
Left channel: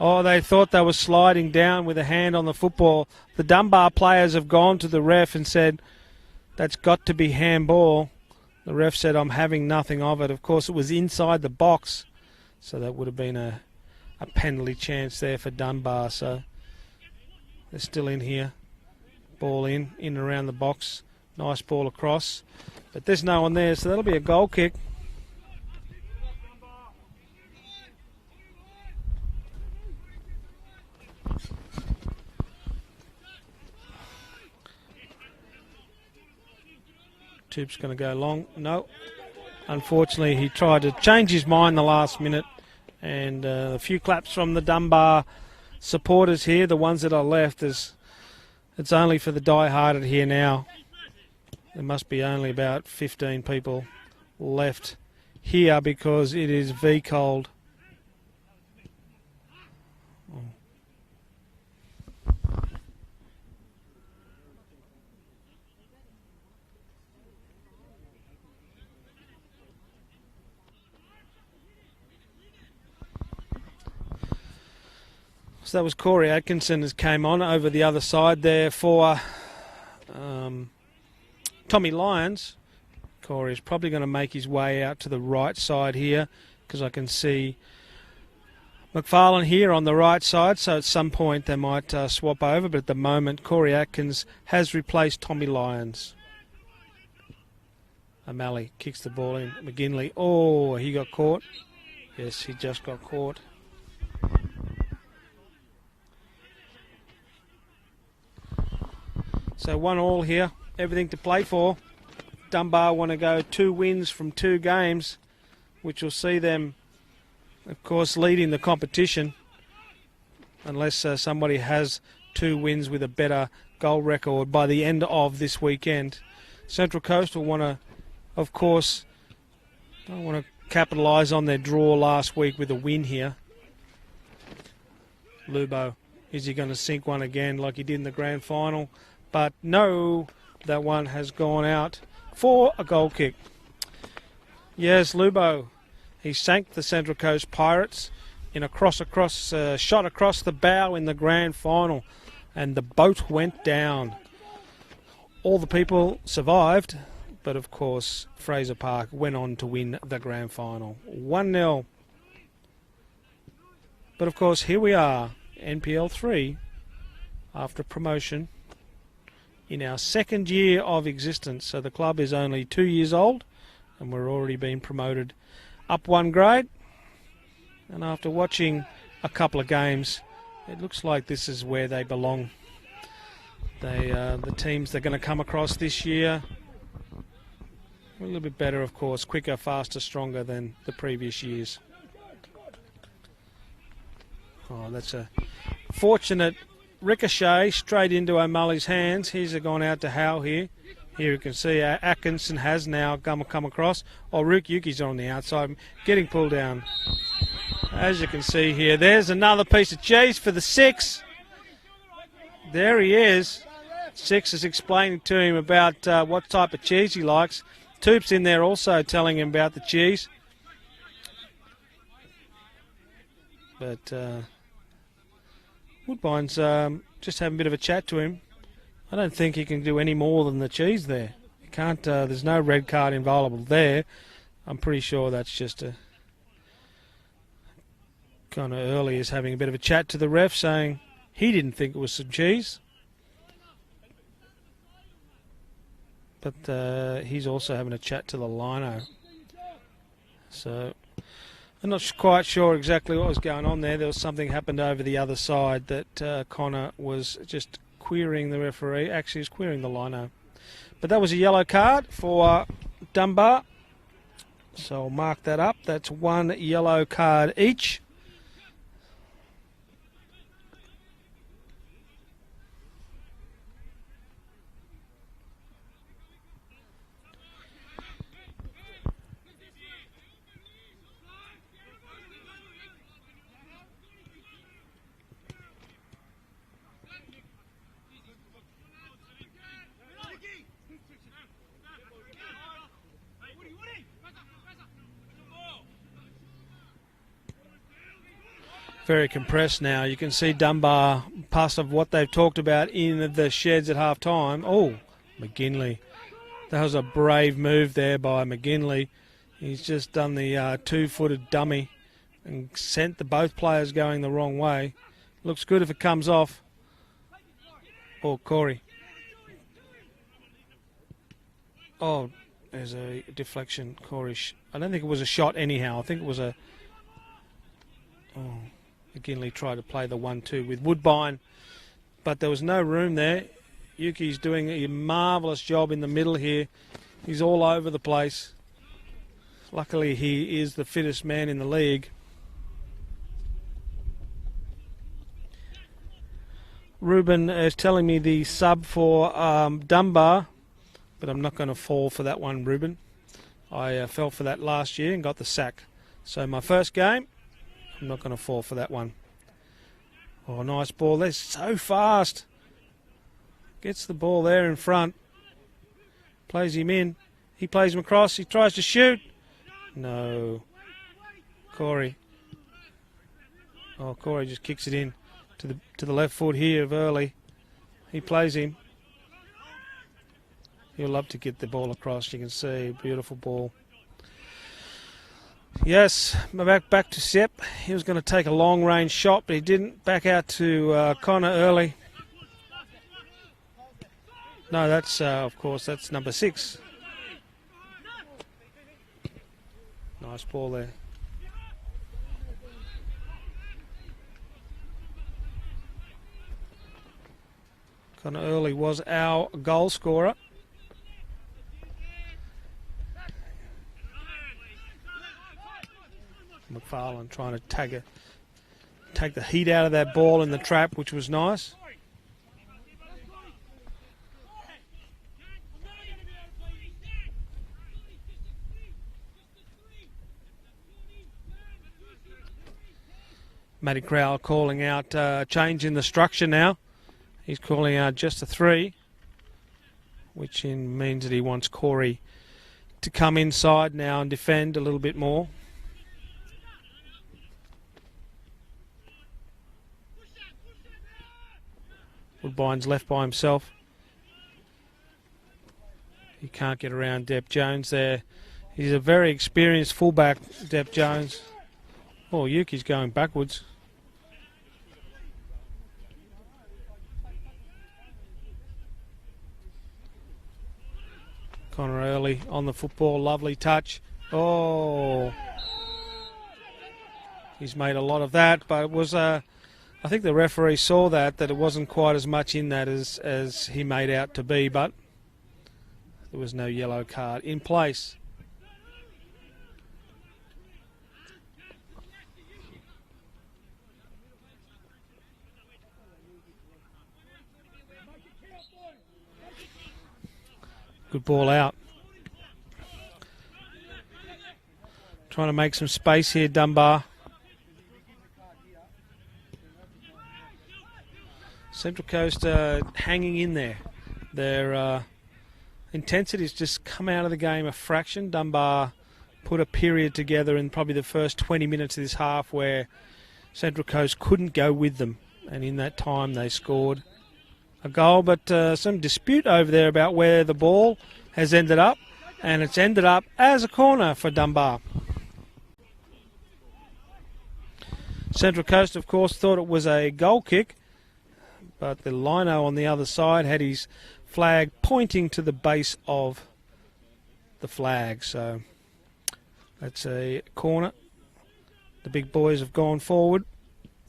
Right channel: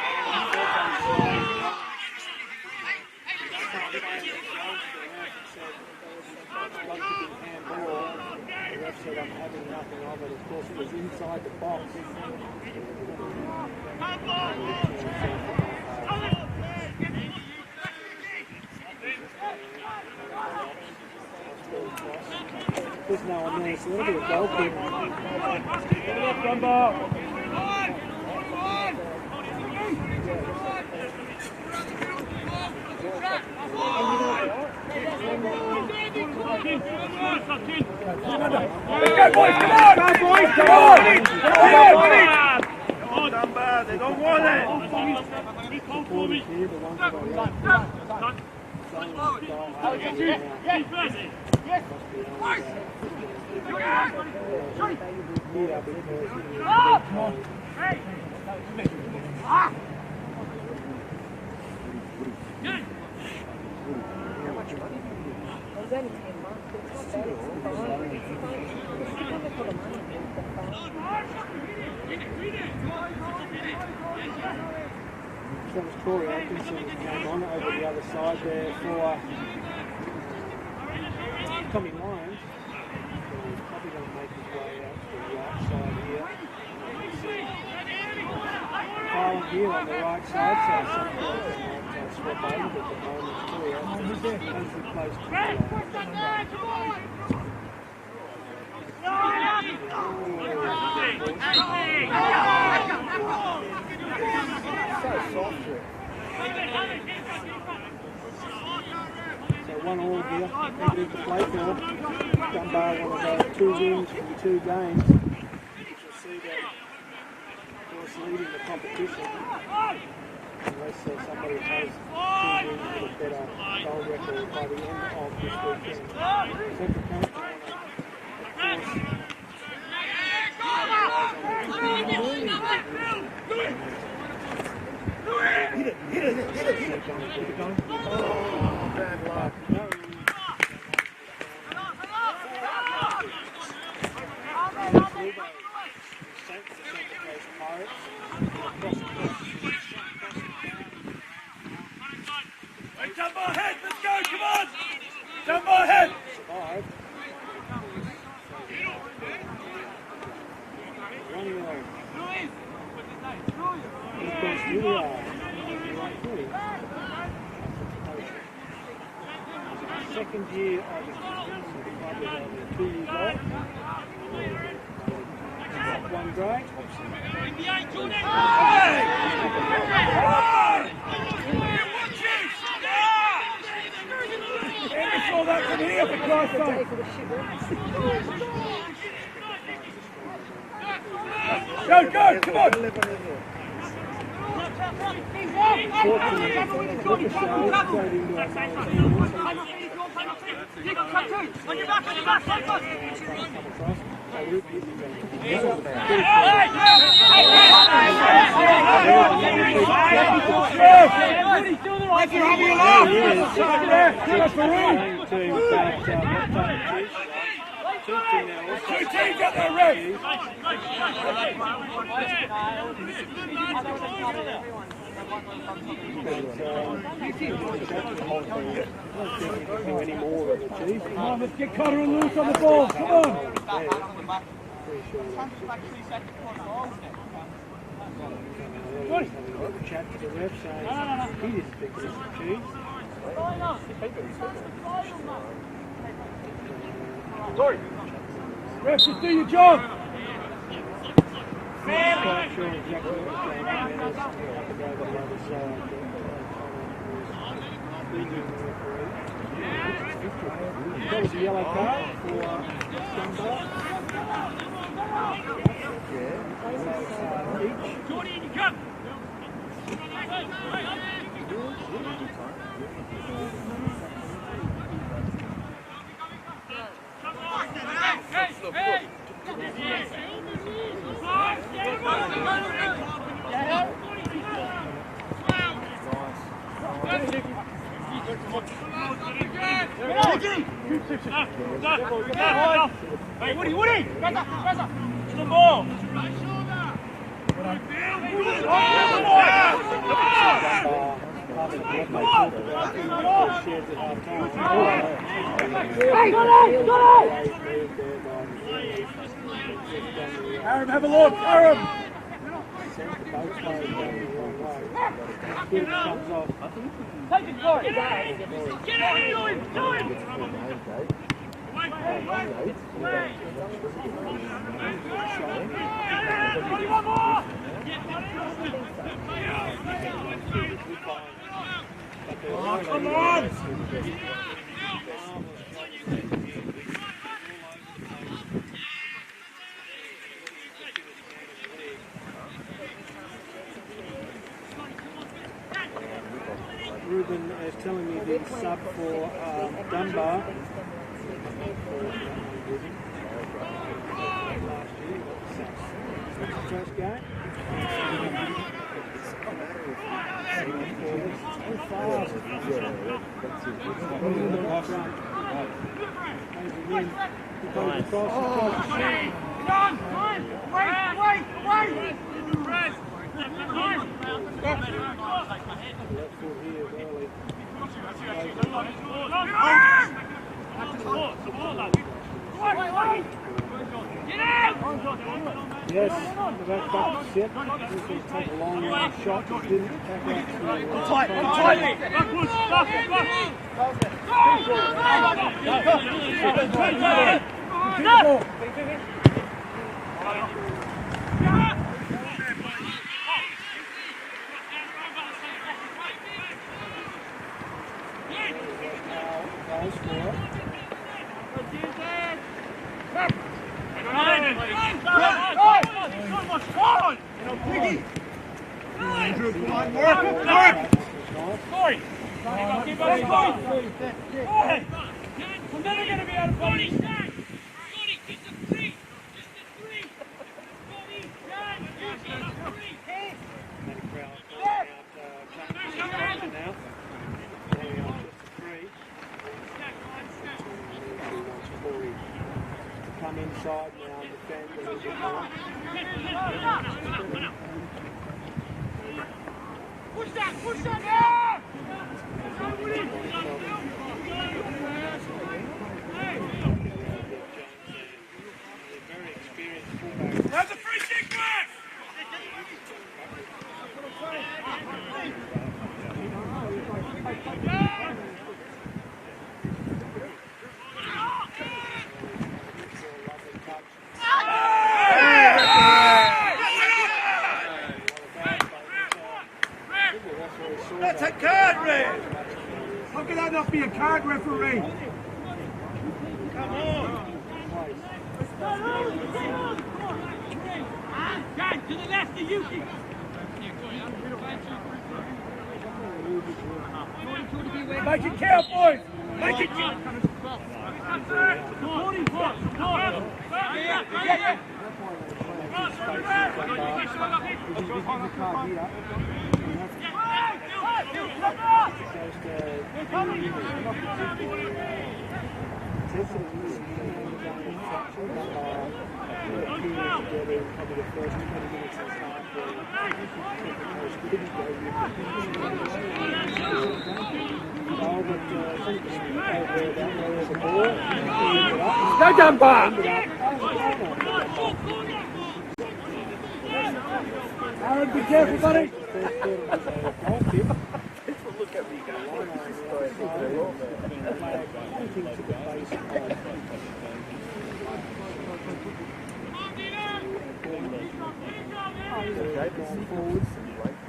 Oh, they thought they were sliding down with a hand on the football. The Dunbar players have gone to the ref and said, that's got to be handball. The ref said, I'm having nothing of it. Of course, it was inside the box, so that would have been a penalty chance there for Dunbar. So they're still in here. Ball in and around the box. Nice ball across. But there's no one there, so that'll be a goal kick. Toop's going to go long. No. Unfortunately, he tried to change his mind the last minute. And a few claps from the Dunbar supporters here, the ones that are left. It's only for the die-hearted here now. There must be only about 15 people left here because it is V-cold. So that was Corey Atkinson who came on over the other side there for Tommy Lyons. Corey's probably going to make his way out to the right side here, because I can see McFarlane here on the right side, so at some point they might swap over, but at the moment Corey Atkins has replaced Tommy Lyons. O'Malley kicks the ball in. McGinley, oh, he got caught. Yes, he just got caught. So 1-1 here, everything to play for. Dunbar want to go 2 wins from 2 games, which will see them, of course, leading the competition, unless somebody has 2 wins with a better goal record by the end of this weekend. Central Coast will want to, of course, capitalise on their draw last week with a win here. Lubo, is he going to sink one again like he did in the grand final? But no, that one has gone out for a goal kick. Yes, Lubo, he sank the Central Coast Pirates in a shot across the bow in the grand final, and the boat went down. All the people survived, but of course Fraser Park went on to win the grand final. 1-0. But of course, here we are, NPL 3, after promotion in our 2nd year of existence. So the club is only 2 years old, and we're already being promoted up 1 grade. And after watching a couple of games, it looks like this is where they belong. The teams they're going to come across this year, a little bit better, of course, quicker, faster, stronger than the previous years. Go, come on! That's a fortunate ricochet straight into O'Malley's hands. He's gone out to Howe here. Here you can see Atkinson has now come across. Yuki's on the outside, getting pulled down. As you can see here, there's another piece of cheese for the 6. There he is. 6 is explaining to him about what type of cheese he likes. Toop's in there also telling him about the cheese. Woodbine's just had a bit of a chat to him. I don't think he can do any more than the cheese there. Can't. There's no red card involvement there. I'm pretty sure that's just a kind of early. He's having a bit of a chat to the ref, saying he didn't think it was some cheese. But he's also having a chat to the liner. So I'm not quite sure exactly what was going on there. There was something happened over the other side that Connor was just querying the referee. Actually, he was querying the liner. But that was a yellow card for Dunbar. So mark that up. That's 1 yellow card each. Very compressed now. You can see Dunbar past of what they've talked about in the sheds at half time. Oh, McGinley. That was a brave move there by McGinley. He's just done the 2-footed dummy and sent both players going the wrong way. Looks good if it comes off. Oh, Corey. Oh, there's a deflection. I don't think it was a shot anyhow. I think it was a... McGinley tried to play the 1-2 with Woodbine, but there was no room there. Yuki's doing a marvellous job in the middle here. He's all over the place. Luckily, he is the fittest man in the league. Ruben is telling me the sub for Dunbar, but I'm not going to fall for that one, Ruben. I fell for that last year and got the sack. So my first game, I'm not going to fall for that one. Oh, a nice ball. They're so fast. Gets the ball there in front. Plays him in. He plays him across. He tries to shoot. No. Corey. Oh, Corey just kicks it in to the left foot here of Early. He plays him. He'll love to get the ball across. You can see a beautiful ball. Yes, back to Sepp. He was going to take a long-range shot, but he didn't. Back out to Connor Early. No, that's of course that's number 6. Connor Early was our goal scorer. Trying to take the heat out of that ball in the trap, which was nice. Matty Crowell calling out change in the structure now. He's calling out just a 3, which means that he wants Corey to come inside now and defend a little bit more. Woodbine's left by himself. He can't get around Depp Jones there. He's a very experienced fullback, Depp Jones. Oh, Yuki's going backwards. Connor Early on the football, lovely touch. Oh, he's made a lot of that, but it was I think the referee saw that it wasn't quite as much in that as he made out to be, but there was no yellow card in place. Make it count, boys! Make it count! Good ball out. Trying to make some space here, Dunbar. Central Coast hanging in there. Their intensity's just come out of the game a fraction. Dunbar put a period together in probably the first 20 minutes of this half where Central Coast couldn't go with them. And in that time they scored a goal, but some dispute over there about where the ball has ended up. And it's ended up as a corner for Dunbar. Central Coast, of course, thought it was a goal kick, but the lino on the other side had his flag pointing to the base of the flag. So it's a corner. The big boys have gone forward.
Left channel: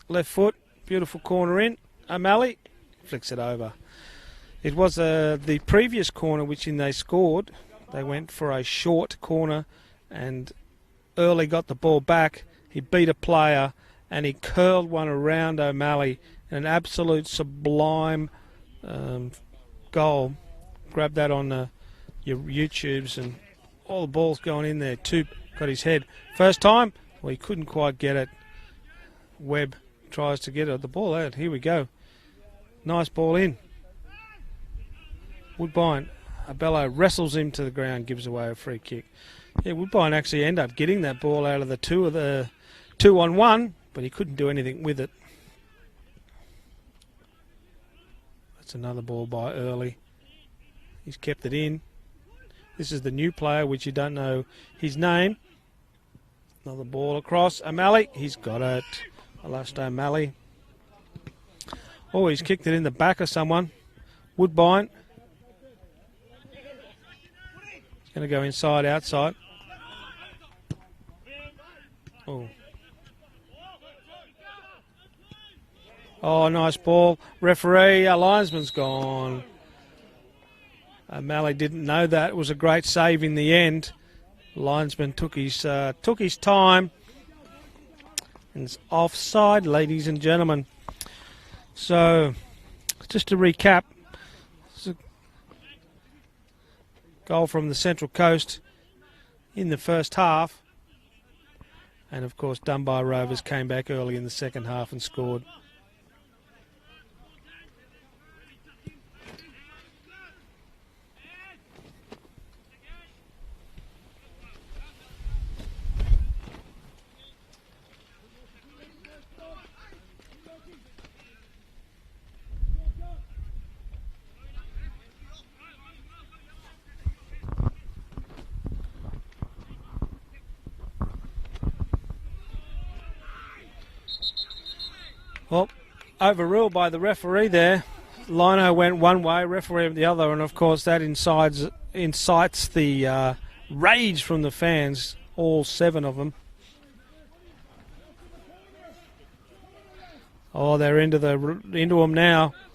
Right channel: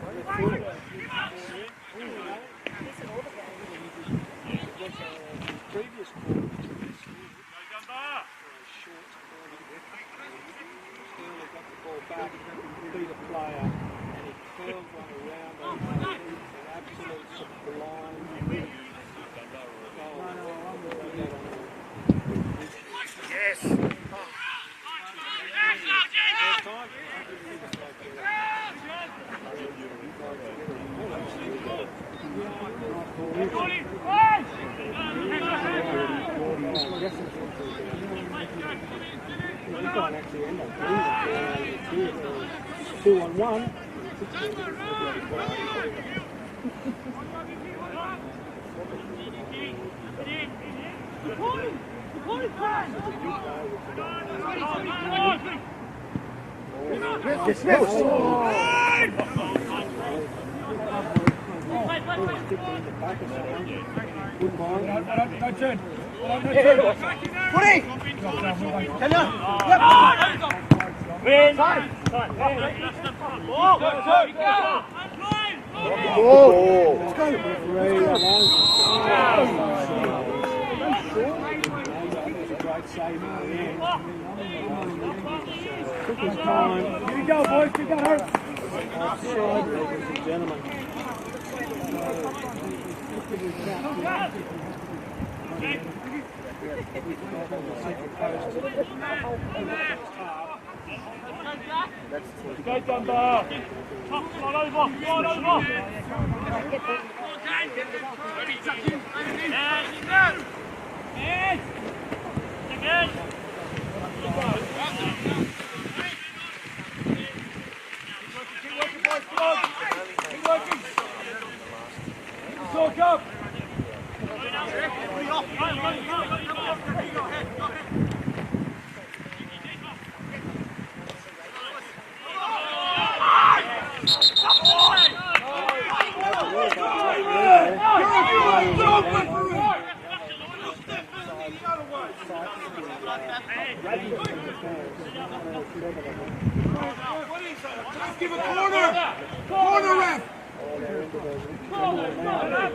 Left foot, beautiful corner in. O'Malley flicks it over. It was the previous corner which they scored. They went for a short corner and early got the ball back. He beat a player and he curled one around O'Malley. An absolute sublime goal. Grab that on your YouTubes and all the balls going in there. Two got his head. First time, well, he couldn't quite get it. Webb tries to get it. The ball out. Here we go. Nice ball in. Woodbine. Bello wrestles him to the ground, gives away a free kick. Yeah, Woodbine actually ended up getting that ball out of the 2-on-1, but he couldn't do anything with it. It's another ball by Early. He's kept it in. This is the new player, which you don't know his name. Ball across. O'Malley. He's got it. Watched O'Malley. Oh, he's kicked it in the back of someone. Woodbine. Going to go inside, outside. Oh, nice ball. Referee, linesman's gone. O'Malley didn't know that. It was a great save in the end. The linesman took his time. It's offside, ladies and gentlemen. So, just to recap, goal from the Central Coast in the first half. And of course Dunbar Rovers came back early in the second half and scored. Well, overruled by the referee there. Lino went one way, referee the other, and of course that incites the rage from the fans, all 7 of them. Oh, they're into them now.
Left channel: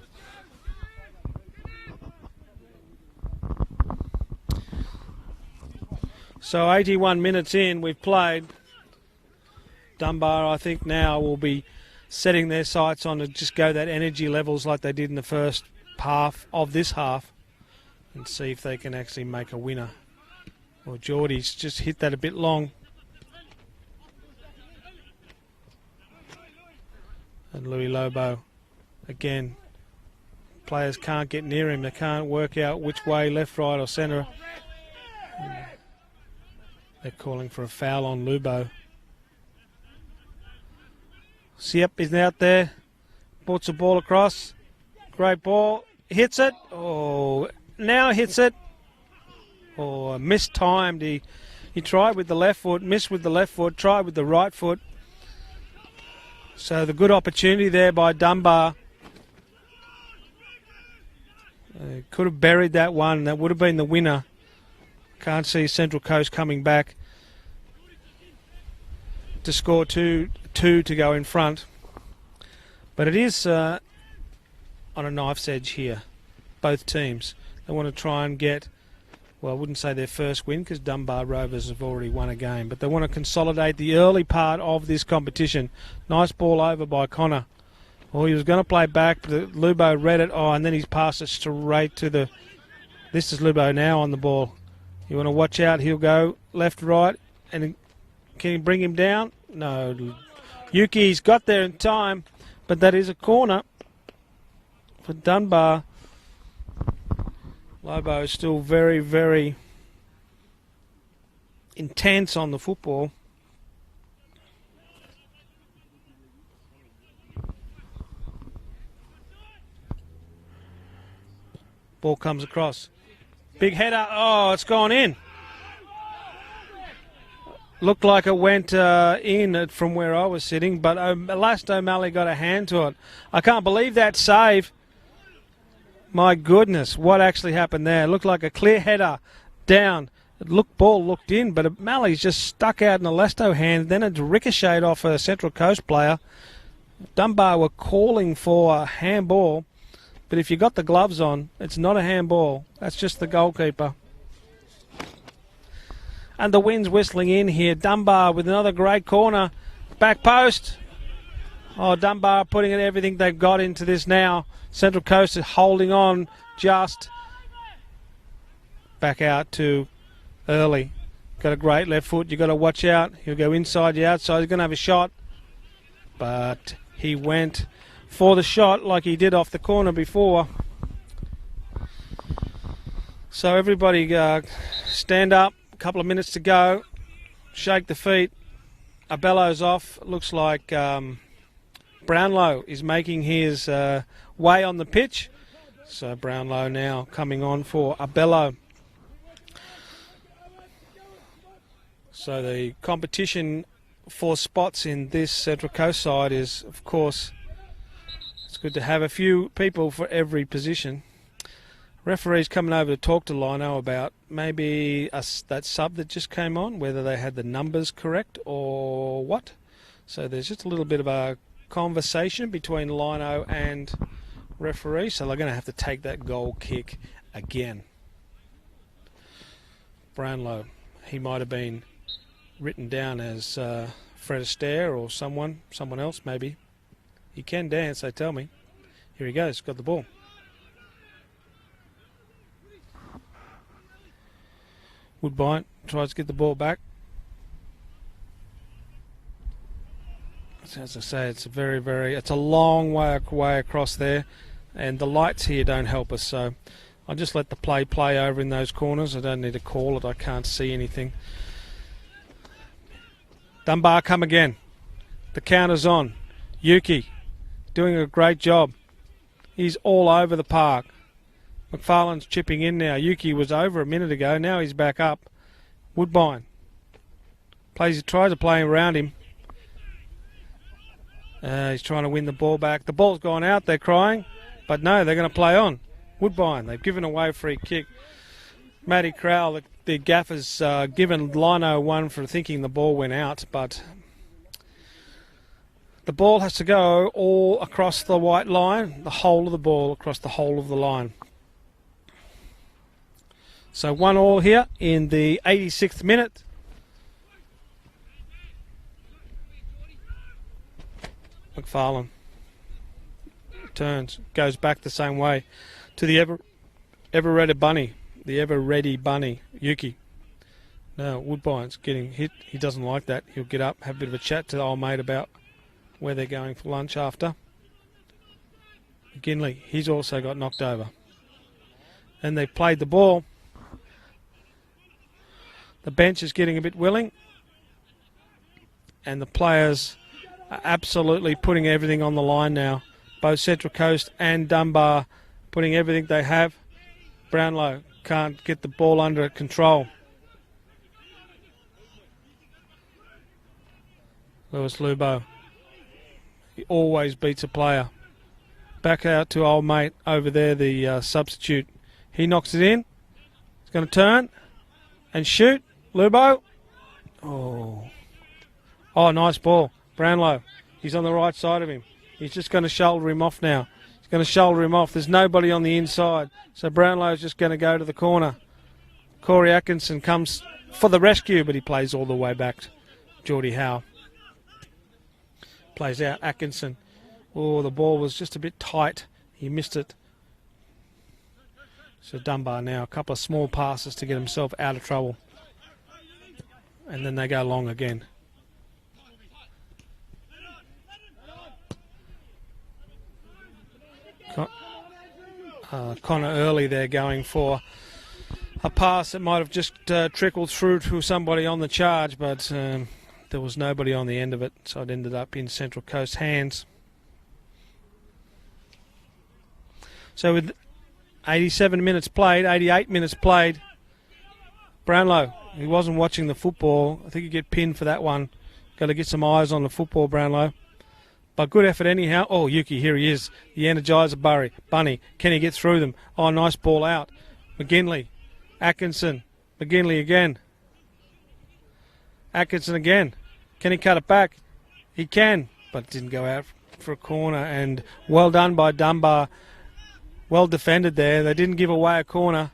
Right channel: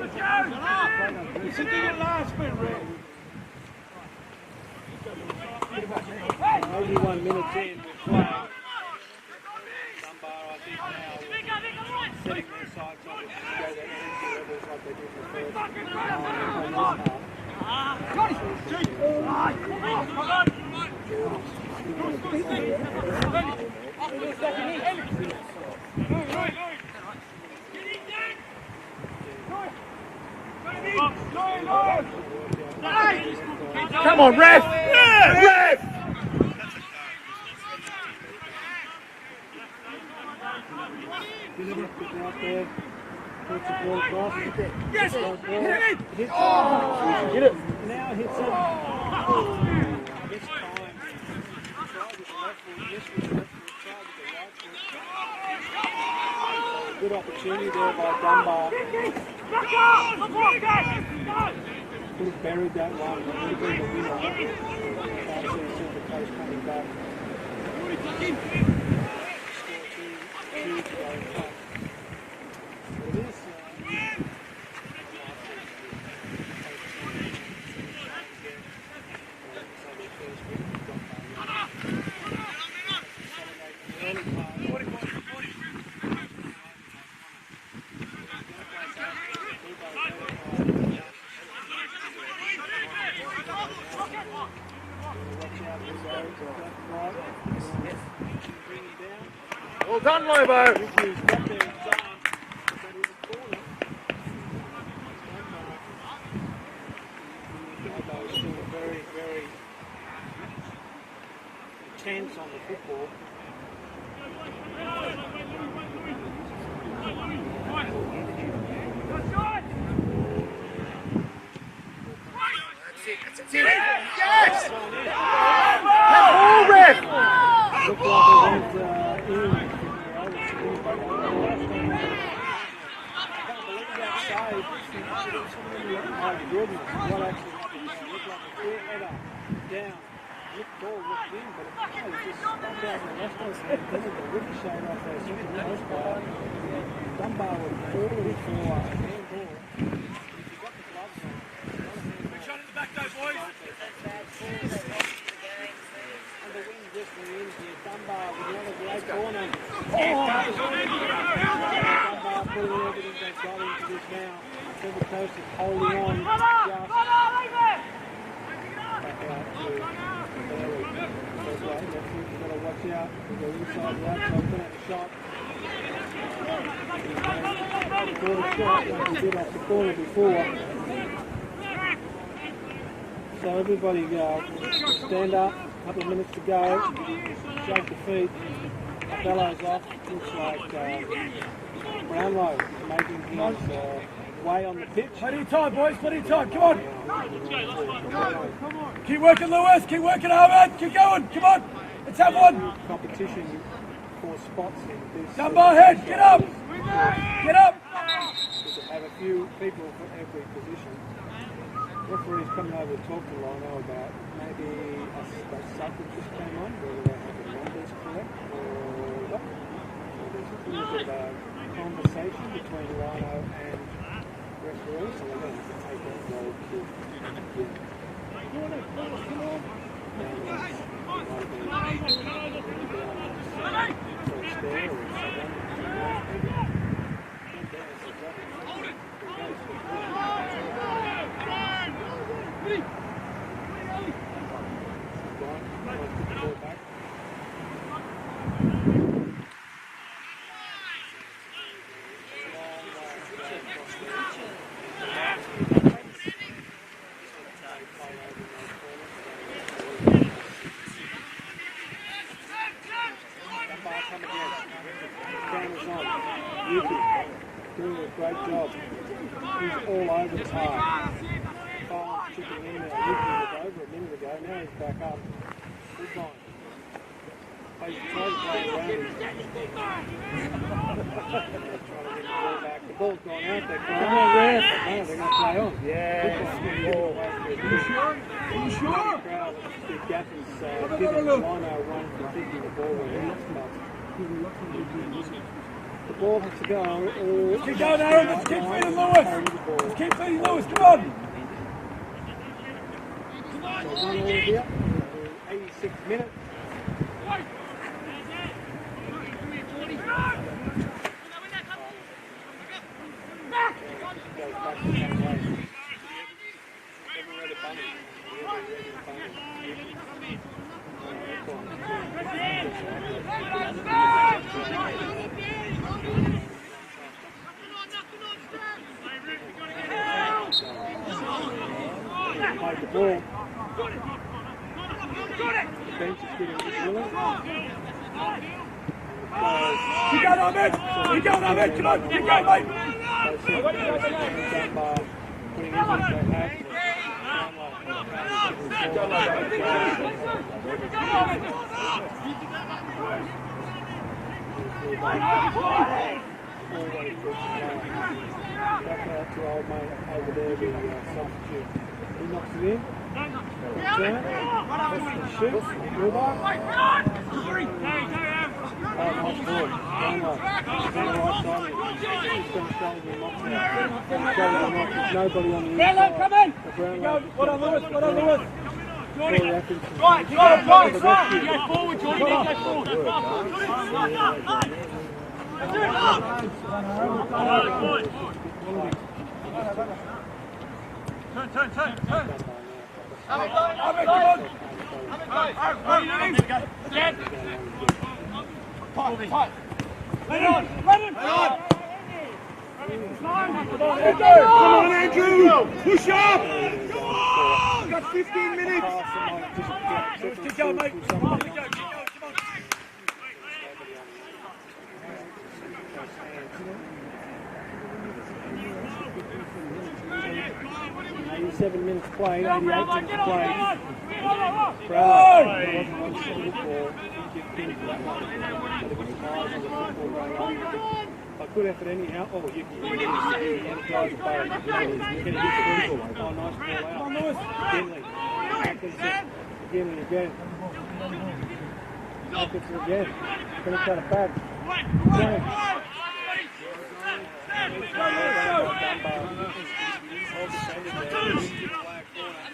So 81 minutes in, we've played. Dunbar, I think, now will be setting their sights on to just go that energy levels like they did in the first half of this half and see if they can actually make a winner. Well, Geordie's just hit that a bit long. And Louis Lobo, again, players can't get near him. They can't work out which way, left, right or centre. Come on, ref! Yeah, ref! They're calling for a foul on Lubo. Siep is out there. Ports the ball across. Great ball. Hits it. Oh, now hits it. Oh, mistimed. He tried with the left foot, missed with the left foot, tried with the right foot. So the good opportunity there by Dunbar. Could have buried that one. That would have been the winner. Can't see Central Coast coming back to score two to go in front. But it is on a knife's edge here, both teams. They want to try and get well, I wouldn't say their first win because Dunbar Rovers have already won a game, but they want to consolidate the early part of this competition. Nice ball over by Connor. Well, he was going to play back, but Lubo read it. Oh, and then he's passed it straight to the... This is Lubo now on the ball. You want to watch out. He'll go left, right. And can you bring him down? No. Well done, Lobo. Yuki's got there in time, but that is a corner for Dunbar. Lobo is still very, very intense on the football. Ball comes across. Big header. Oh, it's gone in. Looked like it went in from where I was sitting, but Last O'Malley got a hand to it. I can't believe that save. My goodness, what actually happened there? It looked like a clear header down. Ball looked in, but O'Malley's just stuck out in the Lesto hand. Then it ricocheted off a Central Coast player. Dunbar were calling for a handball, but if you got the gloves on, it's not a handball. That's just the goalkeeper. And the wind's whistling in here. Dunbar with another great corner. Back post. Oh, Dunbar putting in everything they've got into this now. Central Coast is holding on just. Back out to Early. Got a great left foot. You've got to watch out. He'll go inside the outside. He's going to have a shot. But he went for the shot like he did off the corner before. So everybody stand up. A couple of minutes to go. Shake the feet. Abello's off. Looks like Brownlow is making his way on the pitch. So Brownlow now coming on for Abello. Keep working, Lewis. Keep working, Ahmed. Keep going. Come on. Let's have one. The competition for spots in this Central Coast side is, of course, it's good to have a few people for every position. Referee's coming over to talk to Lino about maybe that sub that just came on, whether they had the numbers correct or what. So there's just a little bit of a conversation between Lino and referee, so they're going to have to take that goal kick again. Brownlow, he might have been written down as Fred Astaire or someone else maybe. He can dance, they tell me. Here he goes, got the ball. Woodbine tries to get the ball back. So as I say, it's a it's a long way across there, and the lights here don't help us. So I'll just let the play over in those corners. I don't need to call it. I can't see anything. Dunbar come again. The counter's on. Yuki doing a great job. He's all over the park. McFarlane's chipping in now. Yuki was over a minute ago. Now he's back up. Woodbine he tries to play around him. He's trying to win the ball back. The ball's gone out. They're crying, but no, they're going to play on. Woodbine, they've given away a free kick. Matty Crowell, the gaffer's given Lino one for thinking the ball went out, but the ball has to go all across the white line, the whole of the ball across the whole of the line. So 1-1 here in the 86th minute. McFarlane turns, goes back the same way to the ever-ready bunny. The ever-ready bunny, Yuki. Now Woodbine's getting hit. He doesn't like that. He'll get up, have a bit of a chat to the old mate about where they're going for lunch after. Ginley, he's also got knocked over. And they played the ball. The bench is getting a bit willing. And the players absolutely putting everything on the line now. Both Central Coast and Dunbar putting everything they have. Brownlow can't get the ball under control. Lewis Lubo always beats a player. Back out to old mate over there, the substitute. He knocks it in. He's going to turn and shoot. Lubo. Oh, nice ball. Brownlow. He's on the right side of him. He's just going to shoulder him off now. He's going to shoulder him off. There's nobody on the inside. So Brownlow's just going to go to the corner. Corey Atkinson comes for the rescue, but he plays all the way back to Geordie Howe. Plays out Atkinson. Oh, the ball was just a bit tight. He missed it. So Dunbar now, a couple of small passes to get himself out of trouble. And then they go long again. Early they're going for a pass that might have just trickled through to somebody on the charge, but there was nobody on the end of it, so it ended up in Central Coast hands. So with 87 minutes played, 88 minutes played, Brownlow, he wasn't watching the football. I think you get pinned for that one. Got to get some eyes on the football, Brownlow. But good effort anyhow. Oh, Yuki, here he is. The Energizer Bunny. Can he get through them? Oh, nice ball out. McGinley. Atkinson. McGinley again. Atkinson again. Can he cut it back? He can, but didn't go out for a corner. And well done by Dunbar. Well defended there. They didn't give away a corner.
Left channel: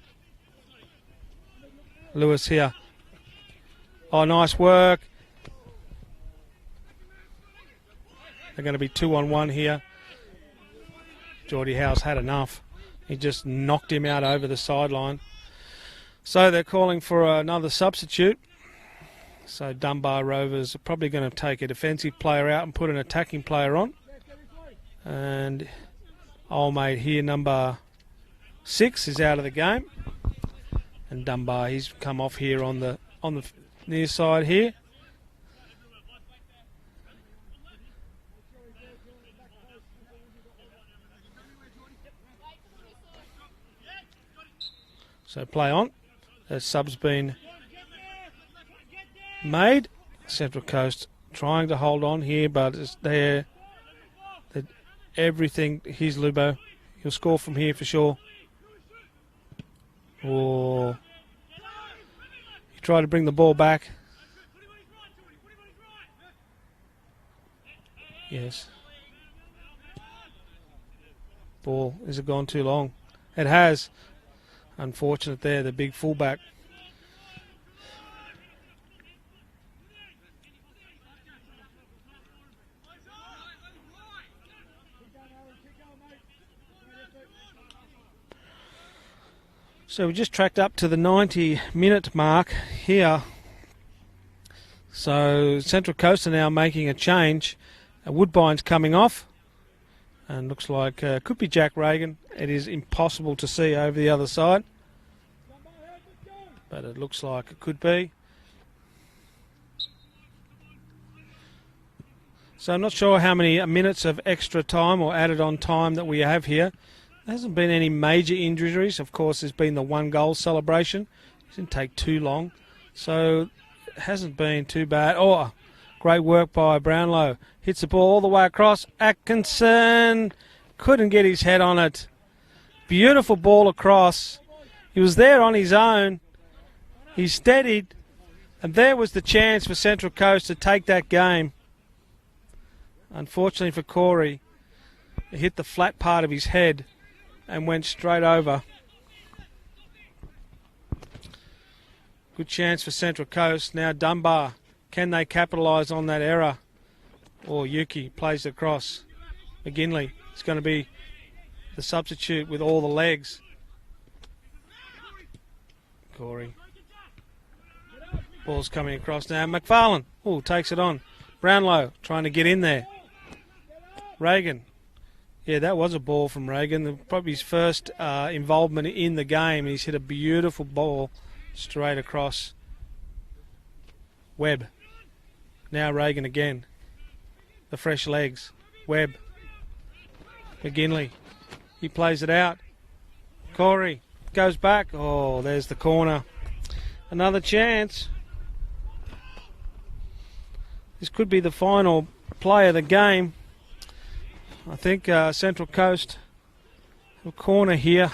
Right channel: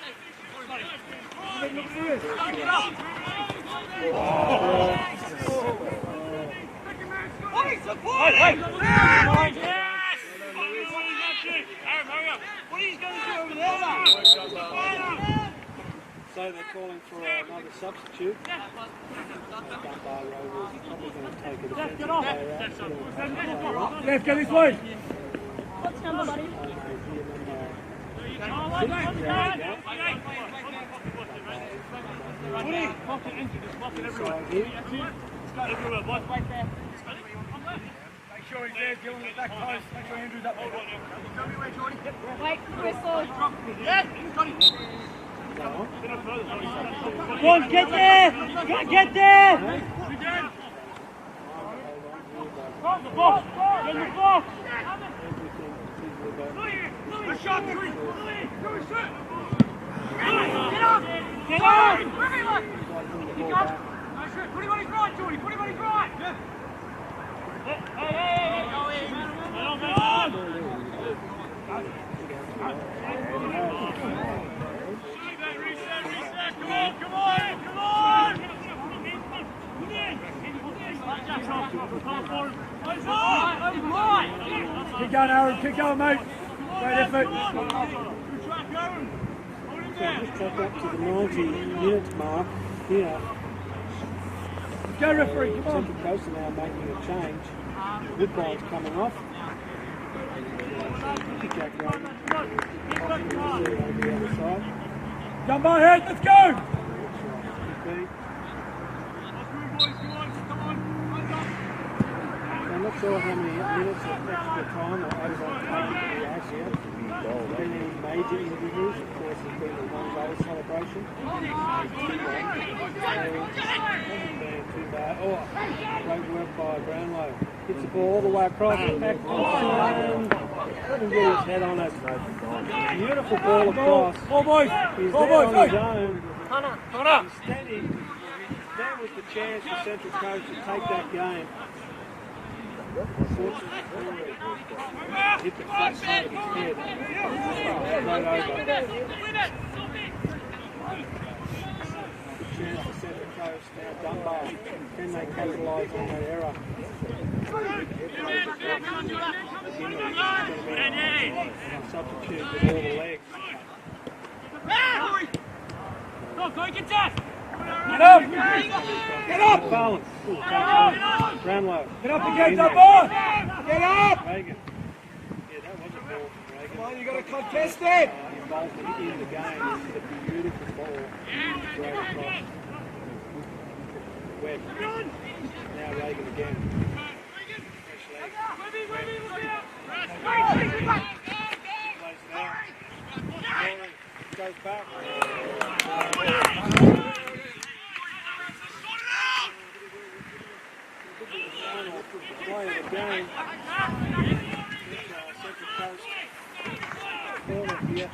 Lewis here. Oh, nice work. They're going to be 2-on-1 here. Geordie Howe's had enough. He just knocked him out over the sideline. So they're calling for another substitute. So Dunbar Rovers are probably going to take a defensive player out and put an attacking player on. And old mate here, number 6, is out of the game. And Dunbar, he's come off here on the near side here. So play on. As subs been made. Central Coast trying to hold on here, but it's there. Everything. Here's Lubo. He'll score from here for sure. Oh. Try to bring the ball back. Ball, has it gone too long? It has. Unfortunate there, the big fullback. Keep going, Aaron. Keep going, mate. Great effort. So we've just tracked up to the 90-minute mark here. So Central Coast are now making a change. Woodbine's coming off. And looks like could be Jack Reagan. It is impossible to see over the other side. Jump my head, let's go! But it looks like it could be. So I'm not sure how many minutes of extra time or added on time that we have here. There hasn't been any major injuries. Of course, there's been the 1-goal celebration. Didn't take too long. So it hasn't been too bad. Oh, great work by Brownlow. Hits the ball all the way across. Atkinson couldn't get his head on it. Beautiful ball across. He was there on his own. He steadied. And there was the chance for Central Coast to take that game. Unfortunately for Corey, he hit the flat part of his head and went straight over. Good chance for Central Coast. Now Dunbar. Can they capitalise on that error? Or Yuki plays across. McGinley is going to be the substitute with all the legs. He's coming across now. McFarlane takes it on. Brownlow trying to get in there. Reagan. Yeah, that was a ball from Reagan. Probably his first involvement in the game. He's hit a beautiful ball straight across. Webb. Now Reagan again. The fresh legs. Webb. McGinley. He plays it out. Corey goes back. Oh, there's the corner. Another chance. This could be the final play of the game. I think Central Coast, the corner here.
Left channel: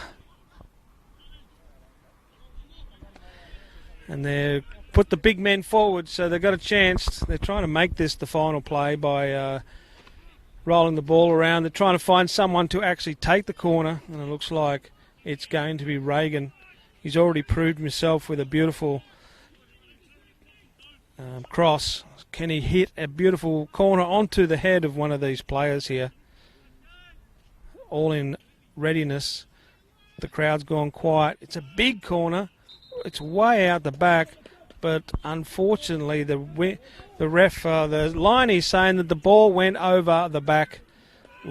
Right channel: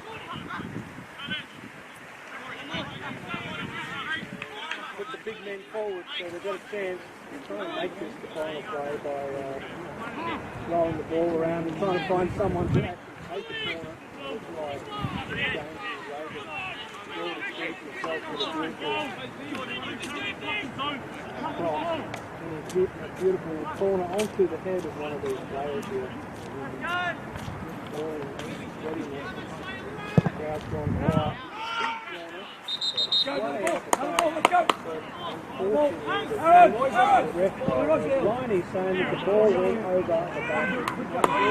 And they put the big men forward, so they've got a chance. They're trying to make this the final play by rolling the ball around. They're trying to find someone to actually take the corner. And it looks like it's going to be Reagan. He's already proved himself with a beautiful cross. Can he hit a beautiful corner onto the head of one of these players here? All in readiness. The crowd's gone quiet. It's a big corner. It's way out the back, but unfortunately the ref, the line is saying that the ball went over the back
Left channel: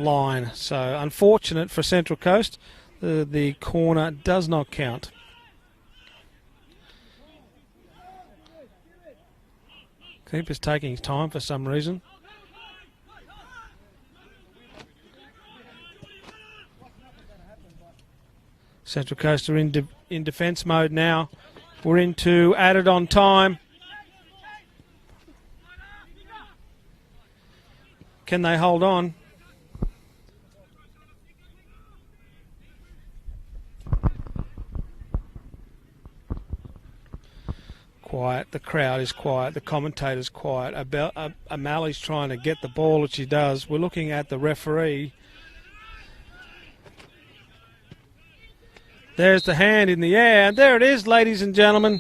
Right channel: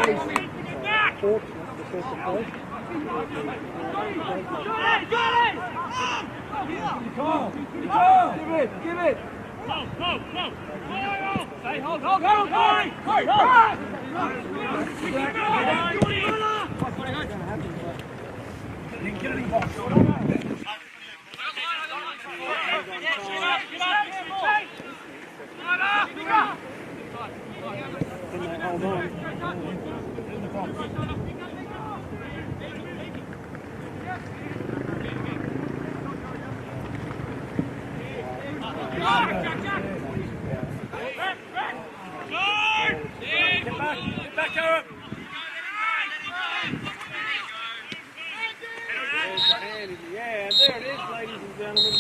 line. So unfortunate for Central Coast. The corner does not count. Keeper's taking his time for some reason. Central Coast are in defence mode now. We're into added on time. Can they hold on? Quiet. The crowd is quiet. The commentator's quiet. O'Malley's trying to get the ball, which he does. We're looking at the referee. There's the hand in the air, and there it is, ladies and gentlemen.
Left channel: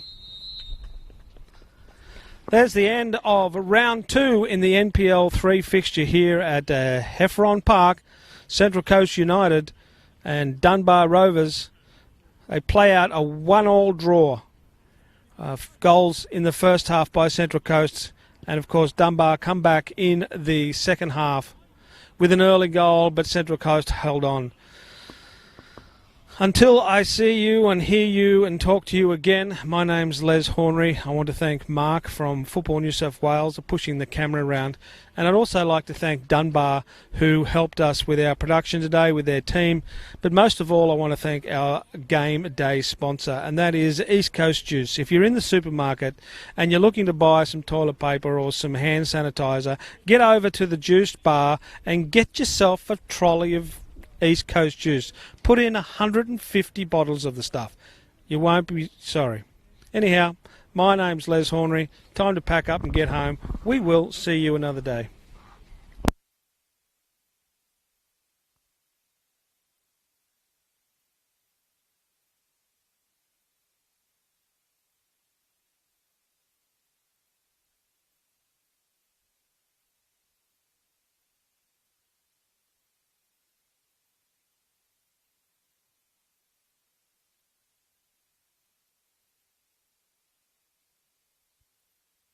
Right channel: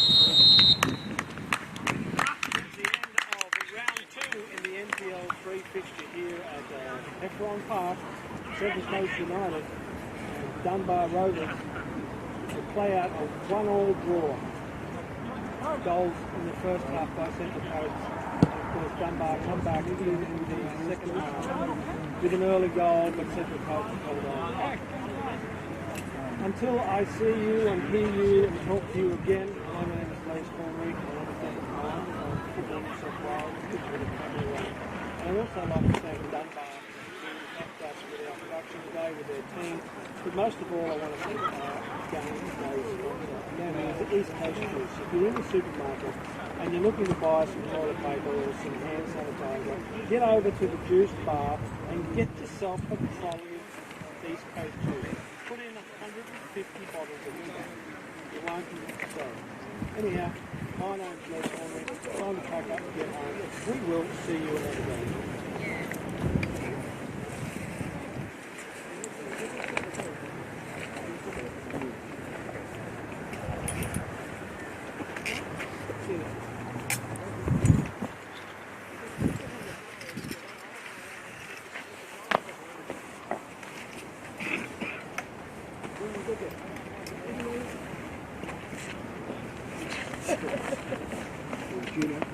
There's the end of round 2 in the NPL 3 fixture here at Heffron Park. Central Coast United and Dunbar Rovers. They play out a 1-1 draw. Goals in the first half by Central Coast, and of course Dunbar come back in the second half with an early goal, but Central Coast held on. Until I see you and hear you and talk to you again, my name's Les Hornery. I want to thank Mark from Football New South Wales for pushing the camera around. And I'd also like to thank Dunbar, who helped us with our production today, with their team. But most of all, I want to thank our game day sponsor, and that is East Coast Juice. If you're in the supermarket and you're looking to buy some toilet paper or some hand sanitizer, get over to the juice bar and get yourself a trolley of East Coast Juice. Put in 150 bottles of the stuff. You won't be sorry. Anyhow, my name's Les Hornery. Time to pack up and get home. We will see you another day. Junior.